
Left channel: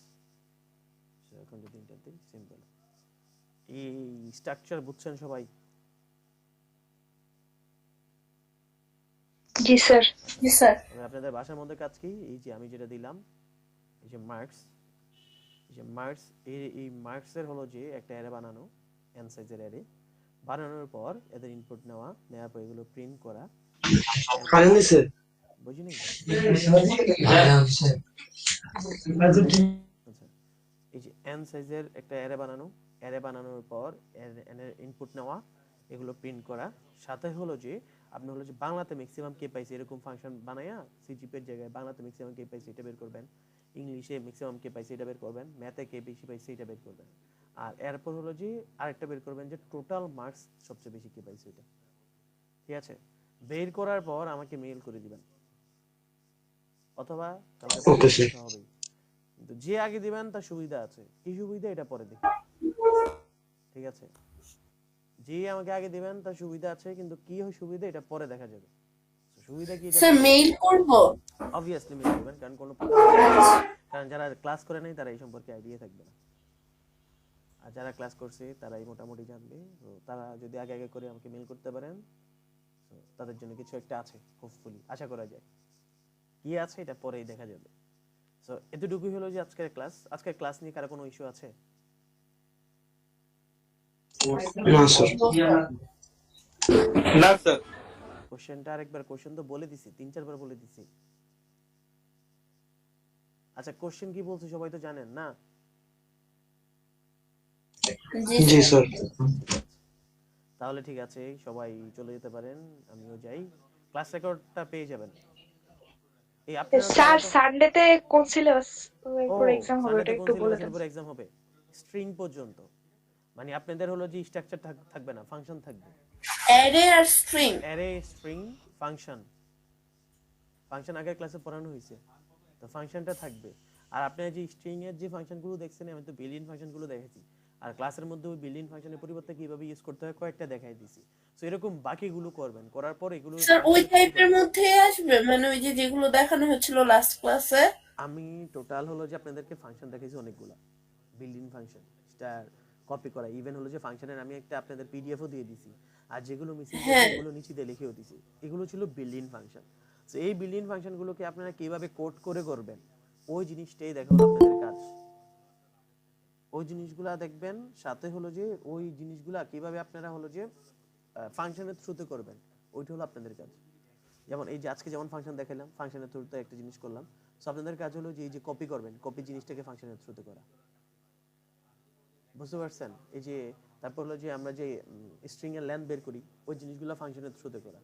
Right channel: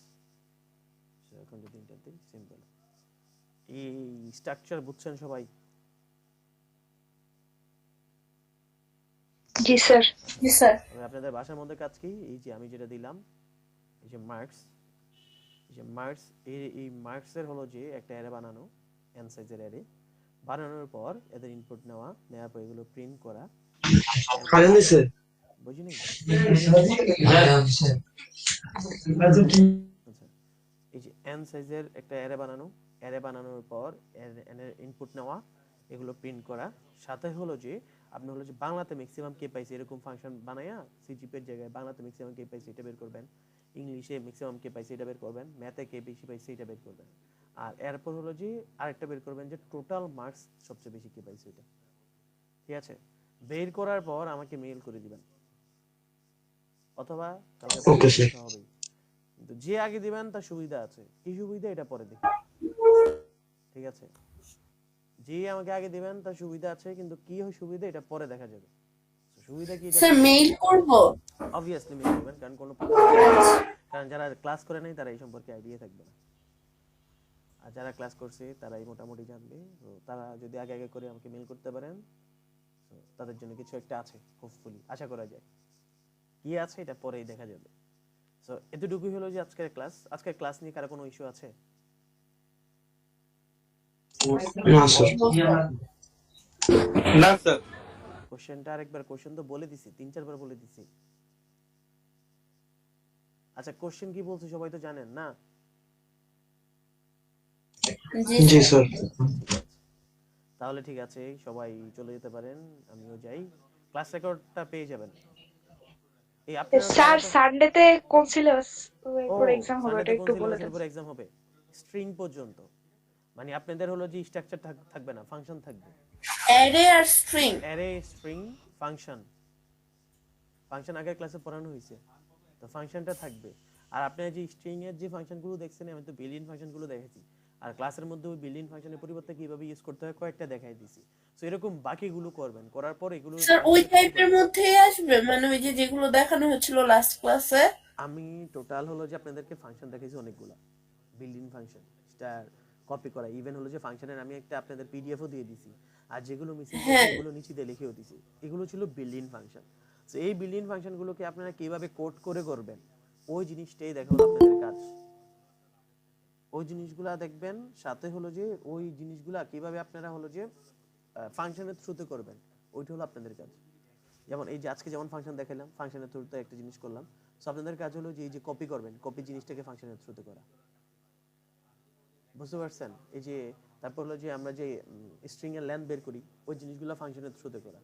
সো এখন যদি এন্টার দিই, সিম্পল। এই স্ট্রাকচার বুঝছেন সবাই? জি স্যার। জি স্যার। আপনাদের ভাষার মধ্যে কাজ কি, এই যে আমি যেটা দিলাম এই যে মার্কস, এই যে মার্কস, এই মার্কসের হলো যে একটা অ্যারে বানানো, n সাইজের অ্যারে বানানোর পর এদের ইনপুট নেওয়ার পর এগুলো প্রিন্ট করা। কারেন্ট দিছে বুঝিনি? আচ্ছা, এই যে n সাইজের একটা অ্যারে বানানো, অ্যারে বানানোর পর n এর ইনপুট নেওয়া, এগুলো প্রিন্ট করা। সাথে হলো যে আপনি হলো যে বাংলাতে ম্যাক্সিমাম কে পাইছে এরকম ফাংশন বানায়া সিজিপি এর জায়গায় বাংলাতে ম্যাক্সিমাম কে পাইছে এটা বের করবেন, ইংলিশে ম্যাক্সিমাম কে পাইছে এটা বের করবেন, ম্যাথে কে বেশি পাইছে এটা বের করবেন। আর এরপর হলো যে আরেকটা বের করবেন যে টোটাল মার্কস সবচেয়ে বেশি কে পাইছে এটা, ঠিক আছে। বের করার পর আমাকে মেইল করে দিবেন, অথবা কালকে হবে। কিন্তু যে আগে দিবেন তার সুবিধা আছে, কি সুবিধা এটা পরে দেখি, ঠিক আছে। যে আমাকে আগে দিবেন তার সুবিধা আছে, কিন্তু কি হয় সুবিধা এটা পরে দেখা যাবে। সুবিধা কি, স্যার মেইল করব? অবভিয়াসলি মেইল করবেন, কারণ কোনো কারণ যারা ক্লাস করে নাই তারা এই সম্পর্কে আইডিয়া থাকবে না, আর যারা ক্লাস করছে তারাই মোটামুটি জানবে। তো তারা যদি আগে আগে করে আমাকে মেল করতে পারেন, তো তাদের জন্য কিছু একটা আছে, হোপফুলি আশা করা যায়। কি আছে এটা পরেই দেখা যাবে। সো এতটুকুই হলো যে আজকের ক্লাস। আজকের ক্লাস নিয়ে কারো কোনো ইস্যু আছে? না স্যার। না স্যার। কোশ্চেনটা আরেকবার, কোশ্চেন তো বলে দিছি, 3-4 বার বলে দিছি। আচ্ছা কোশ্চেন কি বলছে সবাই তো জানেন না? জি জি স্যার। স্যার। ঠিক আছে, তাহলে ঠিক আছে, সবাই চলে যেতে পারেন, আমিও যাই। ক্লাস রেকর্ডটা পেয়ে যাবেন। এই আপনারা স্যার সানডেতে কোন সিলেবাস পরে এক্সাম হবে ওটা সানডেতে কোন একটু বলে সিলেবাসের দেন। উপর এক্সাম হবে? স্ট্রিং পর্যন্ত, মানে আপনাদের হলো যে স্ট্রাকচার থাকবে না, ফাংশন থাকবে। অ্যারে আর string. Array, string, function. Function আগের ক্লাসে পড়ানো হয়েছে, তো ফাংশনটা থাকবে। আর আপনারা যে স্ট্রিং এর যে ফাংশনগুলো দেখছেন, আমি তো বিল্ডিং ফাংশনগুলো দেখাইছি, আর ক্লাসের মধ্যে ওই বিল্ডিং ফাংশনের পরিবর্তে কিভাবে ইউজ করতে হয় কয়েকটা দেখাই দিছি। সো এরকম বাকিগুলো করবেন, করার পর এগুলো স্যার ওই functionে টাইপের করবেন। মধ্যেই আসবে, মানে ওই যে যেগুলো দেখানো হচ্ছিল লাস্ট ক্লাসে। আমি টোটাল হলো যে আপনাদেরকে ফাংশন দেখাইছি অনেকগুলা, বিল্ডিং ফাংশন, স্টার কপি করা, ইভেন হলো যে ফাংশনের আমি একটা আপনাদের পিডিএফও দিয়ে দিছি, আর যেগুলো মিসিং আছে হ্যাঁ এগুলো নিচে দিয়ে লিখেও দিছি। এগুলো ছিল বিল্ডিং ফাংশন। সো এই বিল্ডিং ফাংশনগুলোকে আপনারা কিভাবে কোড করে করবেন, ওই জিনিসটাই দেখাবো আপনাদের কাজ। ওই জিনিসগুলা দেখবেন, সাথে হলো যে ওই জিনিসগুলা কিভাবে আপনারা হলো যে ফাংশনের থ্রুতে করবেন, ওইটা হলো আপনাদের কাজ। যেমন এই যে আজকে যেমন ফাংশন দেখালাম, ফাংশনের থ্রুতে একটা জিনিস করলাম। সো আপনাদের কাজ হলো যে এই যে কপি করবেন, কপি জিনিসটাকে ফাংশনের থ্রুতে করা। বুঝতে পারছেন? এই যে তারপর হলো যে আমরা যে স্ট্রিং এর লেন্থ বের করি, ওই জিনিসগুলো ফাংশনের থ্রুতে করা।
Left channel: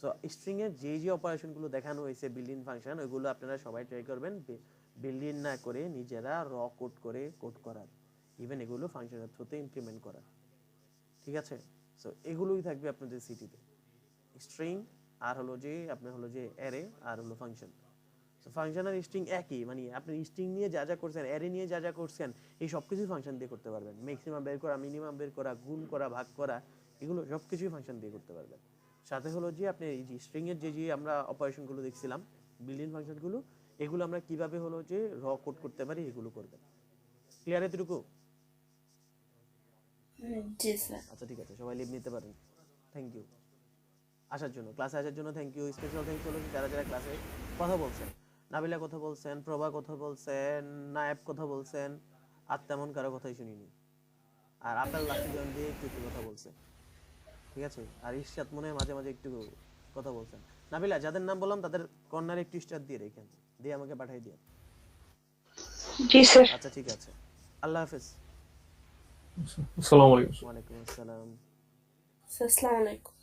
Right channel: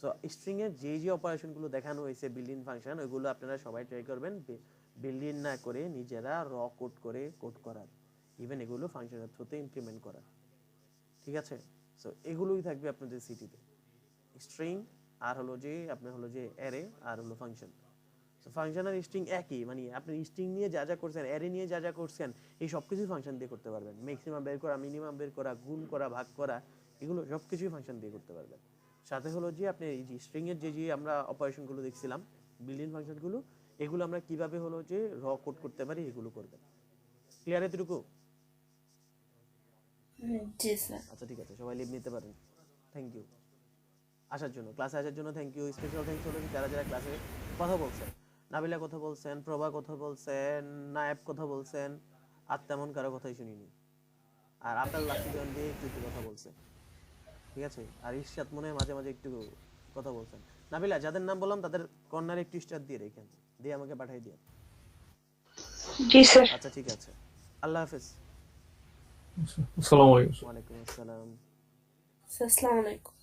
সো স্ট্রিং এর যে যে অপারেশনগুলো দেখানো হয়েছে বিল্ডিং ফাংশন, ওইগুলো আপনারা সবাই ট্রাই করবেন বিল্ডিং না করে নিজেরা র কোড করে কোড করার, ইভেন এগুলো ফাংশনের থ্রুতে ইমপ্লিমেন্ট করা। ঠিক আছে? সো এগুলোই থাকবে আপনাদের সিটিতে, স্ট্রিং আর হলো যে আপনার হলো যে অ্যারে আর হলো ফাংশন। সো ফাংশন আর স্ট্রিং একই, মানে আপনি স্ট্রিং নিয়ে যা যা করছেন, অ্যারে নিয়ে যা যা করছেন, এই সব কিছুই ফাংশন দিয়ে করতে পারবেন। ম্যাক্সিমাম বের করা, মিনিমাম বের করা, গুণ করা, ভাগ করা, এগুলো সব কিছুই ফাংশন দিয়ে করতে পারবেন। সাথে হলো যে আপনি এই যে স্ট্রিং এর যে যে আমরা অপারেশনগুলো দেখছিলাম, বিল্ডিং ফাংশনগুলো, এগুলো আমরা কিভাবে হলো যে র কোড করতে পারি, এগুলো করবেন। ক্লিয়ার এতটুকু? জি স্যার। আচ্ছা ঠিক আছে, সবাই লিভ নিতে পারেন। থ্যাংক ইউ আসার জন্য, ক্লাসে আসার জন্য থ্যাংক ইউ। স্পেশাল থ্যাঙ্কস হলো যারা যারা ক্লাসে কথা বলছেন। নাবিলা কথা বলছেন, প্রভা কথা বলছেন, নায়েব কথা বলছেন, আর তেমন কারো কথাই শুনিনি। আর আপেল লাস্টে জয়েন দিয়ে একটু একটু কথা বলছে, ঠিক আছে। আর ইরশাদ মনে হয় মাঝে মাঝে একটু কথা বলছেন। নাবিলা, যাদের নাম বললাম তাদের কর্নারে একটু স্টার দিয়ে রেখেন, দিয়ে আমাকে পাঠিয়ে দিন। জি স্যার। আচ্ছা ঠিক আছে, আল্লাহ হাফেজ। আসসালামু আলাইকুম। ওয়ালাইকুম আসসালাম। আসসালামু আলাইকুম।